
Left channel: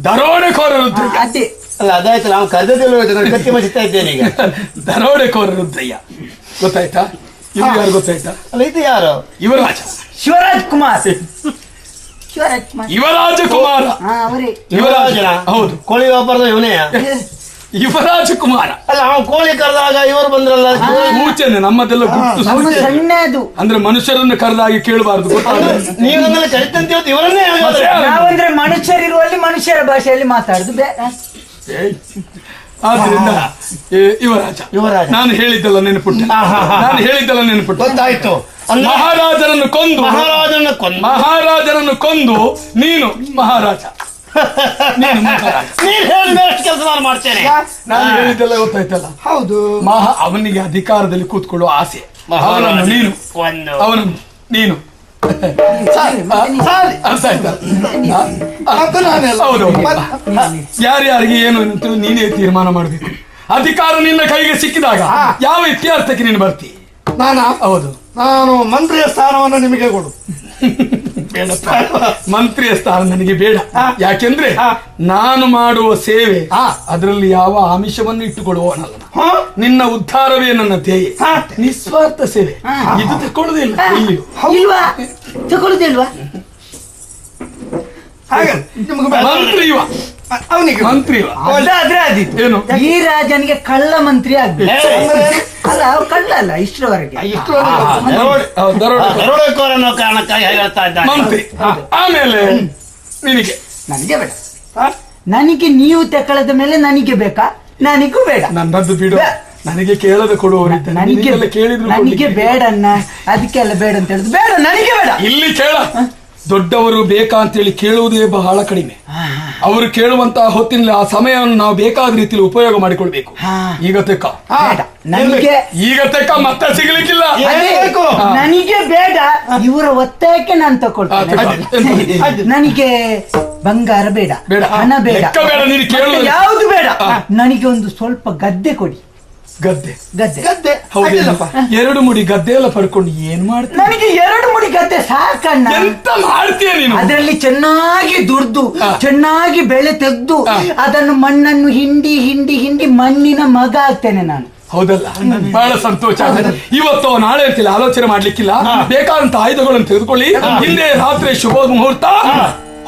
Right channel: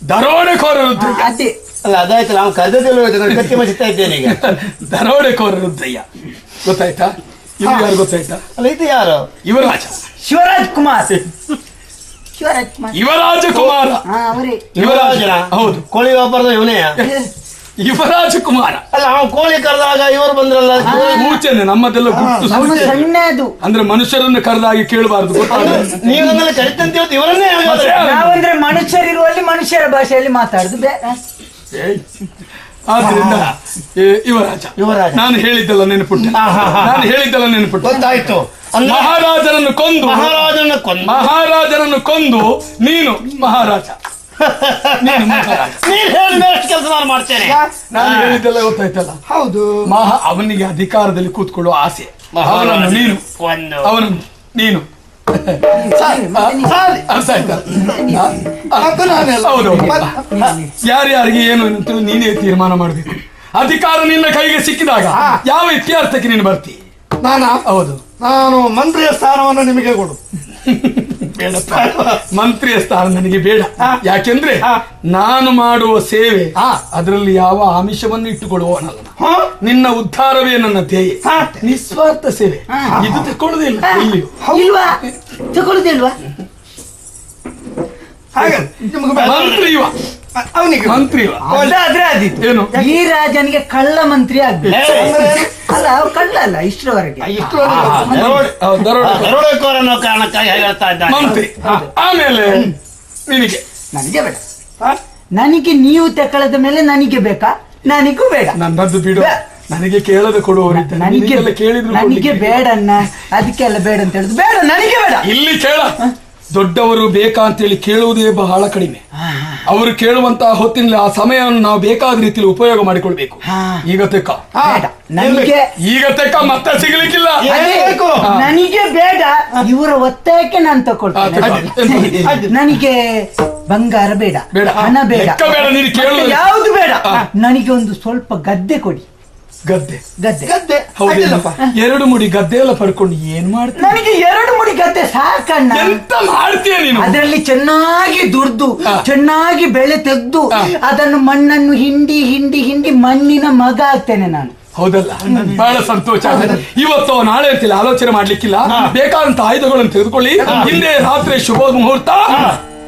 ದರೋಡೆಕೋರ ರುದ್ರಯ್ಯ. ಅದೇ ಅದಾಯ್ತು, ನಾವು ಗಟ್ಟಿ ಮಾಡಿಸ್ತಾ ಇದ್ದೇನೆ ಈಗ. ದರೋಡೆಕೋರ ರುದ್ರಯ್ಯ ಗೊತ್ತಾಯ್ತಾ? ಇವರು ಗೊತ್ತಾಯ್ತಾ? ಇದು ಯಾರು? ಯುವರಾಜ. ಶಿವರಾಜ್ ಕುಮಾರ್. ಶಿವರಾಜ್ ಕುಮಾರ್. ಯುವರಾಜ ಕುಮಾರ. ಅವರೇ. ಯುವರಾಜನ? ಹೌದು, ಕೋಳಿ ವ್ಯಾಪಾರದ ಇವನೇ? ಯುವರಾಜ ಕುಮಾರ. ಅವನು ಕೋಳಿ ಕರೆದಾಗ ಇವರು ಬಂದ್ರಲ್ಲ. ಸೂಚನೆ ನಮ್ಮದೆಲ್ಲ ಗುರುತು ಸೂಚನೆ. ಸಣ್ಣ ಅದು. ಅಂದ್ರೆ ಮನುಷ್ಯರನ್ನು ಕರೆದಾಗಿ ಕೇಳಬಾರದು. ನೀವಂದ್ರೆ ಕರಿತಂತೆ ಇವನ್ನೇ ನಾವಂದ್ರೆ ಮನುಷ್ಯರಿರುವಲ್ಲಿ ಮನುಷ್ಯರ ಭಾಷೆಯಲ್ಲಿ ಮಾತಾಡಿದ್ರೆ ಆದ್ರಿಂದ ಯುವರಾಜ ನಾನು ಹೇಳಿದ್ದಲ್ಲ ನೆನಪುಂಟು. ನಾನು ಹೇಳಿದ್ದಲ್ಲ ನೆನಪುಂಟು. ಗೊತ್ತಾಯ್ತು. ಮಹಾರಾಜನನ್ನು ಕೊಂದು ಮಹಾರಾಜನನ್ನು ಕೊಂದು ನೀನು ಮಹಾರಾಜ. ನಾನು ಹೇಳಿದ್ದಲ್ಲ ಗೊತ್ತಾಯ್ತಲ್ಲ? ಹೌದು. ಅವನಿಗೆ ಅಧಿಕಾರದಲ್ಲಿ ಕೂತ್ಕೊಳ್ಳುವ ಆಸೆ. ಅವನನ್ನು ನೀನು ಅವನು ನೀನು ಅರ್ಥ ಆಯ್ತಾ? ಯಾರ್ಯಾರಿಗೆ ಏನು ಅಂತ ನೀನೇ ತೀರ್ಮಾನ ಮಾಡ್ತೀನಿ. ಅಧಿಕಾರ ನಿನ್ನ ಕೈಗೆ ಸಿಕ್ಕಿದಾಗ ಯಾವ ಇತಿಹಾಸಕ್ಕೆ ನೀನು ಬರ್ತಿ? ಹೌದು, ನಾನು ಮಂತ್ರಿಯ ಸ್ಥಾನವನ್ನು ನಿಮಗೆ ಕೊಡು. ಮಂತ್ರಿಯ ಸ್ಥಾನ ನನಗೆ ಬೇಡ. ಯಾಕೆಂದ್ರೆ ನಾನು ಮಾಡುವ ಸೇವೆ ಅದರಲ್ಲಿ ಯಾವ ಆಮಿಷವನ್ನು ಇಟ್ಟುಕೊಳ್ಳುವನಲ್ಲ. ನಿನ್ನ ಉದ್ಧಾರವೇ ನನ್ನ ಧ್ಯೇಯ. ನಿಸ್ವಾರ್ಥ ಸೇವೆ ಇಟ್ಟುಕೊಳ್ಳುವುದಿಲ್ಲ. ಇಲ್ವಾ? ತಗೊಳ್ತಿಲ್ವಾ? ಮಂತ್ರಿ ಅವನಿಗೆ ಮಂತ್ರಿ ಏನು? ಈ ರಾಜನಿಗೆ ಕಳ್ಳ ಮಂತ್ರಿ ಆಗ್ಬೇಕು. ಅಲ್ಲ, ಅವ್ರು ಕಳ್ಳ ಅಲ್ಲ ಇಷ್ಟವರೆಗೆ. ಮಂತ್ರಿ. ಆಮೇಲೆ ನಿನಗೆ ನನಗೆ ಬೇಡ. ನನಗೆ ನೀವು ತಗೊಳ್ಳದ ಮೇಲೆ ನನಗೆ ಬೇಕಾ? ನನಗೂ ಬೇಡ. ನನ್ನದು ಬಿಡು. ನನಗೆ ಕೇಳಲು ಕೊಡುವವರಿದ್ದ ನನಗೆ ಬೇಡ ಅಣ್ಣ. ಅದಕ್ಕೆಲ್ಲ ಬೇಡ ಅಂತ ಹೇಳಿದ್ರು ಬೇಡ, ನನಗೆ ಬೇಡ. ಇಲ್ಲಿ ಕೇಳ. ದೊಡ್ಡವರು ಬೇಕಂತೇಳಿ ಕೇಳುವುದೇ ಬಹಳ ಕಡಿಮೆ. ಅವರು ಕೇಳುವಂತಹ ಹೊತ್ತಿನ ಆ ಸಮಯವನ್ನು ನಾವು ಬೇಕಾದ ರೀತಿಯಲ್ಲಿ ಉಪಯೋಗ ಮಾಡಿಕೊಳ್ಬೇಕು. ಈಗ ತೆಕ್ಕ ಮತ್ತೆ ಸಿಗಲಿಕ್ಕಿಲ್ಲ. ನನಗೆ ಬೇಡ. ಇವರ ಒತ್ತಾಯಕ್ಕೆ ನಾನು ತಗೊಳ್ತೇನೆ. ನನಗೆ ಬಂಗಾರ ಬೇಡ, ಹಣ ಬೇಡ, ಯಾವುದು ಬೇಡ. ನನಗೆ ಒಂದು ಸ್ವಲ್ಪ ಗದ್ದೆ ಕೊಡಿ. ಗದ್ದೆ ಗದ್ದೆ ಎರಡು ಮುಡಿ ಗದ್ದೆ ಎಲ್ಲ ಪಡ್ಕೊಂಡು ಏನ್ ಮಾಡ್ತೀನಿ? ನನಗೆ 2 ಮುಡಿ ಗದ್ದೆ ಸಾಕಣ್ಣ. ಎಂತ ಮಾಡ್ತೀಯ ನೀನು? ಅದರಲ್ಲಿ ಚೆನ್ನಾಗಿ ದುಡ್ದು ಚೆನ್ನಾಗಿ ಬೆಳೆ ತೆಗೆದು ಅದನ್ನು ಮಣ್ಣನ್ನು ಹಿಂಡಿ ಹಿಂಡಿ ಹಿಂಡಿ ಮಣ್ಣಿನ ಮಗ ಆಗ್ತೇನೆ ನಾನು. ಹೌದಲ್ಲ? ಬಹಳ ಸಂತೋಷ. ಇವತ್ತು ನಾಳೆ ಆಲೋಚನೆ ಮಾಡ್ಲಿಕ್ಕಿಲ್ಲ. ಬೇಕಾದಂತ ಆಯುಧಗಳನ್ನು ತೆಗೆದುಕೊಳ್ಳಿ. ಇದೇ ರಾತ್ರಿ ಶುಭ ಮುಹೂರ್ತ.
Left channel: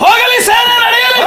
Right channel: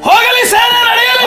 ಹೋಗಿ ಸೇನೆ ನಡೆಯಲಿ.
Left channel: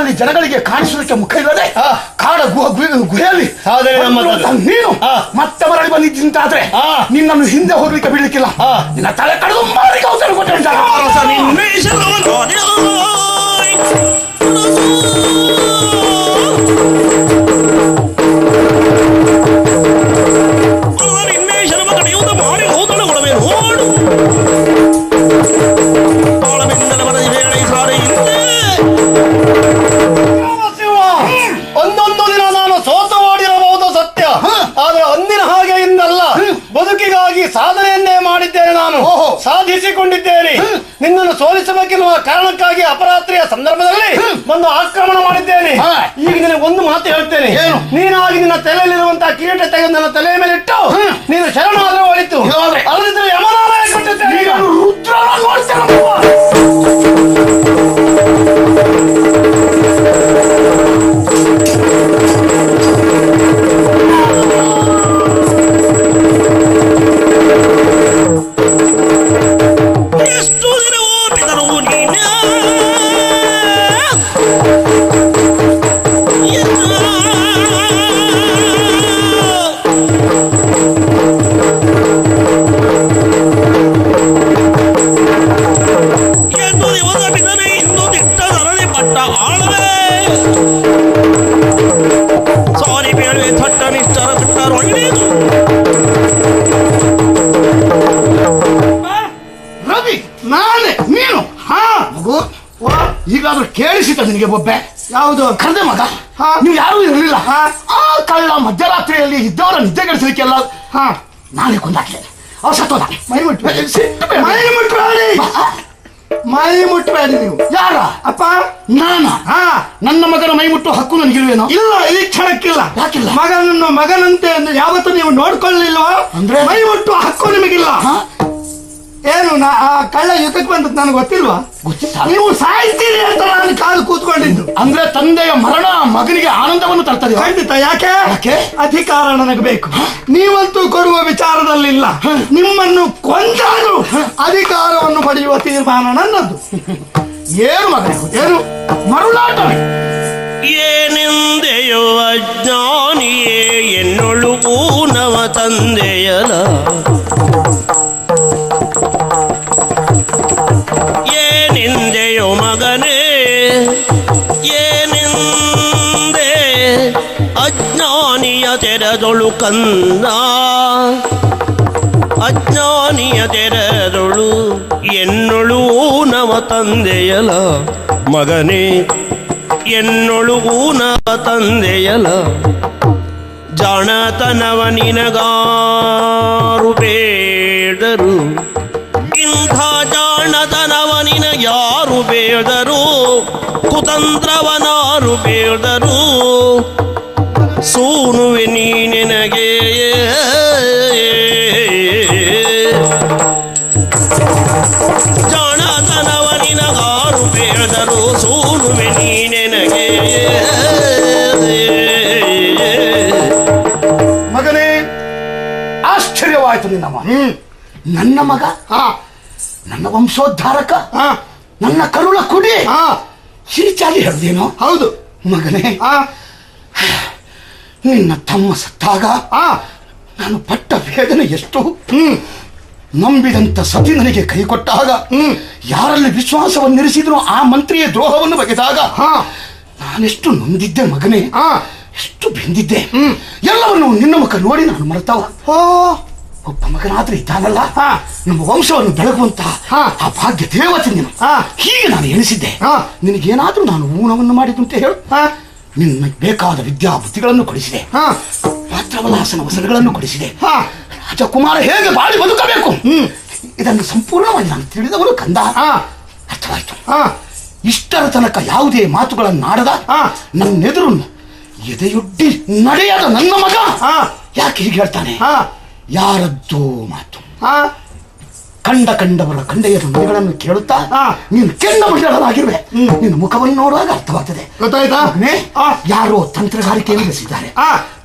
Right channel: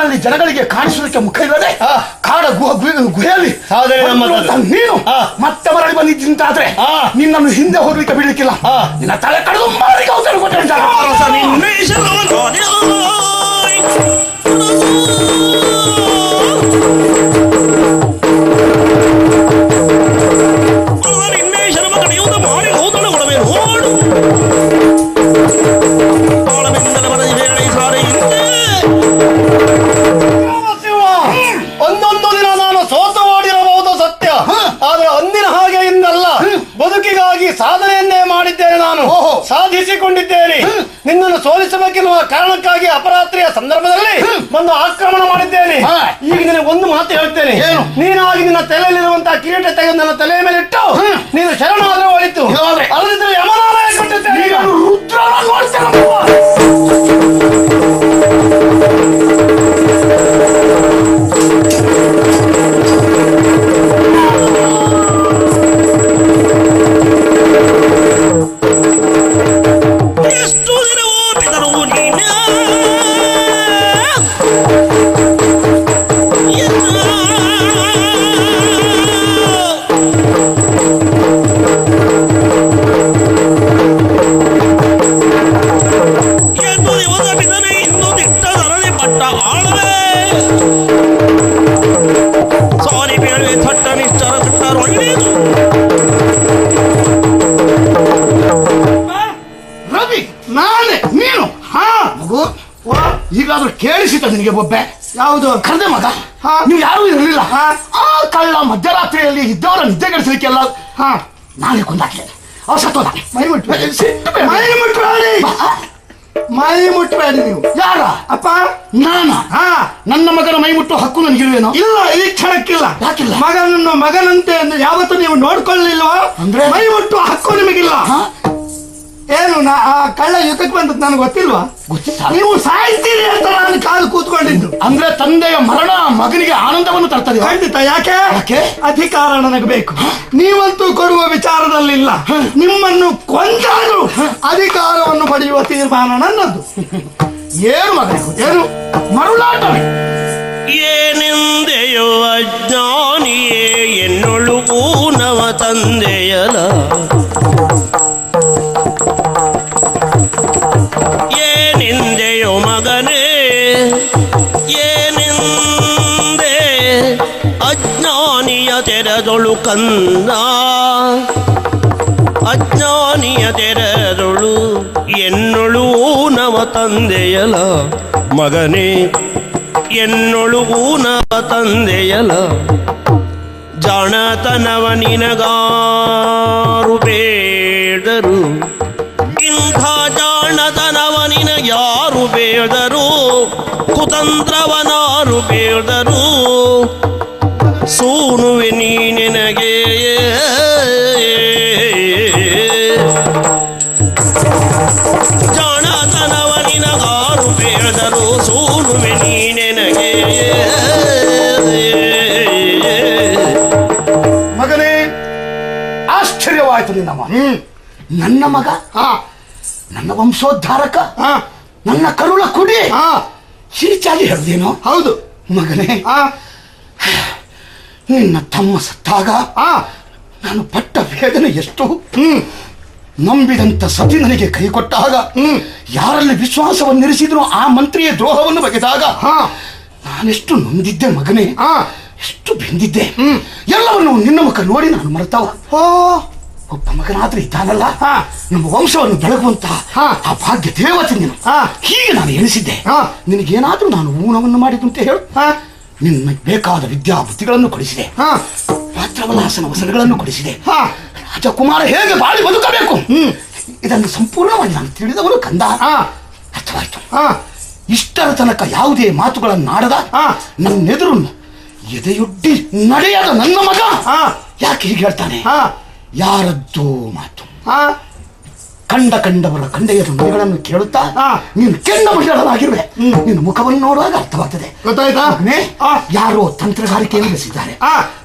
ಕಾಡಿನಲ್ಲಿ ಜನಗಳಿಗೆ ಕಾಣಿಸುವುದಕ್ಕೆ ಮುಖ ಇಲ್ಲದೆ ಕಾಡ ಗುಹೆಯಲ್ಲಿ ನೀನು ಮತ್ತೆ ಮಾಡಿ ಬಂದಿದ್ದಾದ್ರೆ ನೀನನ್ನು ಹಿಂದೆ ಹೋಗ್ಲಿಕ್ಕೆ ಬಿಡಲಿಕ್ಕಿಲ್ಲ. ನಿನ್ನ ತಲೆ ಕಳೆದು ನಿನ್ನನ್ನು ಸೋಲಿಸಬೇಕಿರುವ ಕಾರಣಕ್ಕಾಗಿ ಅಪರಾತ್ರಿಯ ಸಂದರ್ಭದಲ್ಲಿ ಒಂದು ಆಕ್ರಮಣ ಮಾಡಿದ್ದೇನೆ. ಈಗ ಒಂದು ಮಾತು ಹೇಳ್ತೇನೆ, ನೀನಾಗಿ ನಿನ್ನ ತಲೆಯಲ್ಲಿರುವಂತಹ ಕಿರೀಟ ತೆಗೆದು ತಲೆಯ ಮೇಲೆ ಇಟ್ಟು ನೀನು ಶರಣಾದರೂ ಹೋಯಿತು. ಅದರಿಂದ ಕೇಳಿಸಿದ ನಿನಗೆ ಒಬ್ಬೆ ಯಾವುದು ಕಳ್ಳ ಮಗ ನೀವು ಯಾರು ಇರಲಿಲ್ಲ. ಆ ಕಳ್ಳ ಮಧ್ಯರಾತ್ರಿಯಲ್ಲಿ ಇದ್ದವರ ನಿದ್ದೆ ಕೆಡಿಸಲಿಕ್ಕೆಲ್ಲ ನಾನೇ ಕೊಂದಾಕೆ ಮೈ ಮುಟ್ಟ ಯಾರ ಅಪ್ಪ ನಾನು ನನ್ನ ಮಗನ ಮೈ ಮುಟ್ಟು ಹಕ್ಕು ನನಗಿಲ್ವೇನೋ? ಇಲ್ಲ, ಈ ಕ್ಷಣಕ್ಕಿಲ್ಲ. ಮಗನಂತೆ ಅಂದ್ರೆ ಯಾವತ್ತೂ ನೀವು ನೋಡ್ಕೊಳ್ಳಿಲ್ಲ ಅಂದ್ರೆ ಮೈ ಮುಟ್ಟು ಹಕ್ಕು ನಿಮಗಿಲ್ಲ. ಏನು ಆ ಕಳ್ಳ ಯುಗಕ್ಕೆ ಬಂದ ನನಗೆ ಗೊತ್ತಿಲ್ವಾ? ನೀವು ಸಾಯ್ತೀರಿ ಅಂತ ನಾನು ಕಾಲು ಕೂತ್ಕೊಂಡಿದ್ದು. ಅಂದ್ರೆ ತಂದೆಯ ಮರಣ ಮಗನಿಗೆ ಆನಂದವನ್ನು ತರ್ತದೆ. ಖಂಡಿತ. ಯಾಕೆ? ಅಧಿಕಾರ ನನಗೆ ಬೇಕು. ನೀವಂತೂ ಕೊಡುವ ವಿಚಾರದಲ್ಲಿ ಇಲ್ಲ. ನಿಮ್ಮನ್ನು ಕೊಂದಾರು ಅಧಿಕಾರವನ್ನು ಪಡೆಯುವ ತೀರ್ಮಾನ ನನ್ನದು. ಏನು ಮರುನಾಟ ಏನೆಂದೆಯೋ ಅಜ್ಞಾನಿಯೇ ಎನ್ನುಳು ನವ ತಂದೆಯ ಏನೆಂದೆಯೋ ಮಗನೇ ಏನೆಂದೆ ಅಜ್ಞಾನಿಯ ತೆರದೊಳು ಕಂದ ಅಜ್ಞಾನಿಯ ತೆರದೊಳು ಎನ್ನುಳು ನವ ತಂದೆಯ ಮಗನೇ ಎನ್ನುಳು ನವ ತಂದೆಯಲ ಜಾಣತನವ ನಿನಗಾರು ಬೇಡರು ಇಂಥ ಜಾಣತನವ ನಿನ ಯಾರು ಬೇಡರು ಕುತಂತ್ರವನಾರು ಬೇಡರು ಸೋನುವೆ ನೀ ನಿನಗೆ ಜಾಣತನವ ನಿನಗಾರು ಬೇಡರು ಸೋನುವೆ ನೀ ನಿನಗೆ. ಮಗನೇ ಆಶ್ಚರ್ಯವಾಯಿತು ನಿನ್ನವ. ನನ್ನ ಮಗ ನನ್ನ ವಂಶೋದ್ಧಾರಕ ನನ್ನ ಕರುಣ ಕುಡಿ ಹೀಚಾಗಿ ಹೇಳ್ದೇನೋ? ಹೌದು ಮಗನೇ. ನಿನ್ನ ತಮ್ಮ ಸತ್ತಾಗ ನಾನು ಪಟ್ಟ ಬೇಗನೆ ಎಷ್ಟು ನಂಬಿದಂತ ಸತಿ ನನಗೆ ಕೈ ಕೊಟ್ಟಾಗ ಯಾರಲ್ಲಿ ವಿಶ್ವಾಸವನ್ನು ನಿಲ್ಲಿಸಿದ್ರು ಆ ಮಂತ್ರಿಯ ದ್ರೋಹವನ್ನು ಬಗೆದಾಗ ನಾನೆಷ್ಟು ನೊಂದಿದ್ದೆ ಮಗನೇ, ಎಷ್ಟು ಬೆಂದಿದ್ದೆ. ಎಲ್ಲವನ್ನು ನಿನ್ನ ಮುಖ ನೋಡಿ ನಾನು ಮಾಡ್ತಾವ. ಒಬ್ಬ ಮಗನಾದ್ರೆ ಇದ್ದಾರಲ್ಲ ನಿಮ್ಮ ವಂಶವನ್ನು ಬೆಳಗುವಂತಹ ಆ ಭಾಗ್ಯ ದೇವತೆ ನೀನು. ಹೀಗೆ ನಾನು ಎನಿಸಿದೆ. ನಿನಗೇನಾದ್ರೂ ನಾನು ಊನವನ್ನು ಮಾಡಿದ್ದು ಅಂತ ಹೇಳು. ನಿನ್ನ ಬೇಕಾದ ವಿದ್ಯಾರ್ಥಿಗಳನ್ನು ಕೊಡಿಸಿದೆ, ಮಾತೃವಾಸಗಳನ್ನು ಕೊಡಿಸಿದೆ. ಕುಮಾರ ಹೇಗೆ ಮಾಡಿ ಬದುಕಬೇಕು ಇದನ್ನು ಸಂಪೂರ್ಣವಾಗಿ ನಾನು ತಿಳಿದವರು ಕಂದ. ಅರ್ಥವಾಯ್ತು. ಇಷ್ಟರ ತನಕ ಯಾವುದೇ ಮಾತುಗಳನ್ನು ಆಡದ ನನ್ನೆದುರು ಎದೆಯೊಡ್ಡಿ ನಡೆಯದ ನನ್ನ ಮಗ ಯಾಕೆ ಹೀಗೆ ಹೇಳ್ತಾನೆ? ಯಾರದ್ದು ಮಾತು ಕಂಡವರ ಕಣ್ಣೆಯ ಮಗಳನ್ನು ಕೇಳುತ್ತಾ ನೀನು ಕೇಳುವಾಗಿರುವೆ. ನಿನ್ನ ಮುಖವನ್ನು ನೋಡೋದು ಅರ್ಥವಾಗ್ತದೆ. ಯಾರೋ ತಂತ್ರಗಾರಿಕೆ ಇರಿಸಿದ್ದಾರೆ.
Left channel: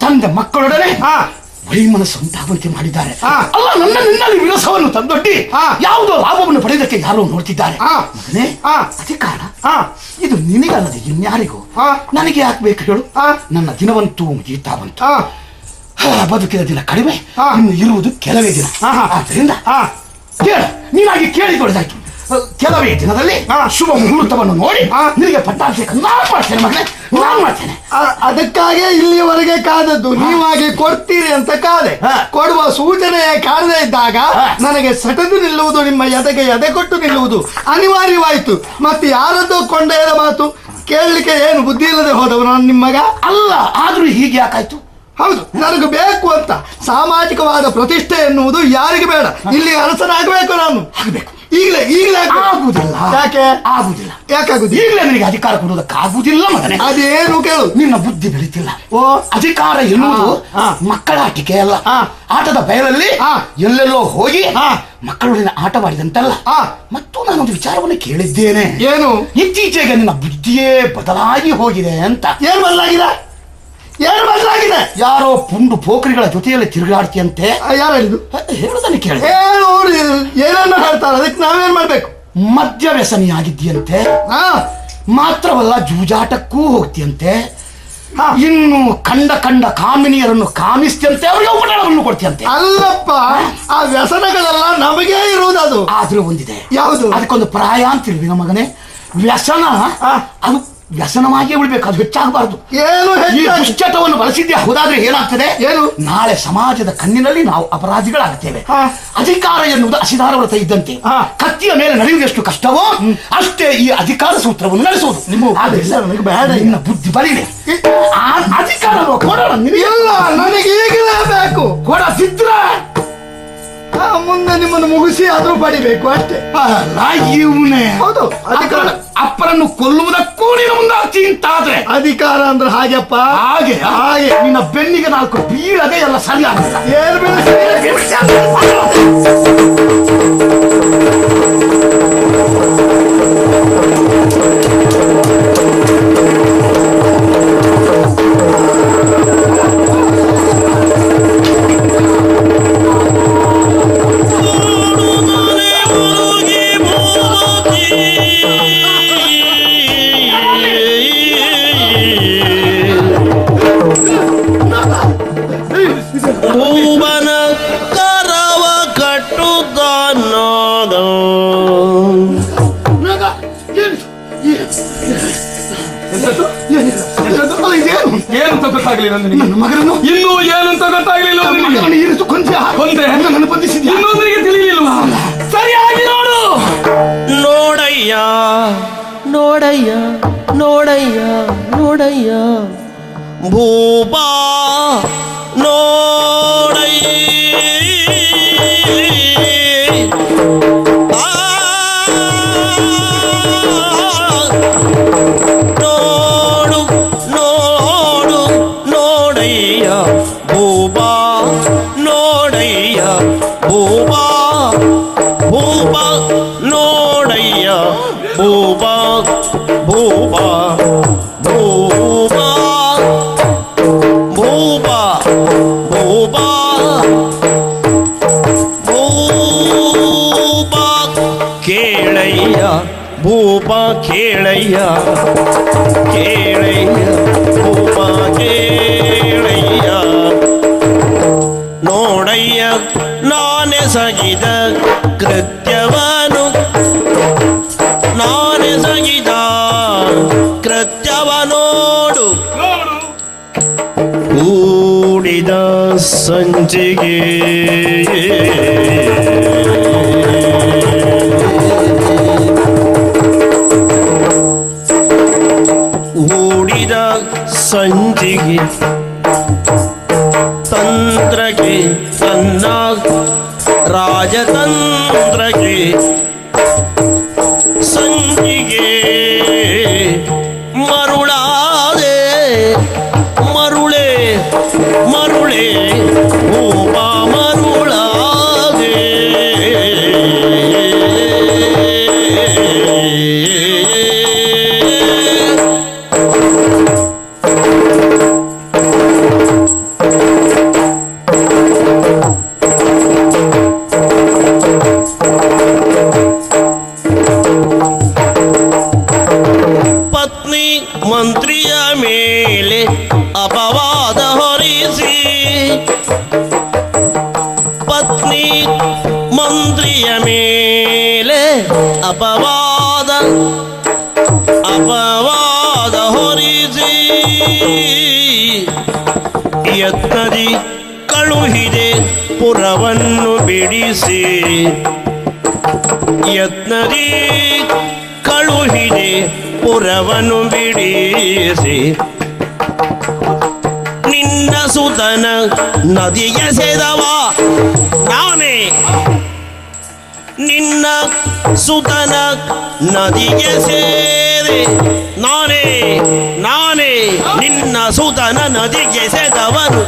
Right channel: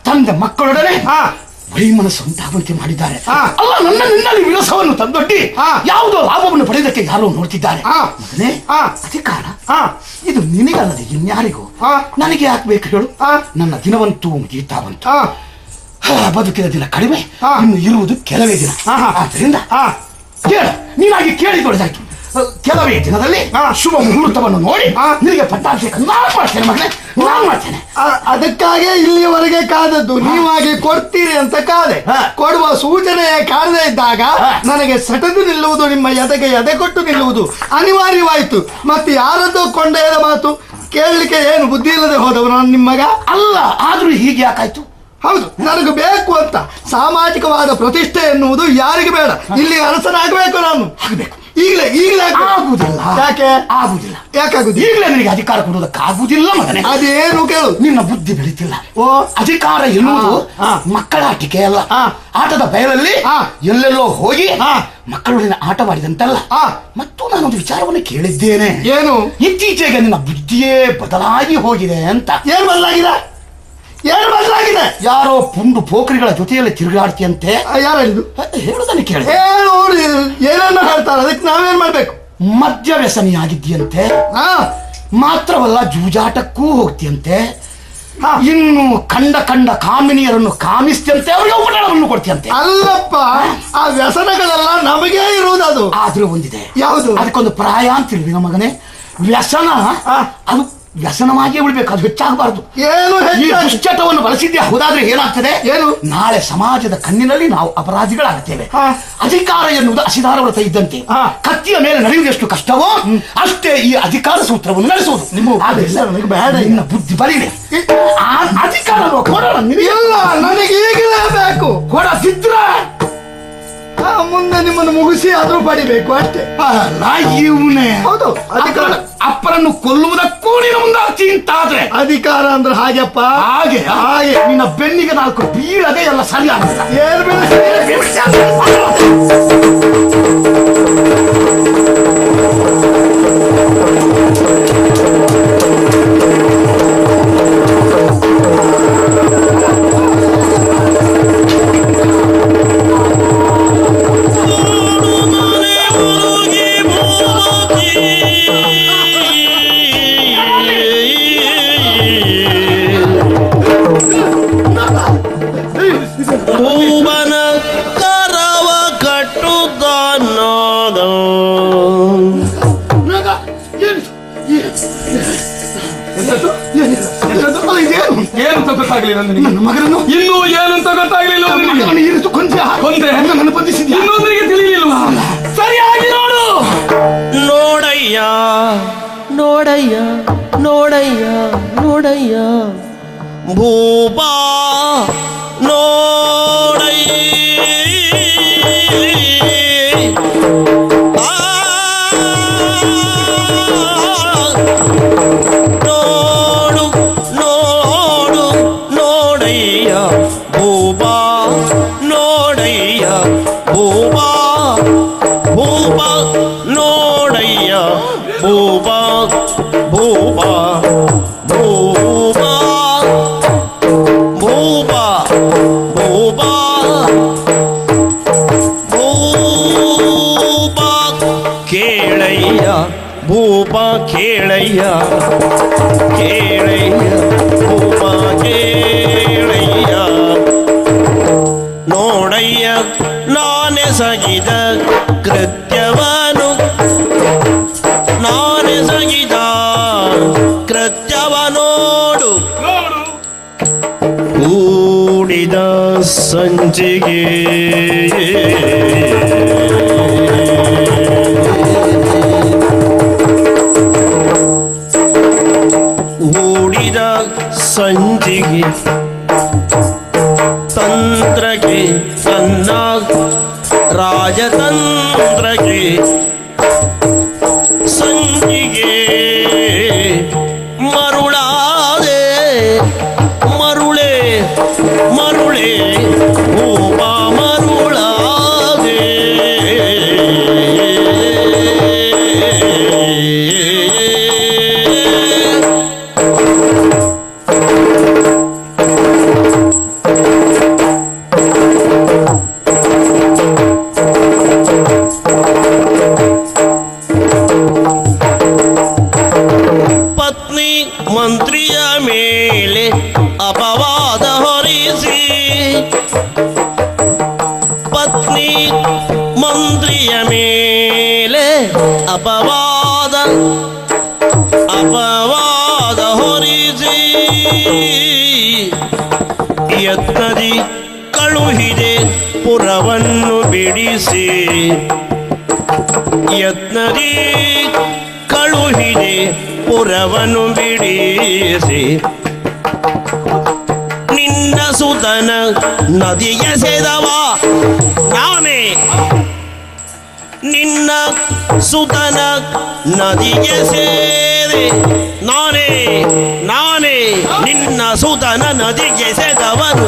ತಂದೆ ಮಕ್ಕಳೊಡನೆ ವೈಮನಸ್ಸು ಉಂಟಾಗುವಂತೆ ಮಾಡಿದ್ದಾರೆ. ವಿಳಸವನ್ನು ತಂದೊಡ್ಡಿ ಯಾವುದೋ ಲಾಭವನ್ನು ಪಡೆದಕ್ಕೆ ಯಾರೋ ನೋಡ್ತಿದ್ದಾರೆ. ಅಧಿಕಾರ ಇದು ನಿನಗಲ್ಲ, ಇನ್ಯಾರಿಗೂ. ನನಗೆ ಯಾಕೆ ಬೇಕು ಹೇಳು? ನನ್ನ ದಿನವಂತೂ ಮುಗೀತಾ ಬಂತು. ಬದುಕಿನ ದಿನ ಕಡಿಮೆ, ಇನ್ನು ಇರುವುದು ಕೆಲವೇ ದಿನ. ಆದ್ರಿಂದ ನೀವಾಗಿ ಕೇಳಿಕೊಳ್ಳಾಗಿ ಕೆಲವೇ ದಿನದಲ್ಲಿ ಶುಭ ಮುಹೂರ್ತವನ್ನು ನೋಡಿ ನಿನಗೆ ಪಟ್ಟಾಭಿಷೇಕ ಅದಕ್ಕಾಗಿ ಇಲ್ಲಿಯವರೆಗೆ ಕಾದದ್ದು. ನೀವಾಗಿ ಕೊಡ್ತೀರಿ ಅಂತ ಕಾದೆ. ಕೊಡುವ ಸೂಚನೆ ಕಾಣದೇ ಇದ್ದಾಗ ನನಗೆ ಸಟದು ನಿಲ್ಲುವುದು, ನಿಮ್ಮ ಎದೆಗೆ ಎದೆ ಕೊಟ್ಟು ನಿಲ್ಲುವುದು ಅನಿವಾರ್ಯವಾಯಿತು. ಮತ್ತೆ ಯಾರದ್ದು ಕೊಂಡೇದ ಮಾತು ಕೇಳಲಿಕ್ಕೆ ಏನು ಬುದ್ಧಿ ಇಲ್ಲದೆ ಹೋದವು ನಾನು ನಿಮ್ಮಗ ಅಲ್ಲ. ಆದ್ರೂ ಹೀಗೆ ಯಾಕಾಯ್ತು? ಹೌದು, ನನಗೆ ಬೇಕು ಅಂತ ಸಾಮಾಜಿಕವಾದ ಪ್ರತಿಷ್ಠೆ ಎನ್ನುವುದು ಯಾರಿಗೆ ಬೇಡ. ಇಲ್ಲಿ ಅರಸನಾಗಬೇಕು ನಾನು. ಈಗ ಅಧಿಕಾರ ಆಗುದಿಲ್ಲ. ಅದೇನು ಕೇಳು, ನಿನ್ನ ಬುದ್ಧಿ ಬೆಳೀತಿಲ್ಲ. ಅಧಿಕಾರ ಎನ್ನುವುದು ಮಕ್ಕಳ ಆಟಿಕೆ ಅಲ್ಲ. ಆಟದ ಬಯಲಲ್ಲಿ ಎಲ್ಲೆಲ್ಲೋ ಹೋಗಿ ಮಕ್ಕಳು ಆಟವಾಡಿದಂತಲ್ಲ. ಮತ್ತು ನಾನು ವಿಚಾರವನ್ನು ಕೇಳಿದ್ದೇನೆ. ಏನು? ಇತ್ತೀಚೆಗೆ ನನ್ನ ಬುದ್ಧಿಯೇ ಬದಲಾಗಿ ಹೋಗಿದೆ ಅಂತ. ಏನು ಬದಲಾಗಿದೆ? ಏನು ಬದಲಾಗಿದೆ? ಯಾರೋ ಪುಂಡು ಪೋಖರಿಗಳ ಜೊತೆಯಲ್ಲಿ ತಿರುಗಾಡ್ತಿಯಂತೆ. ಯಾರು ಏನನ್ನು ಹೇಳ್ತಾರೆ? ಅದಕ್ಕೆ ನಾವೇನ್ ಮಾಡ್ಬೇಕು? ಮದ್ಯ ವ್ಯಸನಿ ಆಗಿದ್ಯಂತೆ. ಮಾತ್ರವಲ್ಲ, ಜೂಜಾಟಕ್ಕೂ ಹೋಗ್ತಿಯಂತೆ. ಇನ್ನು ಕಂಡ ಕಾಮಿನಿಯರನ್ನು ಕಾಮಿಸ್ತಿಯಂತೆ. ಅವರನ್ನು ಕೊಡ್ತಿಯಂತೆ. ಅಲ್ಲಪ್ಪ, ಆ ವ್ಯಸನಗಳೆಲ್ಲ ನಮಗೆ ಇರುವುದು. ಅದು ಆದ್ರೂ ಬಂದಿದೆ. ಯಾವುದು? ಅದಕ್ಕೊಂದು ಪ್ರಾಯ ಅಂತೀವಿ ನಮ್ಮ ಮಗನೇ. ವ್ಯಸನ ಅದು ವ್ಯಸನವಾಗಿ ಬಿಡ್ಬೇಕು, ಅದು ಹೆಚ್ಚಾಗಬಾರದು. ದುಶ್ಚಟವನ್ನು ಬಳಸಿದ್ದೆ ಹೌದಾದ್ರೆ ಏನಾಗ್ತದೆ? ನಾಳೆ ಸಮಾಜದ ಕಣ್ಣಿನಲ್ಲಿ ನಾವು ಅಪರಾಧಿಗಳಾಗ್ತೇವೆ. ಅಧಿಕಾರ ಎನ್ನುವುದು ಹಸಿದಾರರು ಇದ್ದಂತೆ. ಕತ್ತಿಯ ಮೇಲೆ ನಡೆಯುವಷ್ಟು ಕಷ್ಟವೋ ಅಷ್ಟೇ ಈ ಅಧಿಕಾರ ಸೂತ್ರವನ್ನು ನಡೆಸುವುದು. ನಿನ್ನ ಬುದ್ಧಿ ಬಲಿದೆ. ಅಧಿಕಾರ ನನಗೆ ಈಗಲೇ ಬೇಕು. ಕೊಡಸಿದ್ರೆ ಮುಂದೆ ನಿಮ್ಮನ್ನು ಮುಗಿಸಿ ಆದ್ರೂ ಬಳಿಬೇಕು ಅಷ್ಟೇ. ಅಪ್ಪರನ್ನು ಕೊಲ್ಲುವುದಕ್ಕೂ ಚಿಂತಾದ್ರೆ ಅಧಿಕಾರ ಅಂದ್ರೆ ಹಾಗೆಪ್ಪ. ಹಾಗೆ ನಿನ್ನ ಬೆನ್ನಿಗೆ ನಾಲ್ಕು ಬೀರದೆ ಎಲ್ಲ ಸಣ್ಣ ಮೇಲೆ ಅಪವಾದ ಹೊರಿಸಿ ಪತ್ನಿ ಮಂತ್ರಿಯ ಮೇಲೆ ಅಪವಾದ ಹೊರಿಸಿ ಯತ್ನದಿ ಕಳುಹಿದೆ ಪುರವನ್ನು ಬಿಡಿಸಿ ಯತ್ನದಿ ಕಳುಹಿದೆ ಪುರವನ್ನು ಬಿಡಿಸಿ ನಿನ್ನ ಸುತನ ನದಿಗೆ ಸೆದವ ನಾನೇ ನಿನ್ನ ಸುತನ ನದಿಗೆ ಸೇರಿ ನಾನೇ ನಿನ್ನ ಸುತನ ನದಿಗೆ ಸೆದವನು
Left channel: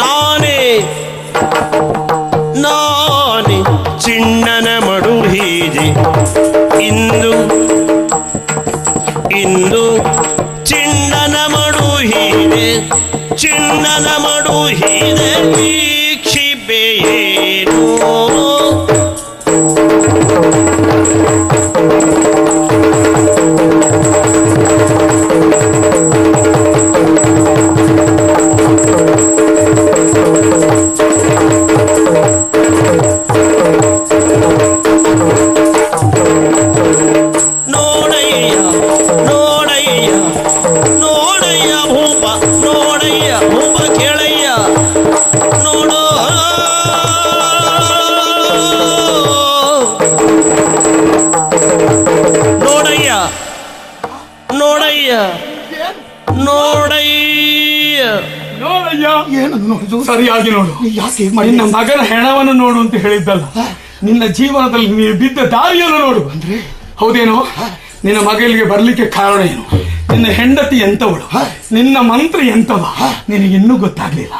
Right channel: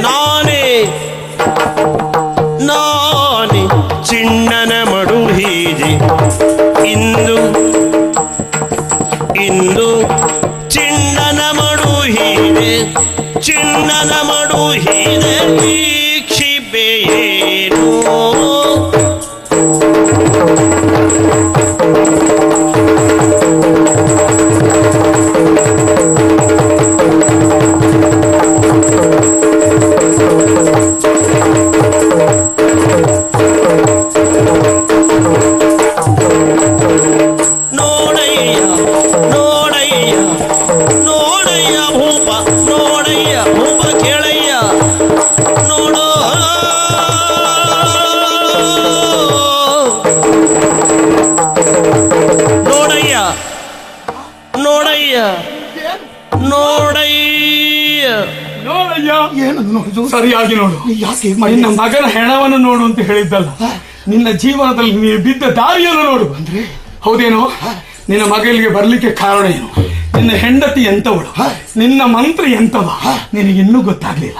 ನಾನೇ ಚಿಣ್ಣನ ಮಡುಹೀರಿ ಇಂದು ಚಿಣ್ಣನ ಮಡುಹೀರೆ ವೀಕ್ಷಿಪೇನು ಸರಿಯಾಗಿ ನೋಡು. ನಿನ್ನ ಮಗಳ ಹೆಣವನ್ನು ನೋಡು ಅಂತ ಹೇಳಿದ್ದಲ್ಲ, ನಿನ್ನ ಜೀವನದಲ್ಲಿ ನೀವು ಬಿದ್ದ ದಾರಿಯನ್ನು ನೋಡು. ಹೌದೇನೋ? ನಿನ್ನ ಮಗಳಿಗೆ ಬರ್ಲಿಕ್ಕೆ ಕಾರಣ ಏನು? ನಿನ್ನ ಹೆಂಡತಿ ಎಂತವಳು, ನಿನ್ನ ಮಂತ್ರಿ ಎಂತವ, ನಿನಗೆ ಇನ್ನೂ ಗೊತ್ತಾಗಲಿಲ್ಲ.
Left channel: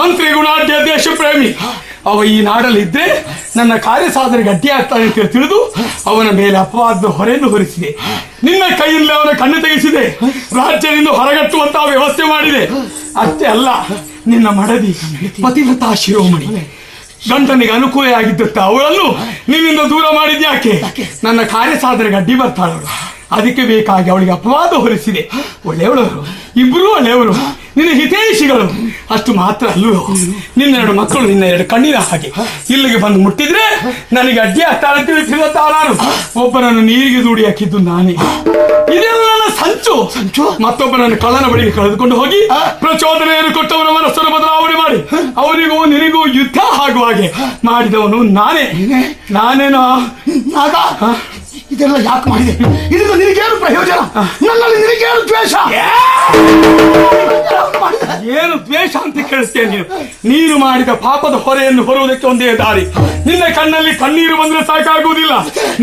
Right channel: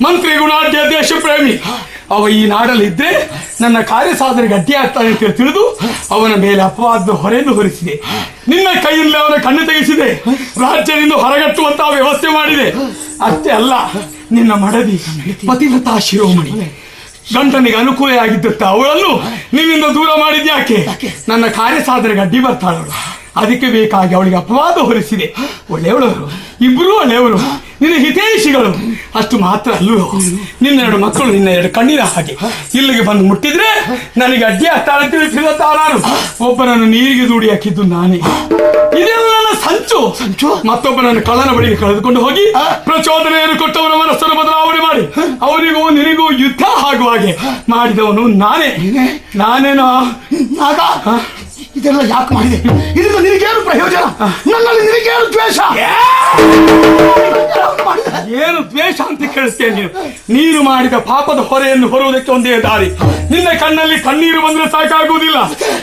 ಮಂತ್ರಿ ಗುಣಾಢ್ಯ ದೇಶ ಪ್ರೇಮಿ ಅವ ಈ ನಾಡಲ್ಲಿದ್ದರೆ ನನ್ನ ಕಾರ್ಯ ಸಾಧನೆ ಗಟ್ಟಿಯಾಗ್ತಾರೆ ಅಂತ ತಿಳಿದು ಅವನ ಮೇಲೆ ಅಪವಾದ ಹೊರೆಯನ್ನು ಹೊರಿಸಿದೆ. ನಿನ್ನ ಕೈಯಲ್ಲಿ ಅವನ ಕಣ್ಣು ತೆಗೆಸಿದೆ, ರಾಜ್ಯದಿಂದ ಹೊರಗಟ್ಟುವಂತಹ ವ್ಯವಸ್ಥೆ ಮಾಡಿದೆ. ಅಷ್ಟೇ ಅಲ್ಲ, ನಿನ್ನ ಮಡದಿ ಪತಿವ್ರತ ಶಿರೋಮಣಿ ಗಂಟನಿಗೆ ಅನುಕೂಲ ಆಗಿದ್ದ ಅವಳನ್ನು ನಿನ್ನಿಂದ ದೂರ ಮಾಡಿದ್ಯಾಕೆ? ನನ್ನ ಕಾರ್ಯ ಸಾಧನೆಗೆ ಅಡ್ಡಿ ಬರ್ತಾಳು. ಅದಕ್ಕೆ ಬೇಕಾಗಿ ಅವಳಿಗೆ ಅಪವಾದ ಹೊರಿಸಿದೆ. ಒಳ್ಳೆಯವಳು, ಇಬ್ಬರೂ ಒಳ್ಳೆಯವರು, ನಿನ್ನ ಹಿತೈಷಿಗಳು. ಅಷ್ಟು ಮಾತ್ರ ಅಲ್ಲೂ, ನಿನ್ನ 2 ಮಕ್ಕಳು ನಿನ್ನ 2 ಕಣ್ಣಿನ ಹಾಗೆ ಇಲ್ಲಿಗೆ ಬಂದು ಮುಟ್ಟಿದ್ರೆ ನನಗೆ ಅಡ್ಡಿ ನಾನು ಒಬ್ಬರನ್ನು ನೀರಿಗೆ ದೂಡಿ ಹಾಕಿದ್ದು ನಾನೇ. ಇದೇನು ಸಂಚು ಮತ್ತೊಬ್ಬರನ್ನು ಕಳ್ಳರ ಬಳಿಗೆ ಕಳೆದುಕೊಂಡು ಹೋಗಿ ಪ್ರಚೋದನೆಯನ್ನು ಕೊಟ್ಟವರ ಮನಸ್ಸನ್ನು ಬದಲಾವಣೆ ಮಾಡಿ ಅವರಿಗೂ ನಿನಗೂ ಯುದ್ಧ ಆಗುವ ಹಾಗೆ ಮಾಡಿದವನು ನಾನೇನೋ ಇದೆಲ್ಲ ಯಾಕೆ ಮಾಡಿ? ಇದು ನಿನಗೇನು ಪ್ರಯೋಜನ? ನಿನಗೇನು ದ್ವೇಷ? ಏನು ದ್ವೇಷ ಅಂತ ಕೇಳಿಸ್ತೇನೆ? ನೀನು ಮಾಡಿದ ಪಾಪದ ಹೊರೆಯನ್ನು ಹೊರುವುದಕ್ಕೆ ಒಂದೇ ದಾರಿ. ನಿನ್ನ ಕಣ್ಣಲ್ಲಿ ಕಣ್ಣೀರು ಬಂದರೆ ಸಾಕಾಗುವುದಿಲ್ಲ,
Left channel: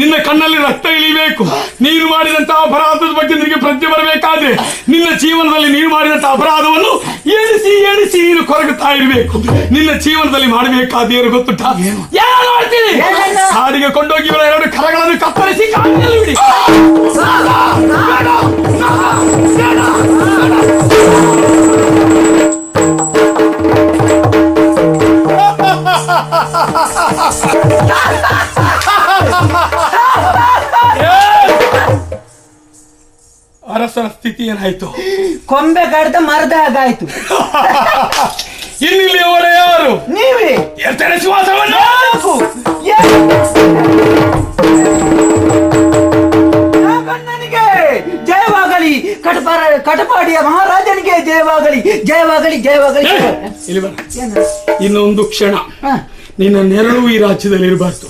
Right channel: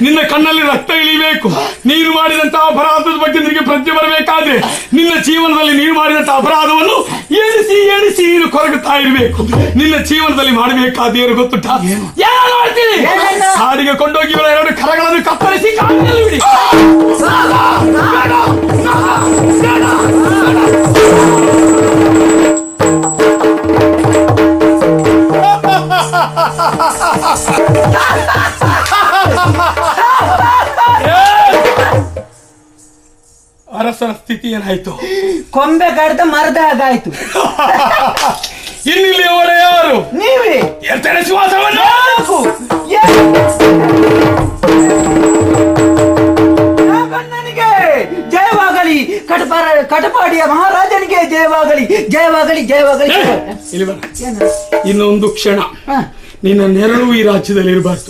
ನಿನ್ನ ಕಣ್ಣಲ್ಲಿ ರಕ್ತ ಇಳಿಬೇಕು. ನೀನು ಮಾಡಿದಂತಹ ಅಪರಾಧದ ಬಗ್ಗೆ ನಿನಗೆ ಪ್ರತಿ ಬರಬೇಕಾದ್ರೆ ನಿನ್ನ ಜೀವನದಲ್ಲಿ ನೀನು ಮಾಡಿದಂತಹ ಅಪರಾಧವನ್ನು ಎಣಿಸಿ ನೀನು ಕೊರಗುತ್ತಾ ಇರಬೇಕು. ನಿನ್ನ ಜೀವನದಲ್ಲಿ ಮಾಡಬೇಕಾದ ಏನು ಗೊತ್ತುಂಟ? ಏನು ಮಾಡ್ತೀನಿ? ಹಾಡಿಗೆ ಕೊಂಡೋಗಿ 2 ಕರಗಳನ್ನು ಕಪ್ಪಳಿಸಿ ಅರಸನ ಸ್ಥಿತಿ ಏನಾಯ್ತು? ಕೊಂಬೆ ಕಡ್ದ ಮರದಾಗಾಯ್ತು. ಇಲ್ಲಿಯವರೇ ಯಾರು? ನೀವೇ ಜಯವಾಗಲಿ, ಕಟಪಾಡಿಯ ಮಹಾರಾಜನಿಗೆ ಜಯವಾಗಲಿ, ಜಯವಾಗಲಿ, ಜಯವಾಗಲಿ. ಇನ್ನೊಂದು ಕ್ಷಣ ನಿನ್ನ ನೆರಳು ಈ ರಾಜ್ಯದಲ್ಲಿ ಇರಬಾರ್ದು.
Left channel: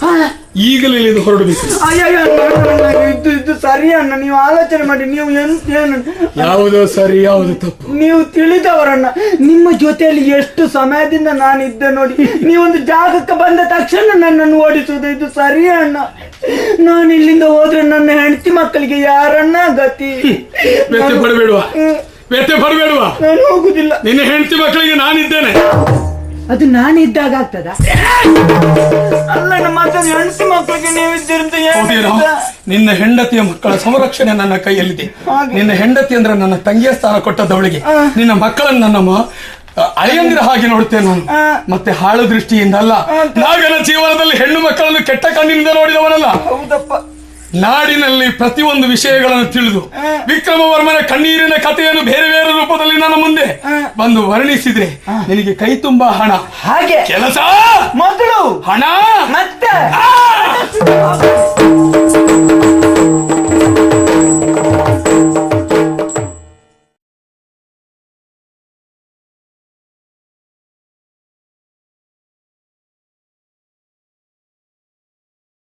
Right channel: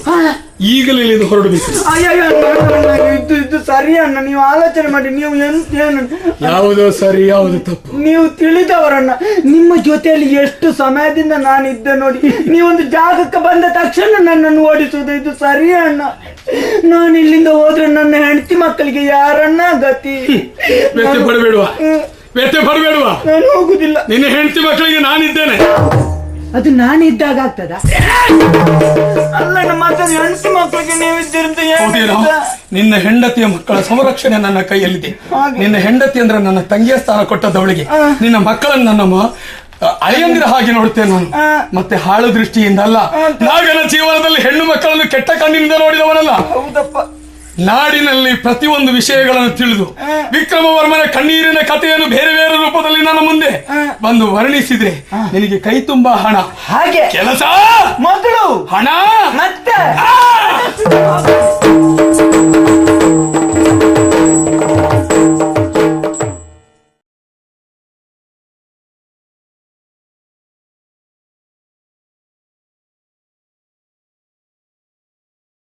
ಈಗಲೇ ಇದು ಹೊರಡಬೇಕು. ಇದು ಸರಿಯಣ್ಣ, ನೀವು ಆಲೋಚನೆ ಮಾಡಿ. ನೀವು ಯಾವುದು ಸರಿ ಯಾವುದು ತಪ್ಪು ನೀವು ತಿಳಿದವರಣ್ಣ. ನಿಮ್ಮ ಜೊತೆಯಲ್ಲಿ ಎಷ್ಟು ಸಮಯದಿಂದ ನಾನಿದ್ದೆ ನೋಡಿ. ನೀವೊಂದು ಜಾಗಕ್ಕೆ ಬಂದ ತಕ್ಷಣ ನನ್ನನ್ನು ಓಡಿಸುವುದು ಇದು ಸರಿಯಣ್ಣ. ನಾನು ಇಲ್ಲಿಂದ ಹೋದ್ರೆ ನನ್ನ ಹೆಂಡತಿ ಮಕ್ಕಳಿಗೆ ಯಾರಣ್ಣ ಗತಿ? ಹೋಗುದಿಲ್ಲ. ನಿನ್ನ ಹೆಂಡತಿ ಮಕ್ಕಳಿಗೆ ನಾನಿದ್ದೇನೆ. ಅದು ನಾನಿದ್ದಾಗ ಆಗ್ತದ? ಅಲ್ಲ, ಹೆಂಡತಿ ಮಕ್ಕಳಿಗೆ ನಿನ್ನ ಹೆಂಡತಿಯ ಮಕ್ಕಳ ಸಂರಕ್ಷಣೆ ನನ್ನ ಕೈಯಲ್ಲಿ. ನಿನ್ನ ಹೆಂಡತಿ ಅಂದ್ರೆ ನನ್ನ ತಂಗಿಯ ಸ್ಥಳ ಕೊಟ್ಟದವಳಿಗೆ, ನಿನ್ನ ಮಕ್ಕಳನ್ನು ನಾನು ಅಯ್ಯಂದ್ರ ಹಾಗೆ ನೋಡ್ತೇನೆ ನಾನು. ಮತ್ತೆ ಹಾಳು ದೃಷ್ಟಿಯಿಂದ ಅಲ್ಲ. ನಾವೆಲ್ಲ ಜೀವನದಲ್ಲಿ ಹೆಣ್ಣು ಮಕ್ಕಳನ್ನು ಕೆಟ್ಟ ಕಣ್ಣಿನಿಂದ ನೋಡಿದವರಲ್ಲ. ನಾಡಿನಲ್ಲಿ ಪ್ರತಿಯೊಂದು ವಿಷಯಗಳನ್ನು ತಿಳಿದು ವಿಕ್ರಮವರ್ಮನ ಕಣ್ಣೀರಿನ ಕಥೆಯನ್ನು ಬೇರೆ ಬೇರೆ ರೂಪದಲ್ಲಿ ನಾನು ಮುಂದೆ ಬಂದು ವರ್ಣಿಸಿದೆ. ನಿನಗೆ ಕೈ ತುಂಬಾ ಹಣ, ಹಾಗೆ ಕೆಲಸ